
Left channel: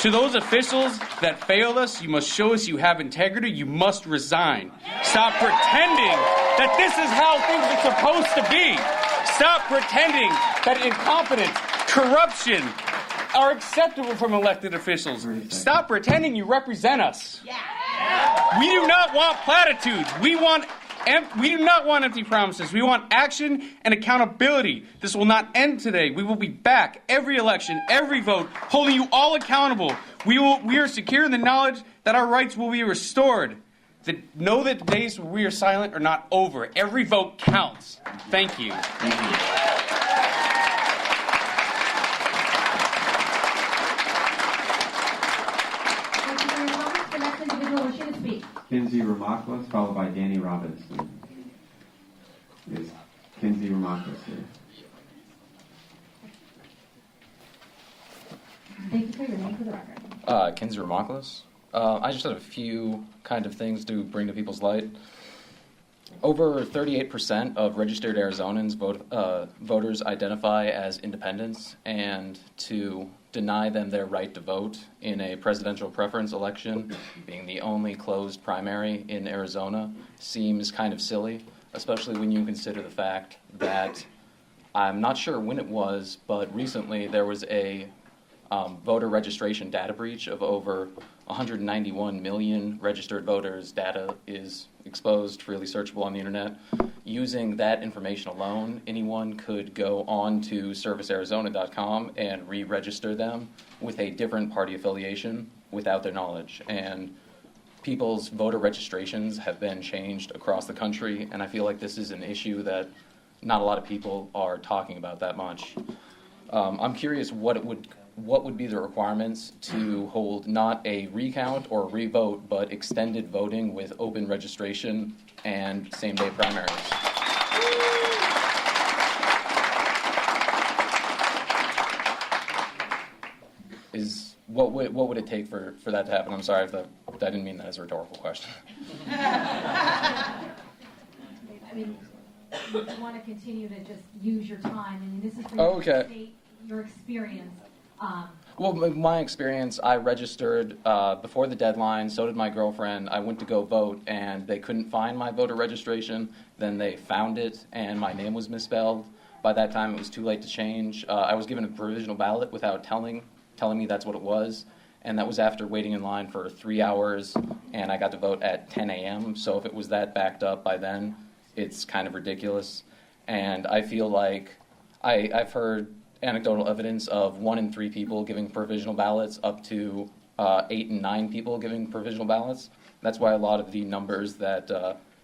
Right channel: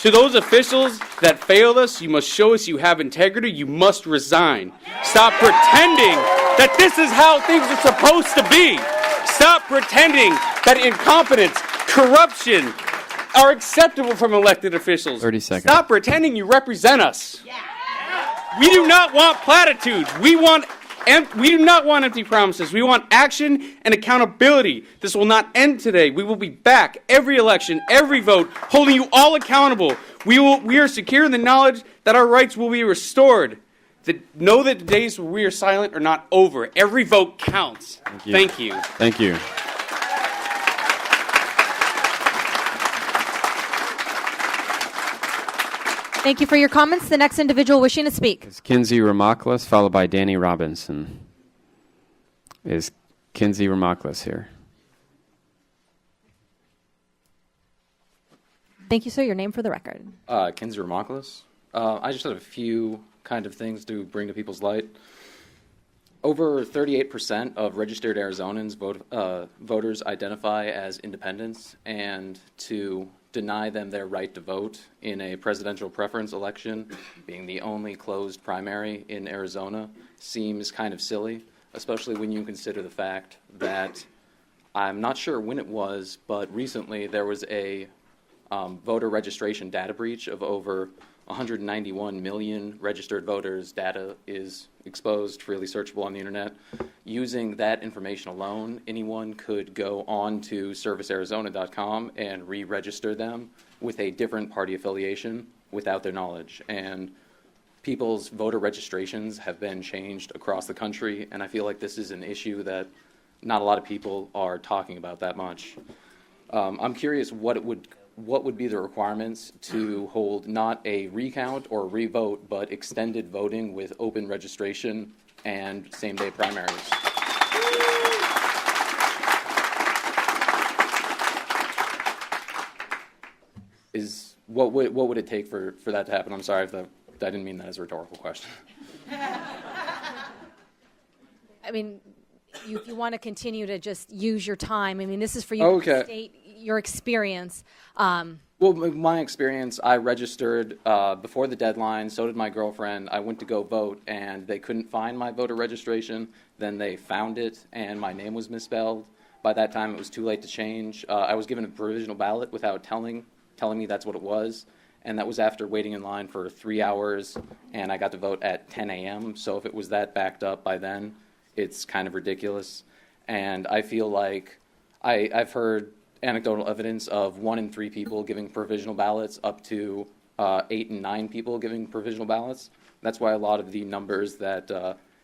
To those officials that failed us, you must show us you have integrity. You must resign. Stop pretending that this is how things are supposed to be. Stop pretending that incompetence, corruption are acceptable from elected officials. 30 seconds. Stop pretending you represent us. We do not want platitudes. We do not want empty promises. We want action and accountability. This will not end today. We will be back every election, every vote, holding you all accountable. We are secure in the knowledge that our rights will be restored. Know that the days where we are silent are not over. Every vote counts. Thank you. Thank you. Thank you for your comments. The next individual wishing to speak. It's Kinsey Ramaklis, followed by Danny Robinson. Is Kinsey Ramaklis here? Thank you, sir. Your name for the record. Kinsey Ramaklis. I just have a few kind of things to bring to people's light. Over 38% of registered Arizonans voters identify as independents, and to deny them their right to vote in a presidential preference election, being the only closed primary in Arizona, seems kind of silly, especially when you consider the fact that I'm not sure when it was, but recently there was a voter registration data breach of over 191 million registered voters. Data is exposed, freely searchable on the internet. Using that information alone, anyone could go on to servicearizona.com and re-register them with a different party affiliation without their knowledge. And people's voter registrations have been changed across the country, and I feel like this is an issue that not a lot of people are talking about that much. I'm curious what would be the requirements to hold not a recount or revote, but extended voting with open registration and same-day primaries. What would it take for that to happen? I'm sorry if I didn't mean that as a rhetorical question. I mean, if you want to continue to just use your time, I mean, this is for you to state your experience. Well, my experience, I registered before the deadline, so did my girlfriend. I went to go vote, and they couldn't find my voter registration. Then they found it, and my name was misspelled. By that time, it was too late to change. I was given a provisional ballot without telling me that's what it was, and that was after waiting in line for 3 hours, and I got to vote at 10 a.m., so if it was that backed up by then, it's kind of ridiculous. And I feel like I've heard anecdotal evidence of 1 in 3 people giving provisional ballots up to 8 and 9 people giving provisional ballots. That's why a lot of the numbers that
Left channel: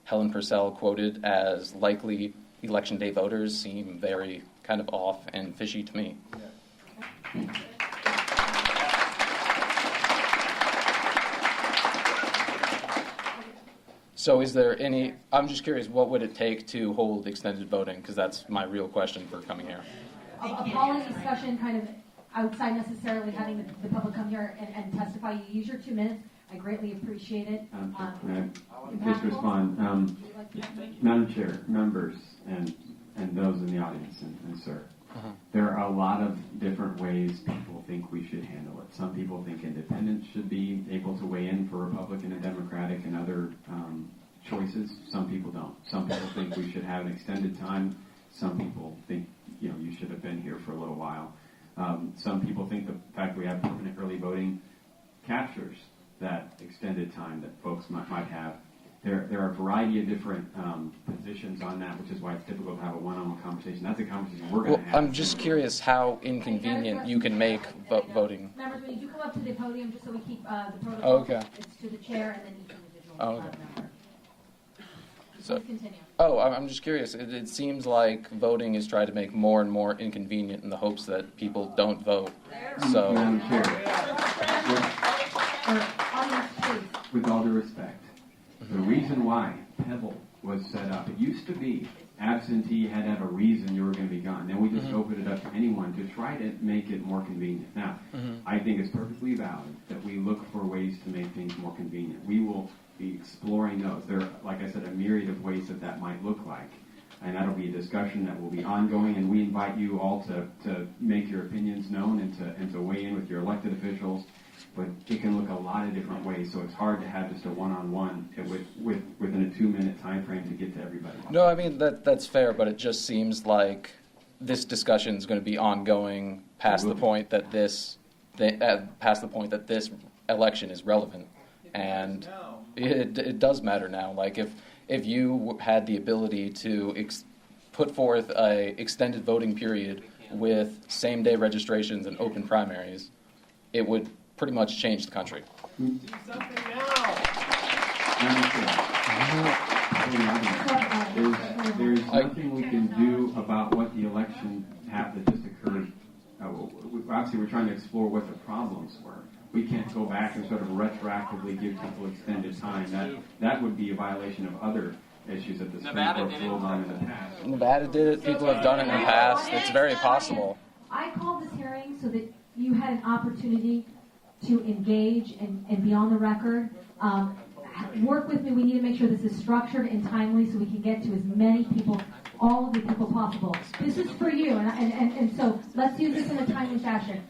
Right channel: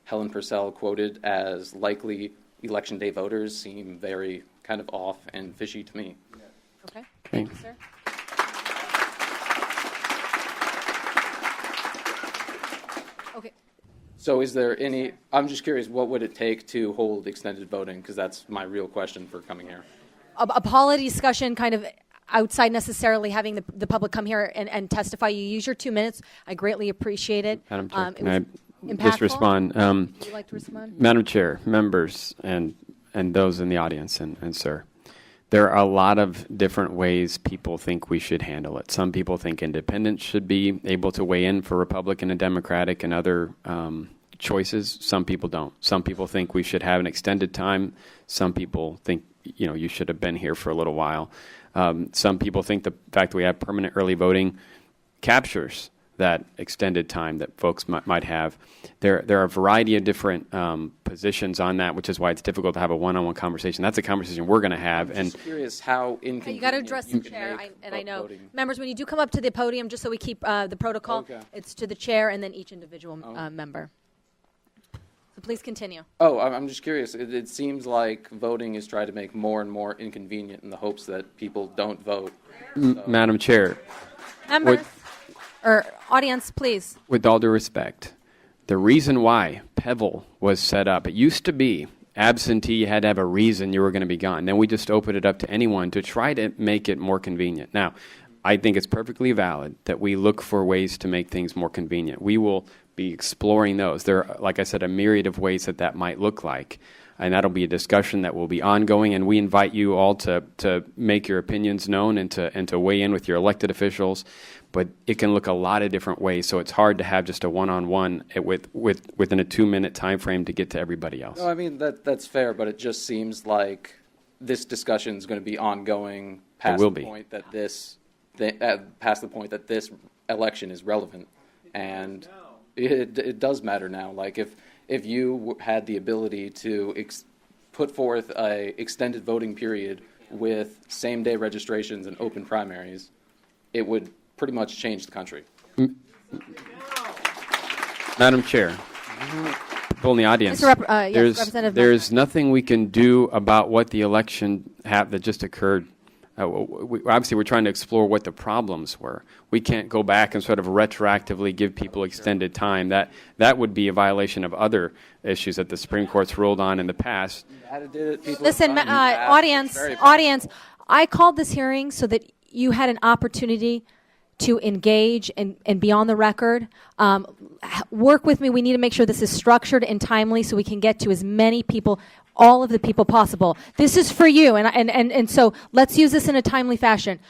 Helen Purcell quoted as likely election day voters seem very kind of off and fishy to me. Okay. Thank you, sir. So is there any, I'm just curious, what would it take to hold extended voting? Because that's my real question for coming here. A polity discussion kind of outside necessarily having the public come here and testify. You use your 2 minutes. I greatly appreciate it. Madam Chair, It can was I just impactful. respond? Would you like to respond? Madam Chair, members, and those in the audience, and sir, there are a lot of different ways people think we should handle it. Some people think independents should be able to weigh in for Republican and Democratic and other choices. Some people don't. Some people think we should have an extended time. Some people think, you should have been here for a little while. Some people think the fact that we have permanent early voting captures that extended time that folks might have. There are a variety of different positions on that, which is why it's difficult to have a one-on-one conversation. That's a conversation we're going to have. I'm just curious how You got to inconvenient address you the can chair, make and I know. voting. Members, when you do come up to the podium, just so we keep the protocol, Okay. it's to the chair and then each individual Okay. member. Please continue. Oh, I'm just curious. It seems like voting is trying to make more and more inconvenient in the hopes that people don't vote. So, Madam Chair, Member, or audience, please. with all due respect, The reason why Pebble was set up, it used to be absentee, you had to have a reason you were going to be gone. Then we just opened it up to anyone to try to make it more convenient. Now, I think it's perfectly valid that we look for ways to make things more convenient. We will be exploring those. There are, like I said, a myriad of ways that that might look like. And that'll be a discussion that will be ongoing, and we invite you all to make your opinions known and to weigh in with your elected officials. But it can look a lot of different ways, so it's hard to have just a one-on-one within a 2-minute time frame to get to everybody else. No, I mean, that's fair, but it just seems like this discussion is going to be ongoing past the point that this election is relevant. And it does matter now. Like, if you had the ability to put forth a extended voting period with same-day registrations and open primaries, it would pretty much change the country. Madam Chair, people in the audience, there's nothing we can do about what the election that just occurred. Obviously, we're trying to explore what the problems were. We can't go back and sort of retroactively give people extended time. That would be a violation of other issues that the Supreme Court's ruled on in the past. Nevada did it. Listen, audience, I called this hearing so that you had an opportunity to engage and be on the record. Work with me. We need to make sure this is structured and timely so we can get to as many people, all of the people possible. This is for you, and so let's use this in a timely fashion.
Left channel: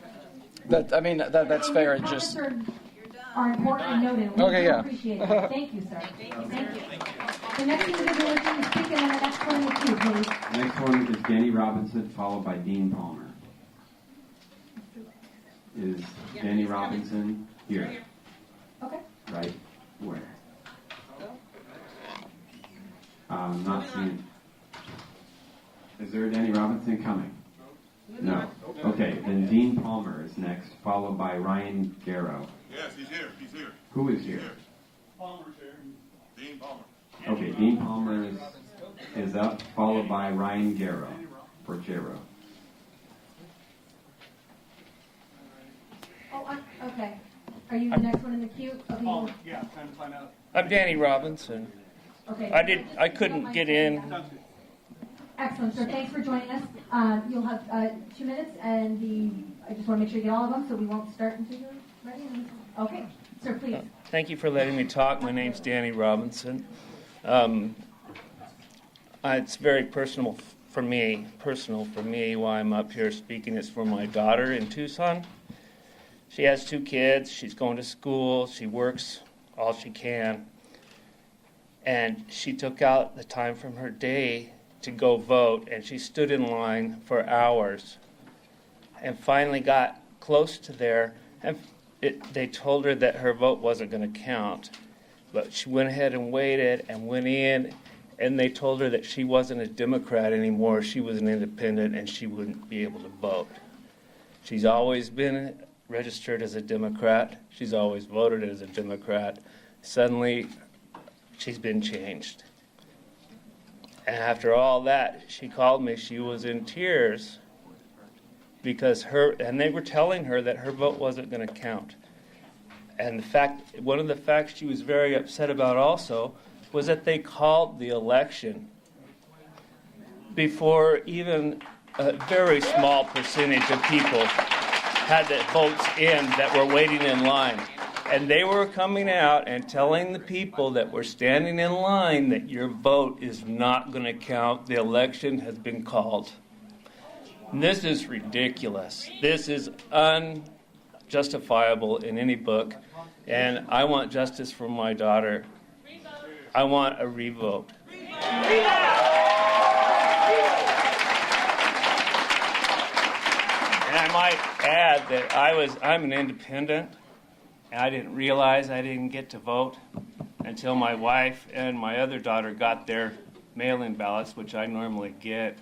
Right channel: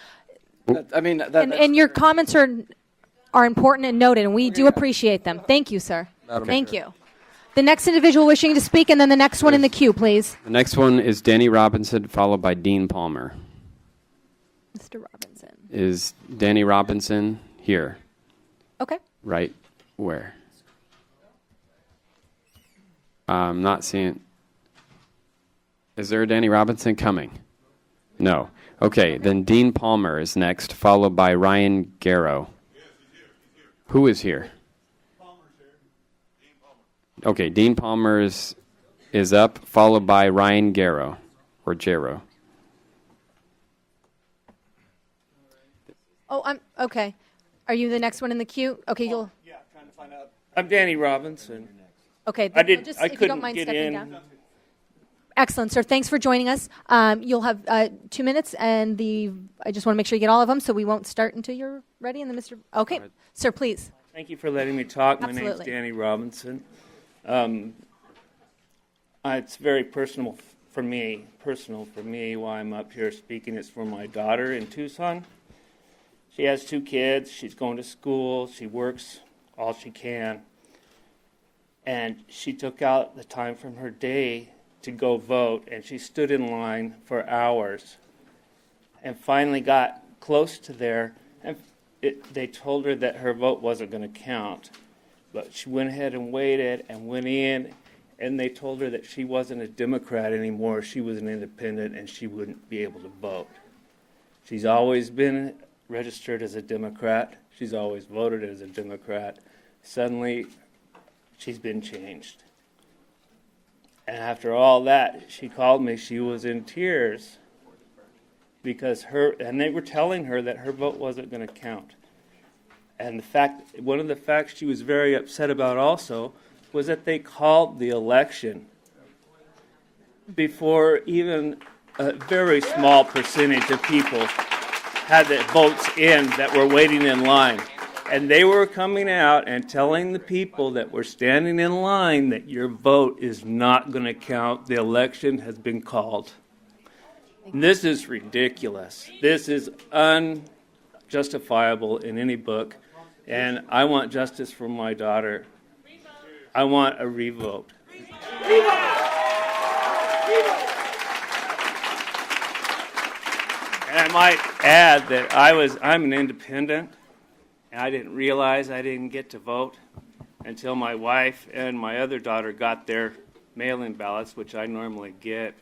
And your comments are important and noted, and we do appreciate them. Thank you, sir. Okay. Thank you. The next individual wishing to speak, and then the next one in the queue, please. Next one is Danny Robinson, followed by Dean Palmer. Mr. Robinson. Is Danny Robinson here? Okay. Right where? I'm not seeing. Is there a Danny Robinson coming? No. Okay, then Dean Palmer is next, followed by Ryan Garrow. Yes, he's here. He's here. Who is here? Palmer's here. Dean Palmer. Okay, Dean Palmer is up, followed by Ryan Garrow, or Jarrow. Oh, okay. Are you the next one in the queue? Okay, you'll. Yeah, time to find out. I'm Danny Robinson. Okay. I if you don't couldn't mind get stepping in. down. Excellent, sir. Thanks for joining us. You'll have 2 minutes, and I just want to make sure you get all of them, so we won't start until you're ready. And then Okay, sir, please. Thank you for letting me talk. My name's Absolutely. Danny Robinson. It's very personal for me. Why I'm up here speaking is for my daughter in Tucson. She has 2 kids. She's going to school. She works all she can. And she took out the time from her day to go vote, and she stood in line for hours and finally got close to there, and they told her that her vote wasn't going to count. But she went ahead and waited and went in, and they told her that she wasn't a Democrat anymore. She was an independent, and she wouldn't be able to vote. She's always been registered as a Democrat. She's always voted as a Democrat. Suddenly, she's been changed. And after all that, she called me. She was in tears because they were telling her that her vote wasn't going to count. And one of the facts she was very upset about also was that they called the election before even a very small percentage of people had the votes in that were waiting in line. And they were coming out and telling the people that were standing in line that your vote is not going to count. The election has been called. And this is ridiculous. This is unjustifiable in any book. And I want justice for my daughter. I want a revote. And I might add that I'm an independent. I didn't realize I didn't get to vote until my wife and my other daughter got their mail-in ballots, which I normally get.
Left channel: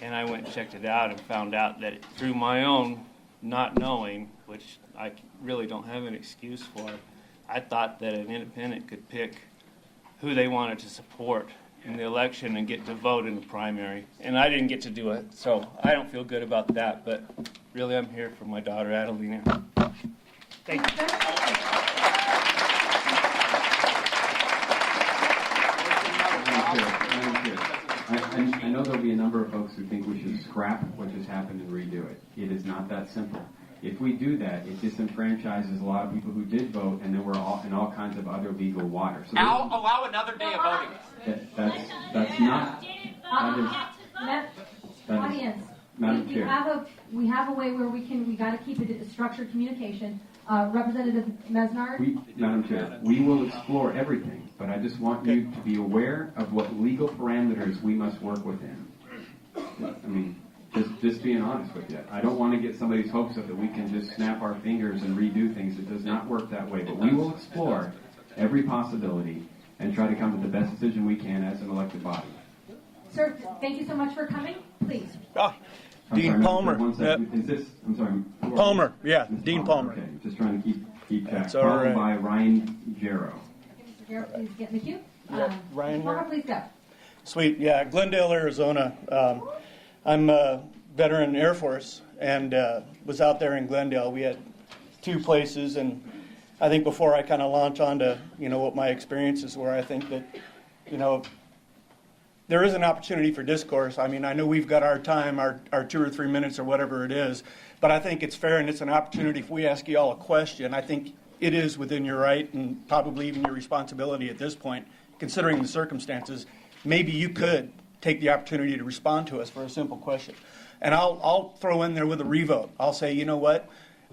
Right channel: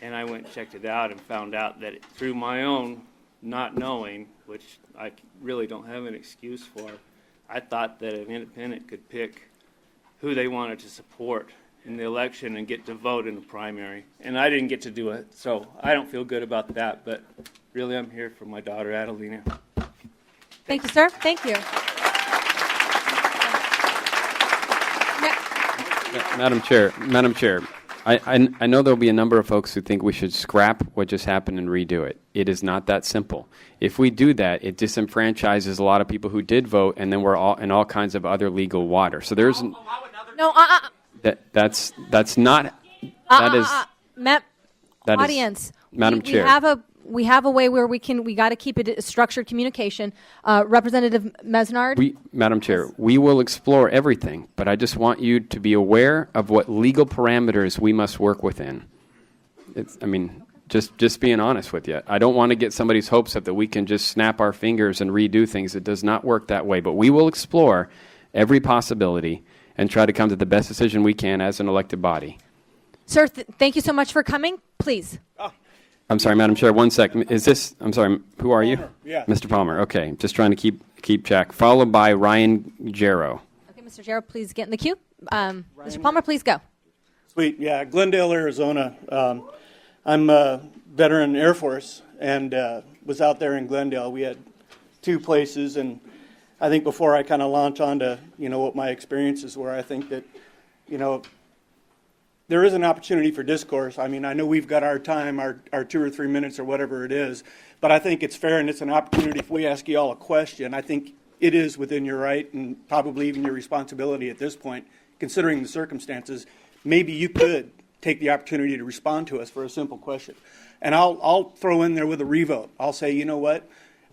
And I went and checked it out and found out that through my own not knowing, which I really don't have an excuse for, I thought that an independent could pick who they wanted to support in the election and get to vote in the primary. And I didn't get to do it, so I don't feel good about that. But really, I'm here for my daughter, Adelina. Thank you, sir. Thank you. Madam Chair, I know there'll be a number of folks who think we should scrap what just happened and redo it. It is not that simple. If we do that, it disenfranchises a lot of people who did vote, and then we're all in all kinds of other legal water. So there's Allow another No, that's not that is that is audience. Madam Chair. We have a way where we got to keep it a structured communication. Representative Mesnard. Madam Chair, we will explore everything, but I just want you to be aware of what legal parameters we must work within. Just being honest with you. I don't want to get somebody's hopes up that we can just snap our fingers and redo things. It does not work that way, but we will explore every possibility and try to come to the best decision we can as an elected body. Sir, thank you so much for coming. Please. I'm sorry, Madam Chair, one second. Is this, I'm sorry, who are Palmer, you? yeah, Mr. Dean Palmer, Palmer. okay. Just trying to keep track. Sorry, Followed Ryan. by Ryan Jarrow. Okay, Mr. Jarrett, please get in the queue. Mr. Palmer, please go. Sweet, yeah, Glendale, Arizona. I'm a veteran Air Force and was out there in Glendale. We had 2 places, and I think before I kind of launch onto, what my experiences were, I think that, there is an opportunity for discourse. I mean, I know we've got our time, our 2 or 3 minutes or whatever it is, but I think it's fair and it's an opportunity if we ask you all a question. I think it is within your right and probably even your responsibility at this point, considering the circumstances. Maybe you could take the opportunity to respond to us for a simple question. And I'll throw in there with a revote. I'll say, you know what?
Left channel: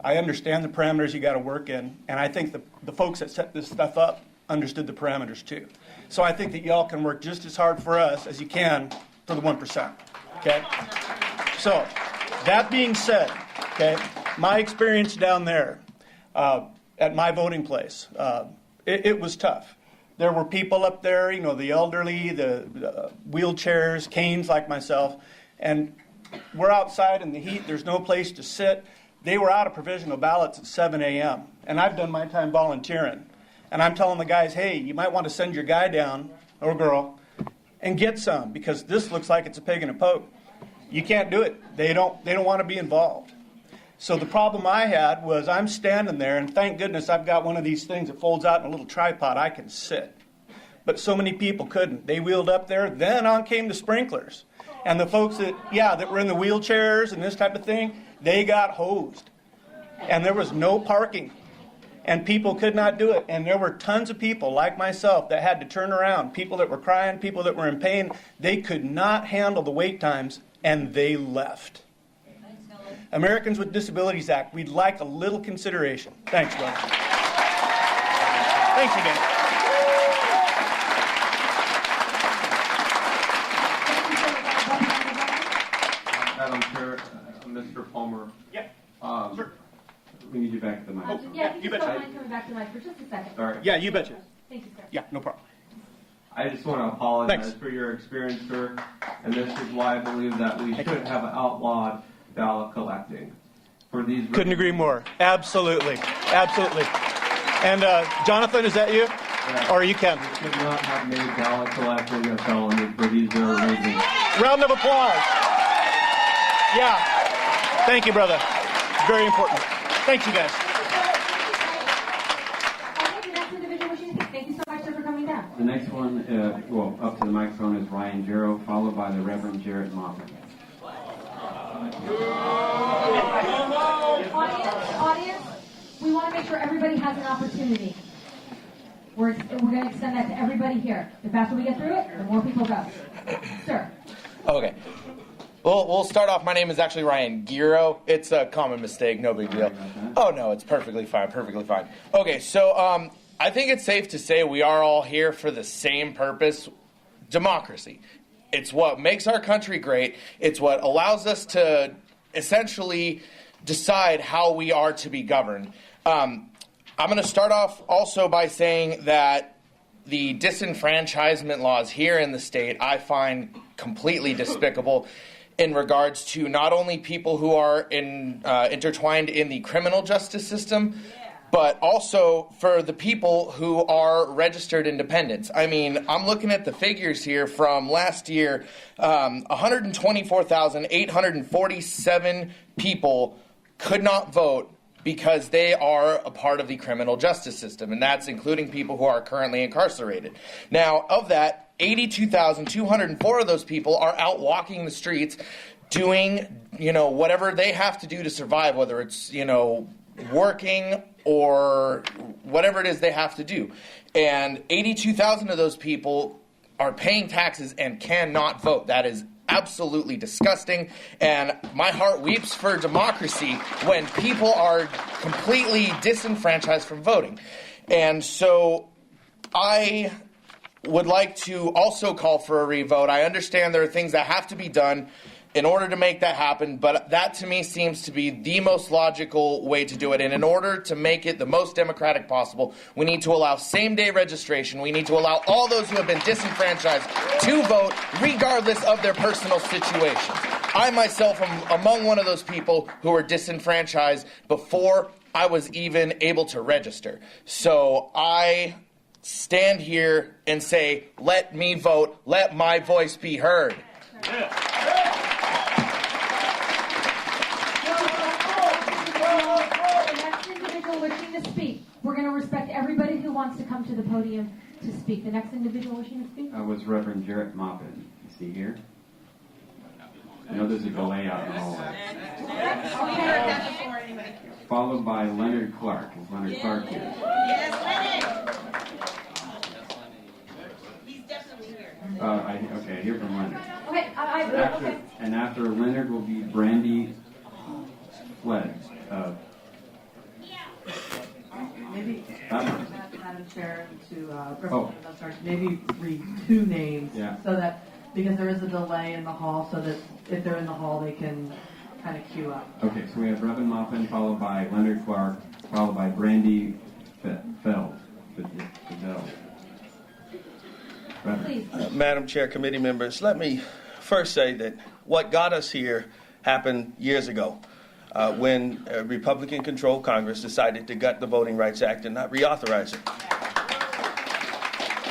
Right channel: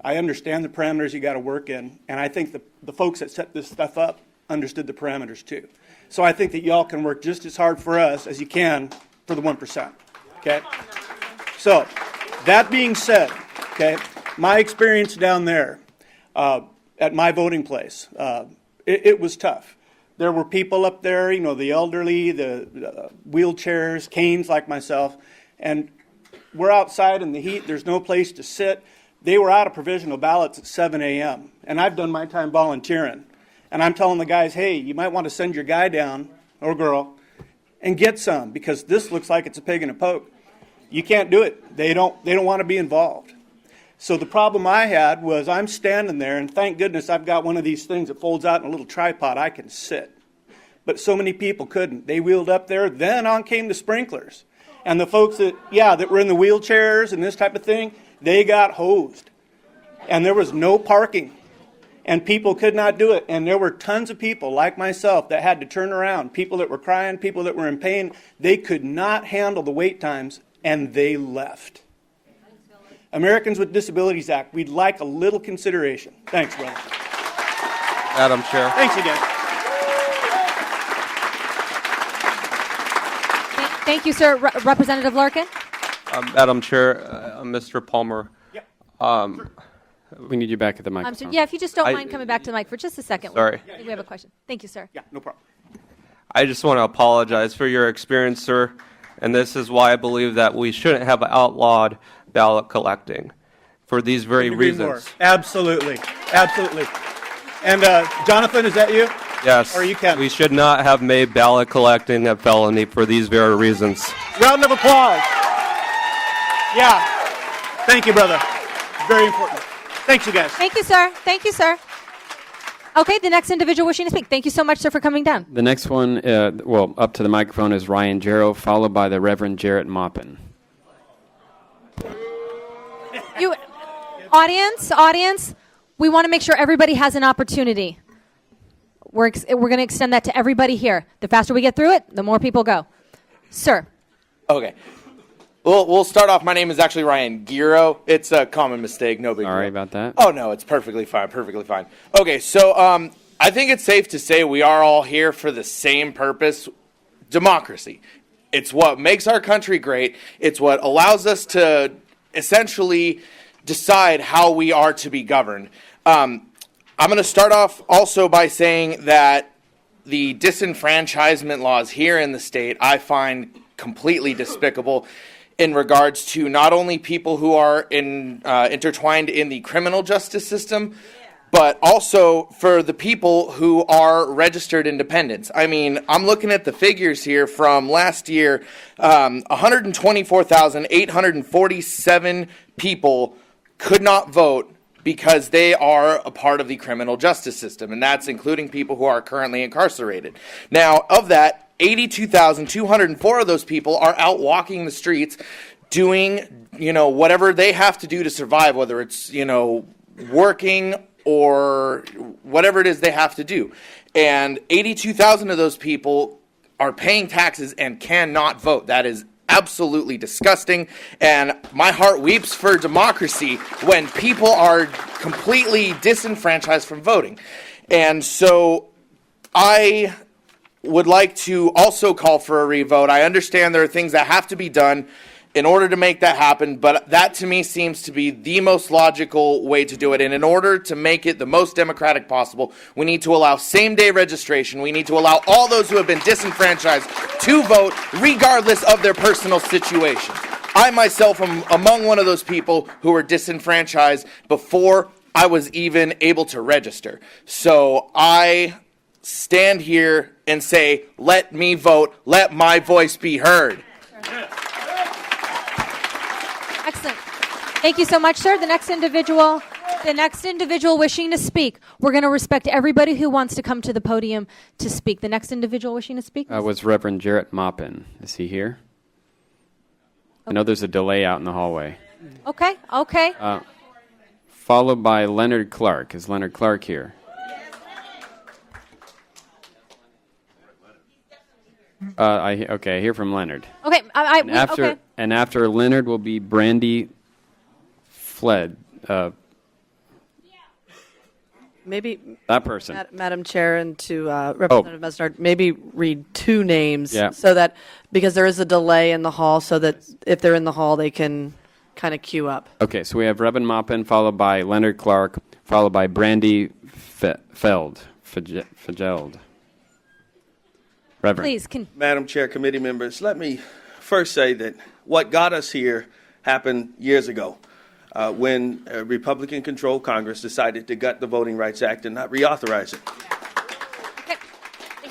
I understand the parameters you got to work in, and I think the folks that set this stuff up understood the parameters too. So I think that y'all can work just as hard for us as you can for the 1%. Okay? So, that being said, okay, my experience down there at my voting place, it was tough. There were people up there, the elderly, the wheelchairs, canes like myself, and we're outside in the heat. There's no place to sit. They were out of provisional ballots at 7 a.m., and I've done my time volunteering. And I'm telling the guys, hey, you might want to send your guy down, or girl, and get some, because this looks like it's a pig in a poke. You can't do it. They don't want to be involved. So the problem I had was I'm standing there, and thank goodness I've got one of these things that folds out in a little tripod. I can sit. But so many people couldn't. They wheeled up there. Then on came the sprinklers. And the folks that were in the wheelchairs and this type of thing, they got hosed. And there was no parking. And people could not do it. And there were tons of people like myself that had to turn around. People that were crying, people that were in pain. They could not handle the wait times, and they left. Americans with Disabilities Act, we'd like a little consideration. Thanks, brother. Madam Chair. Thanks again. Thank you, sir. Representative Larkin. Madam Chair, Mr. Palmer. We need you back at the microphone. If you just don't mind coming back to the mic for just a second. Sorry. Yeah, you have a bet. question. Thank you, sir. Yeah, no problem. I just want to apologize for your experience, sir, and this is why I believe that we shouldn't have outlawed ballot collecting for these very Couldn't agree reasons. more. Absolutely. Absolutely. And Jonathan, is that you? Yes. Or you can. We should not have made ballot collecting a felony for these very reasons. Round of applause. Yeah. Thank you, brother. Very important. Thanks, you guys. Thank you, sir. Thank you, sir. Okay, the next individual wishing to speak. Thank you so much, sir, for coming down. The next one, up to the microphone is Ryan Jarrow, followed by the Reverend Jarrett Maupin. Audience, we want to make sure everybody has an opportunity. We're going to extend that to everybody here. The faster we get through it, the more people go. Sir. Okay. We'll start off. My name is actually Ryan Giro. It's a common mistake. No big deal. Sorry about that. Oh, no, it's perfectly fine. Perfectly fine. Okay, so I think it's safe to say we are all here for the same purpose, democracy. It's what makes our country great. It's what allows us to essentially decide how we are to be governed. I'm going to start off also by saying that the disenfranchisement laws here in the state I find completely despicable in regards to not only people who are intertwined in the criminal justice system, but also for the people who are registered independents. I mean, I'm looking at the figures here from last year. 124,847 people could not vote because they are a part of the criminal justice system, and that's including people who are currently incarcerated. Now, of that, 82,204 of those people are out walking the streets doing, whatever they have to do to survive, whether it's, working or whatever it is they have to do. And 82,000 of those people are paying taxes and cannot vote. That is absolutely disgusting, and my heart weeps for democracy when people are completely disenfranchised from voting. And so I would like to also call for a revote. I understand there are things that have to be done in order to make that happen, but that to me seems to be the most logical way to do it. And in order to make it the most democratic possible, we need to allow same-day registration. We need to allow all those who have been disenfranchised to vote regardless of their personal situation. I myself am among one of those people who were disenfranchised before I was even able to register. So I stand here and say, let me vote, let my voice be heard. Thank you so much, sir. The next individual wishing to speak. We're going to respect everybody who wants to come to the podium to speak. The next individual wishing to speak. Was Reverend Jarrett Maupin. Is he here? I know there's a delay out in the hallway. Okay. Followed by Leonard Clark. Is Leonard Clark here? I hear from Leonard. Okay. Okay. And after Leonard will be Brandy Fled. Maybe that person. Madam Chair, and to Representative Mesnard, maybe read two names so that, because there is a delay in the hall, so that if they're in the hall, they can kind of queue up. Okay, so we have Reverend Maupin, followed by Leonard Clark, followed by Brandy Feld. Reverend. Please. Madam Chair, committee members, let me first say that what got us here happened years ago. When a Republican-controlled Congress decided to gut the Voting Rights Act and not reauthorize it.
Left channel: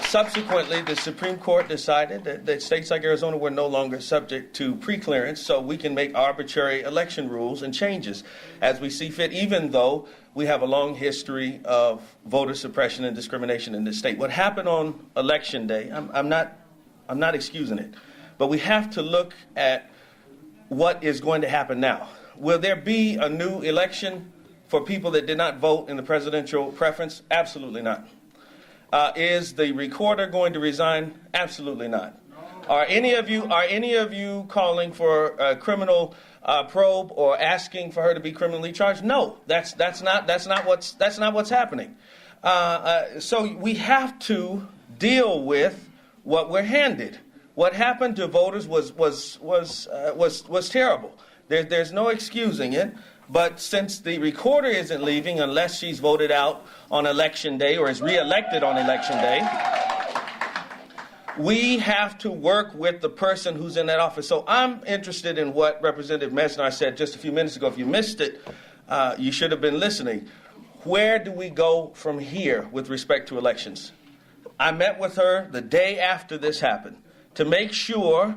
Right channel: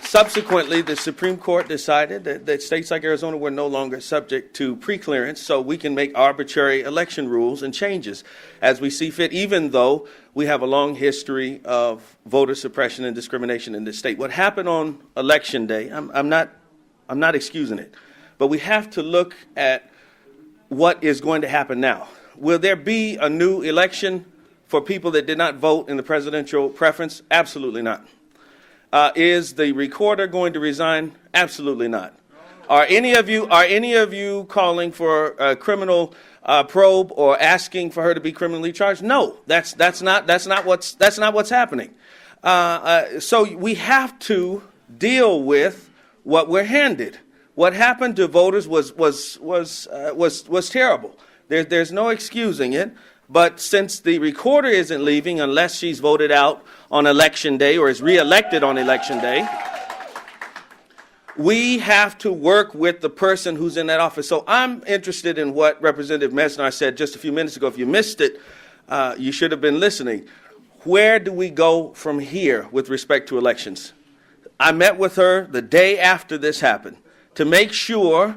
Subsequently, the Supreme Court decided that states like Arizona were no longer subject to preclearance, so we can make arbitrary election rules and changes as we see fit, even though we have a long history of voter suppression and discrimination in this state. What happened on Election Day, I'm not excusing it, but we have to look at what is going to happen now. Will there be a new election for people that did not vote in the presidential preference? Absolutely not. Is the recorder going to resign? Absolutely not. Are any of you calling for a criminal probe or asking for her to be criminally charged? No, that's not what's happening. So we have to deal with what we're handed. What happened to voters was terrible. There's no excusing it, but since the recorder isn't leaving unless she's voted out on Election Day or is reelected on Election Day, we have to work with the person who's in that office. So I'm interested in what Representative Mesnar said just a few minutes ago. If you missed it, you should have been listening. Where do we go from here with respect to elections? I met with her the day after this happened to make sure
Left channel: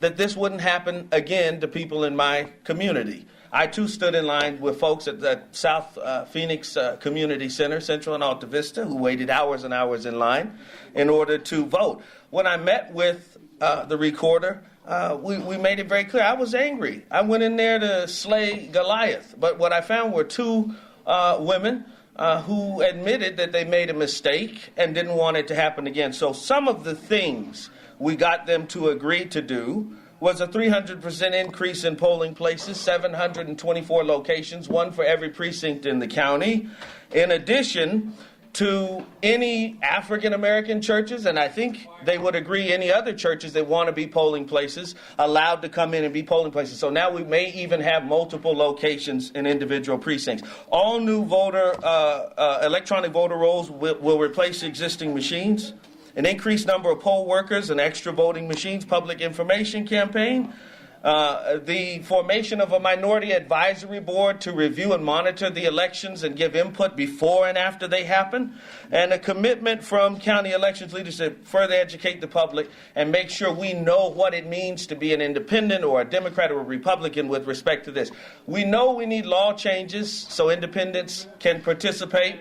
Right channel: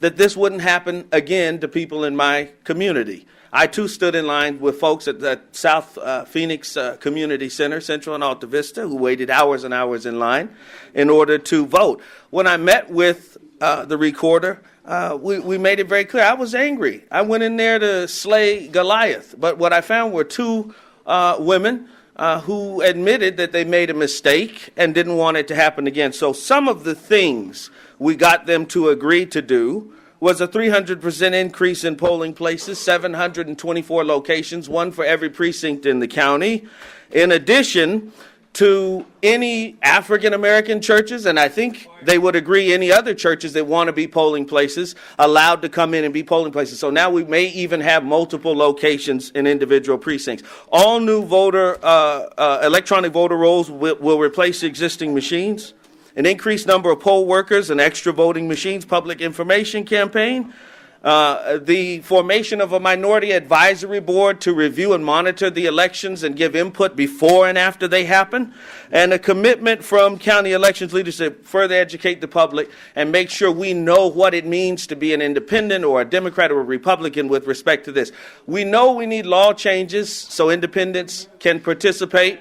that this wouldn't happen again to people in my community. I, too, stood in line with folks at the South Phoenix Community Center, Central and Alta Vista, who waited hours and hours in line in order to vote. When I met with the recorder, we made it very clear. I was angry. I went in there to slay Goliath, but what I found were two women who admitted that they made a mistake and didn't want it to happen again. So some of the things we got them to agree to do was a 300% increase in polling places, 724 locations, one for every precinct in the county. In addition to any African-American churches, and I think they would agree any other churches that want to be polling places, allowed to come in and be polling places. So now we may even have multiple locations in individual precincts. All new electronic voter rolls will replace existing machines. An increased number of poll workers and extra voting machines, public information campaign, the formation of a minority advisory board to review and monitor the elections and give input before and after they happen, and a commitment from county elections leadership to further educate the public and make sure we know what it means to be an independent or a Democrat or a Republican with respect to this. We know we need law changes so independents can participate.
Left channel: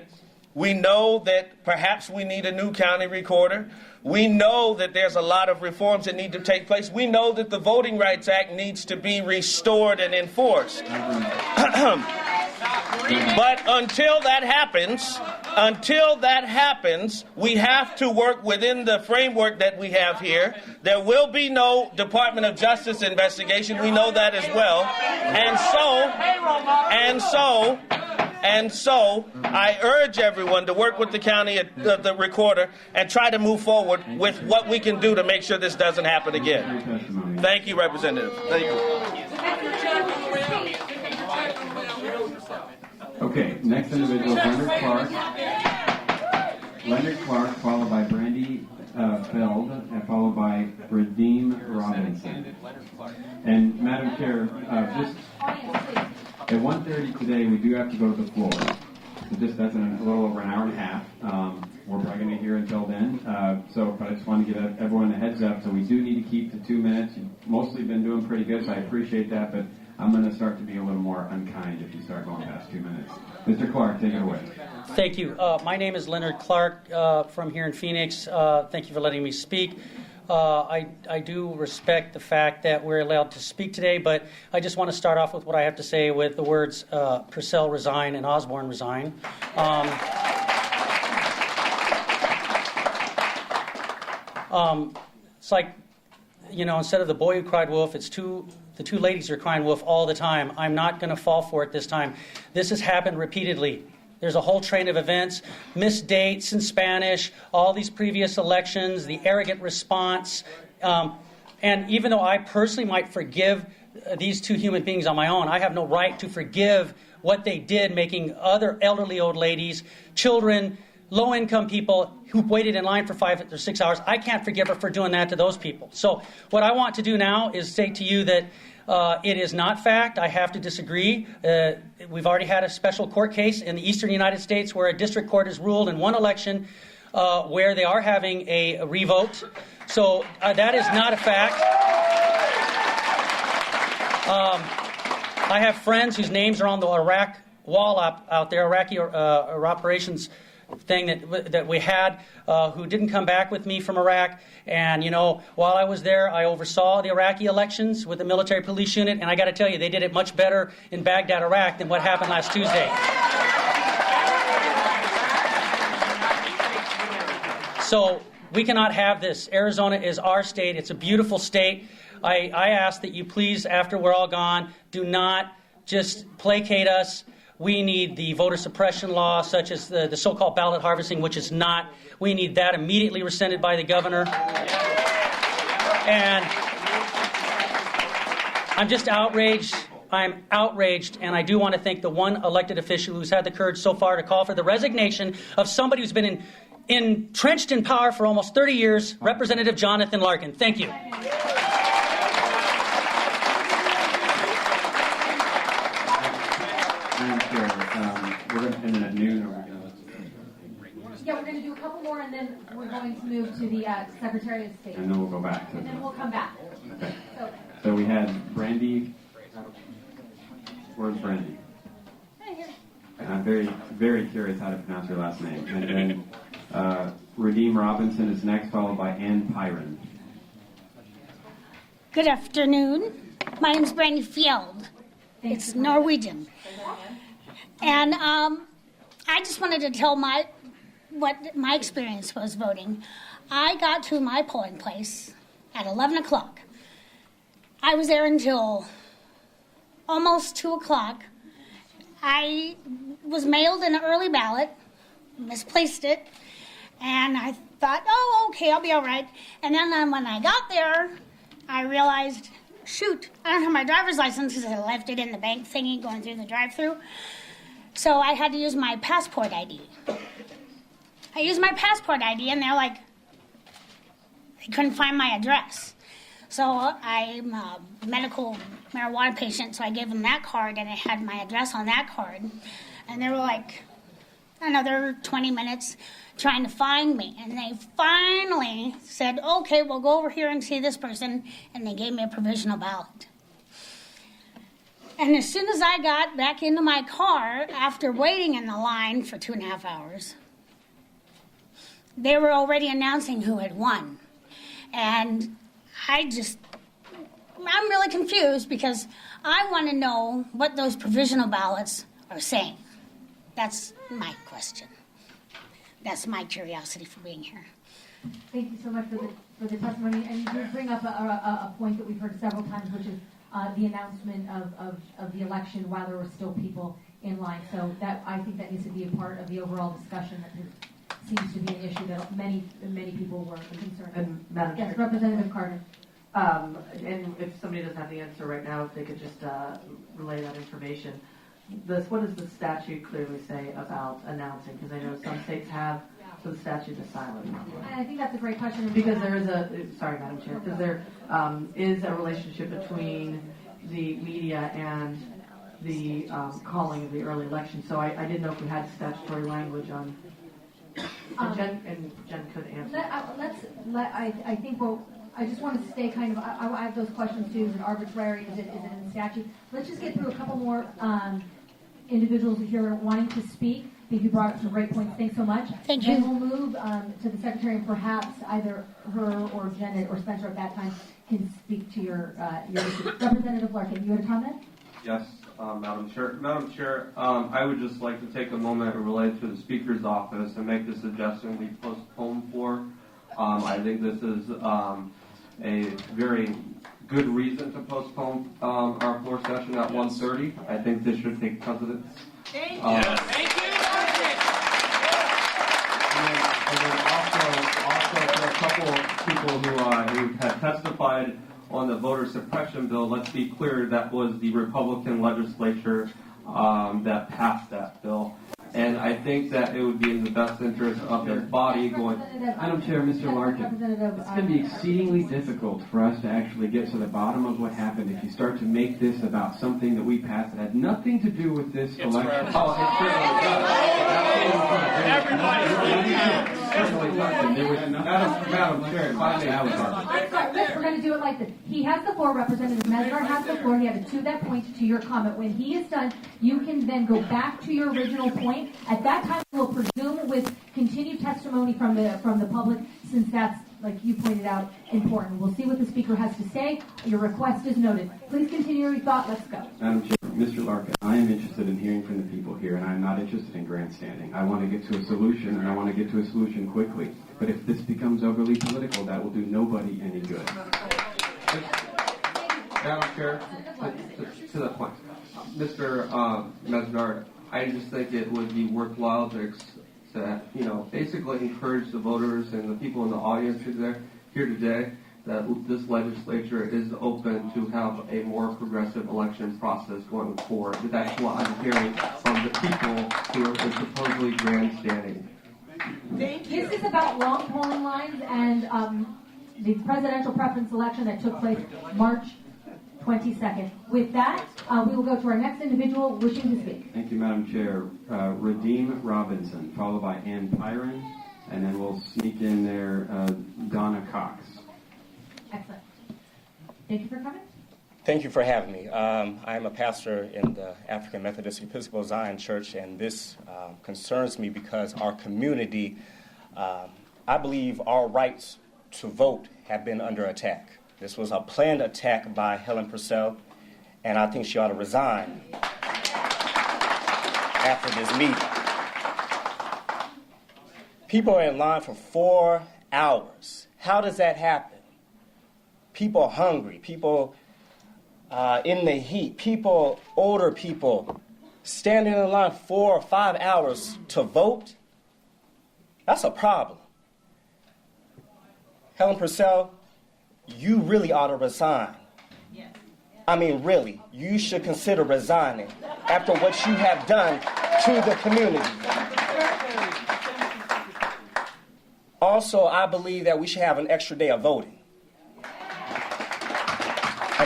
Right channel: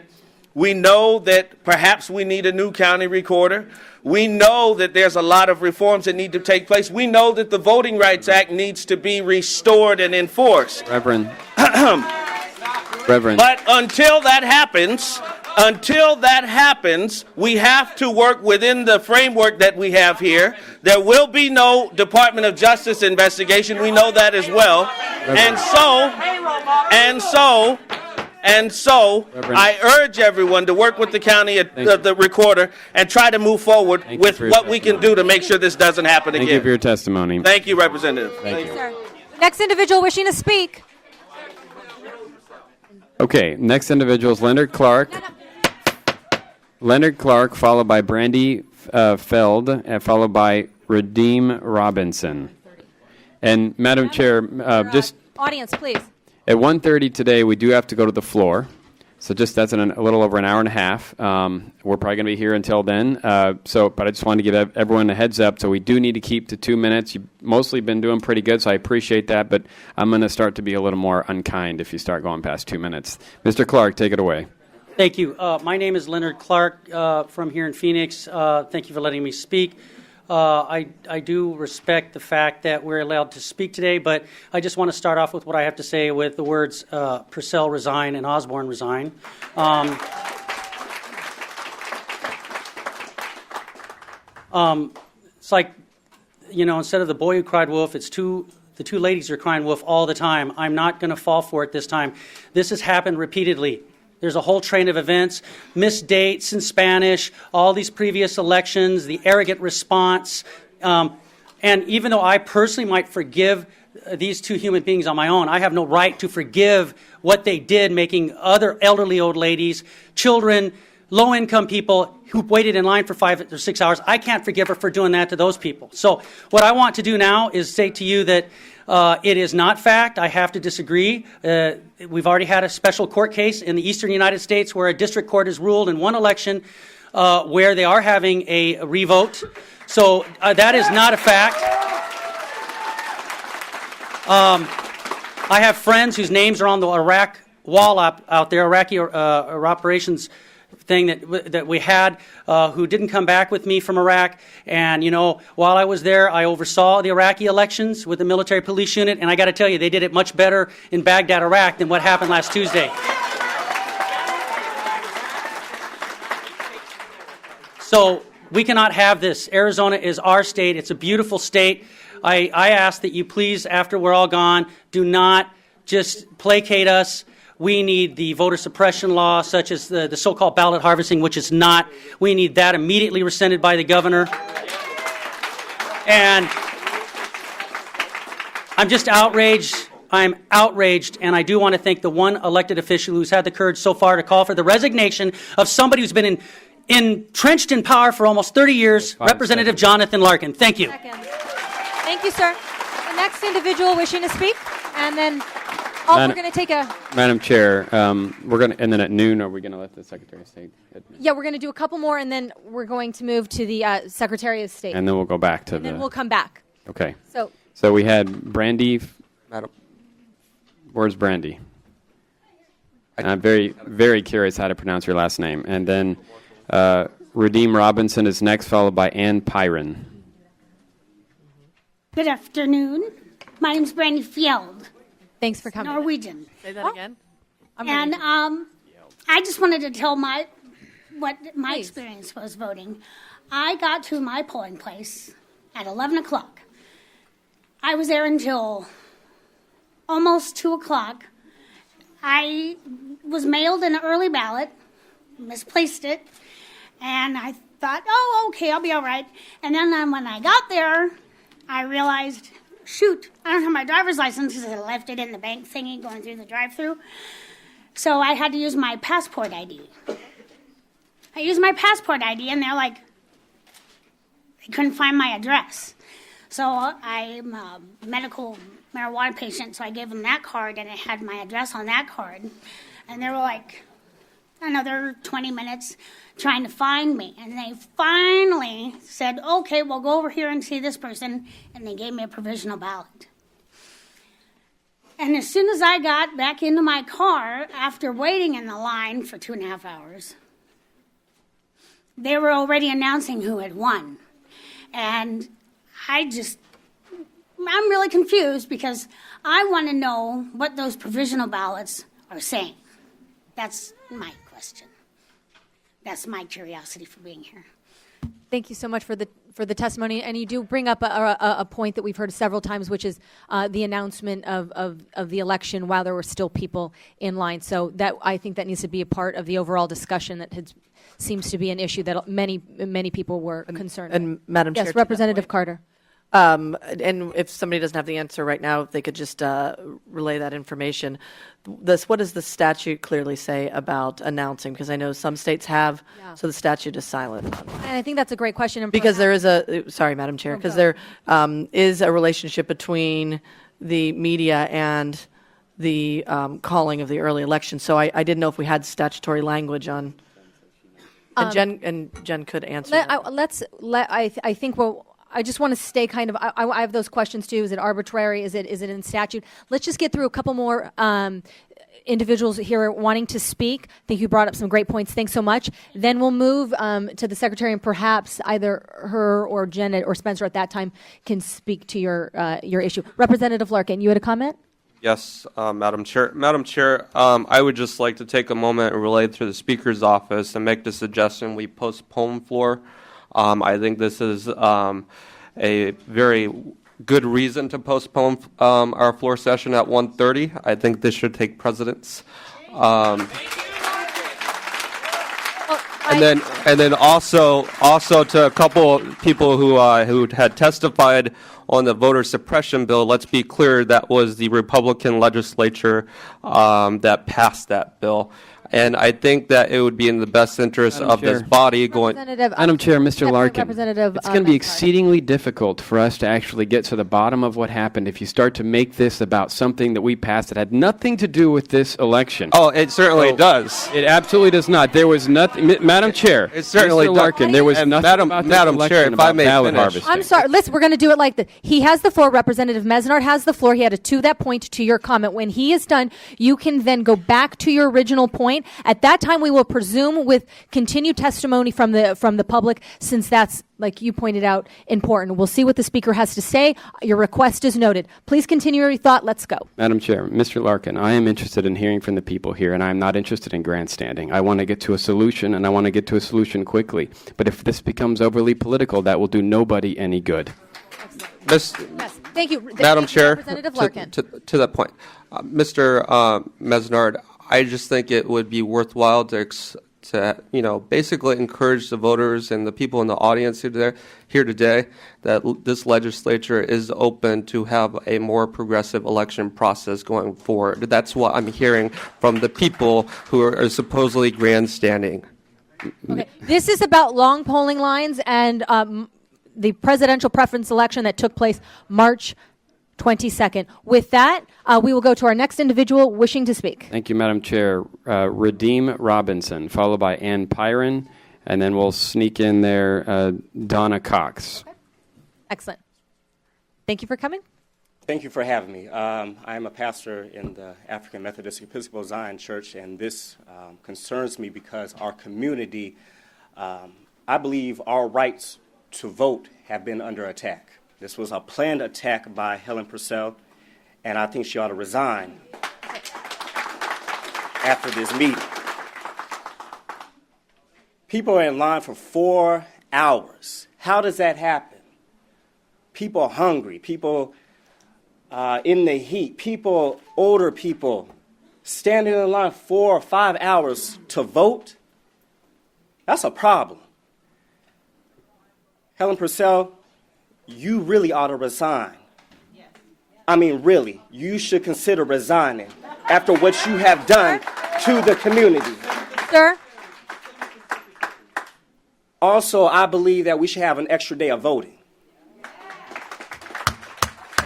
We know that perhaps we need a new county recorder. We know that there's a lot of reforms that need to take place. We know that the Voting Rights Act needs to be restored and enforced. Reverend. But until that happens, we have to work within the framework that we have here. There will be no Department of Justice investigation. We know that as well. And so, I urge everyone to work with the county, the recorder, and try to move forward with what we can do to make sure this doesn't happen again. Thank you for your testimony. Thank you, Representative. Thank you. Next individual wishing to speak. Okay, next individual is Leonard Clark. Leonard Clark, followed by Brandy Feld, and followed by Redeem Robinson. And Madam Chair, just Audience, please. at 1:30 today, we do have to go to the floor. So that's in a little over an hour and a half. We're probably going to be here until then. But I just wanted to give everyone a heads up. So we do need to keep to 2 minutes. You've mostly been doing pretty good, so I appreciate that. But I'm going to start to be a little more unkind if you start going past 2 minutes. Mr. Clark, take it away. Thank you. My name is Leonard Clark from here in Phoenix. Thank you for letting me speak. I do respect the fact that we're allowed to speak today, but I just want to start off with what I have to say with the words Purcell resign and Osborne resign. It's like, instead of the boy who cried wolf, it's the two ladies are crying wolf all the time. I'm not going to fall for it this time. This has happened repeatedly. There's a whole train of events, missed dates in Spanish, all these previous elections, the arrogant response. And even though I personally might forgive these two human beings on my own, I have no right to forgive what they did, making other elderly old ladies, children, low-income people who waited in line for 5 or 6 hours. I can't forgive her for doing that to those people. So what I want to do now is say to you that it is not fact. I have to disagree. We've already had a special court case in the eastern United States where a district court has ruled in one election where they are having a revote. So that is not a fact. I have friends whose names are on the Iraq wall out there, Iraqi operations thing that we had, who didn't come back with me from Iraq. And, while I was there, I oversaw the Iraqi elections with the military police unit. And I got to tell you, they did it much better in Baghdad, Iraq than what happened last Tuesday. So we cannot have this. Arizona is our state. It's a beautiful state. I ask that you please, after we're all gone, do not just placate us. We need the voter suppression law, such as the so-called ballot harvesting, which is not. We need that immediately rescinded by the governor. And I'm just outraged. I'm outraged, and I do want to thank the one elected official who's had the courage so far to call for the resignation of somebody who's been entrenched in power for almost 30 years, Representative Jonathan Larkin. Thank you. Thank you, sir. Next individual wishing to speak, and then we're going to take a... Madam Chair, we're going to, and then at noon, are we going to let the Secretary of State? Yeah, we're going to do a couple more, and then we're going to move to the Secretary of State. And then we'll go back to and then we'll come back. Okay. So we had Brandy. Where's Brandy? And I'm very, very curious how to pronounce your last name. And then Redeem Robinson is next, followed by Ann Pyron. Good afternoon. My name's Brandy Fjeld. Thanks for coming. Norwegian. Say that again. And I just wanted to tell what my experience was voting. I got to my polling place at 11 o'clock. I was there until almost 2 o'clock. I was mailed an early ballot, misplaced it, and I thought, oh, okay, I'll be all right. And then when I got there, I realized, shoot, I don't have my driver's license because I left it in the bank thingy going through the drive-thru. So I had to use my passport ID. I used my passport ID, and they're like, they couldn't find my address. So I'm a medical marijuana patient, so I gave them that card, and it had my address on that card. And they were like, another 20 minutes trying to find me. And they finally said, okay, we'll go over here and see this person. And they gave me a provisional ballot. And as soon as I got back into my car, after waiting in the line for 2.5 hours, they were already announcing who had won. And I'm really confused because I want to know what those provisional ballots are saying. That's my question. That's my curiosity for being here. Thank you so much for the testimony, and you do bring up a point that we've heard several times, which is the announcement of the election while there were still people in line. So that I think that needs to be a part of the overall discussion. That seems to be an issue that many people were concerned. And Madam Chair, yes, Representative Carter. And if somebody doesn't have the answer right now, they could just relay that information. What does the statute clearly say about announcing? Because I know some states have, so the statute is silent. And I think that's a great question. Because there is sorry, Madam Chair, because there is a relationship between the media and the calling of the early election. So I didn't know if we had statutory language on. And Jen could answer. I think I just want to stay kind of. I have those questions too. Is it arbitrary? Is it in statute? Let's just get through a couple more individuals here wanting to speak. I think you brought up some great points. Thanks so much. Then we'll move to the secretary, and perhaps either her or Jen or Spencer at that time can speak to your issue. Representative Larkin, you had a comment? Yes, Madam Chair. Madam Chair, I would just like to take a moment and relay to the Speaker's office and make the suggestion we postpone floor. I think this is a very good reason to postpone our floor session at 1:30. I think this should take precedence. And then also to a couple people who had testified on the voter suppression bill, let's be clear, that was the Republican legislature that passed that bill. And I think that it would be in the best interest of this body going... Madam Chair, Mr. Larkin, it's going to be exceedingly difficult for us to actually get to the bottom of what happened if you start to make this about something that we passed that had nothing to do with this election. Oh, it certainly does. It absolutely does not. There was nothing... Madam Chair, it certainly Mr. Larkin, there was nothing about this Madam election Chair, if I about may ballot finish. harvesting. I'm sorry. Listen, we're going to do it like this. He has the floor. Representative Mesnard has the floor. He had to that point to your comment. When he is done, you can then go back to your original point. At that time, we will presume with continued testimony from the public, since that's, like you pointed out, important. We'll see what the speaker has to say. Your request is noted. Please continue your thought. Let's go. Madam Chair, Mr. Larkin, I am interested in hearing from the people here, and I am not interested in grandstanding. I want to get to a solution, and I want to get to a solution quickly. But if this becomes overly political, that will do nobody any good. Thank you. Madam Chair, Representative Larkin. to that point, Mr. Mesnard, I just think it would be worthwhile to basically encourage the voters and the people in the audience here today that this legislature is open to have a more progressive election process going forward. That's what I'm hearing from the people who are supposedly grandstanding. Okay. This is about long polling lines and the presidential preference election that took place March 22nd. With that, we will go to our next individual wishing to speak. Thank you, Madam Chair. Redeem Robinson, followed by Ann Pyron, and then we'll sneak in there Donna Cox. Excellent. Thank you for coming. Thank you for having me. I am a pastor in the African Methodist Episcopal Zion Church, and this concerns me because our community, I believe our rights to vote have been under attack. This was a planned attack by Helen Purcell, and I think she ought to resign after this meeting. People are in line for 4 hours. How does that happen? People are hungry. People in the heat. People, older people, standing in line 4 or 5 hours to vote. That's a problem. Helen Purcell, you really ought to resign. I mean, really, you should consider resigning after what you have done to the community. Sir? Also, I believe that we should have an extra day of voting.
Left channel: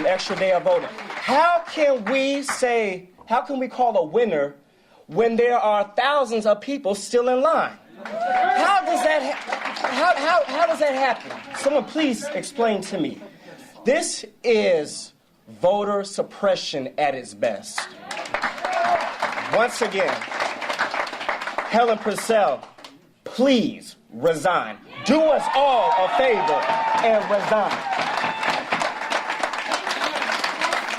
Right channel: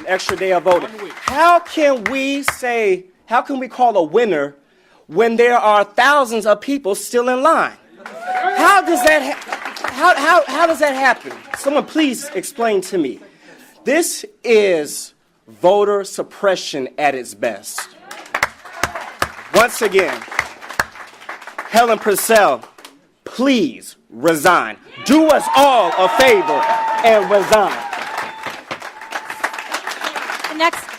an extra day of voting. How can we call a winner when there are thousands of people still in line? How does that happen? Someone please explain to me. This is voter suppression at its best. Once again, Helen Purcell, please resign. Do us all a favor and resign. The next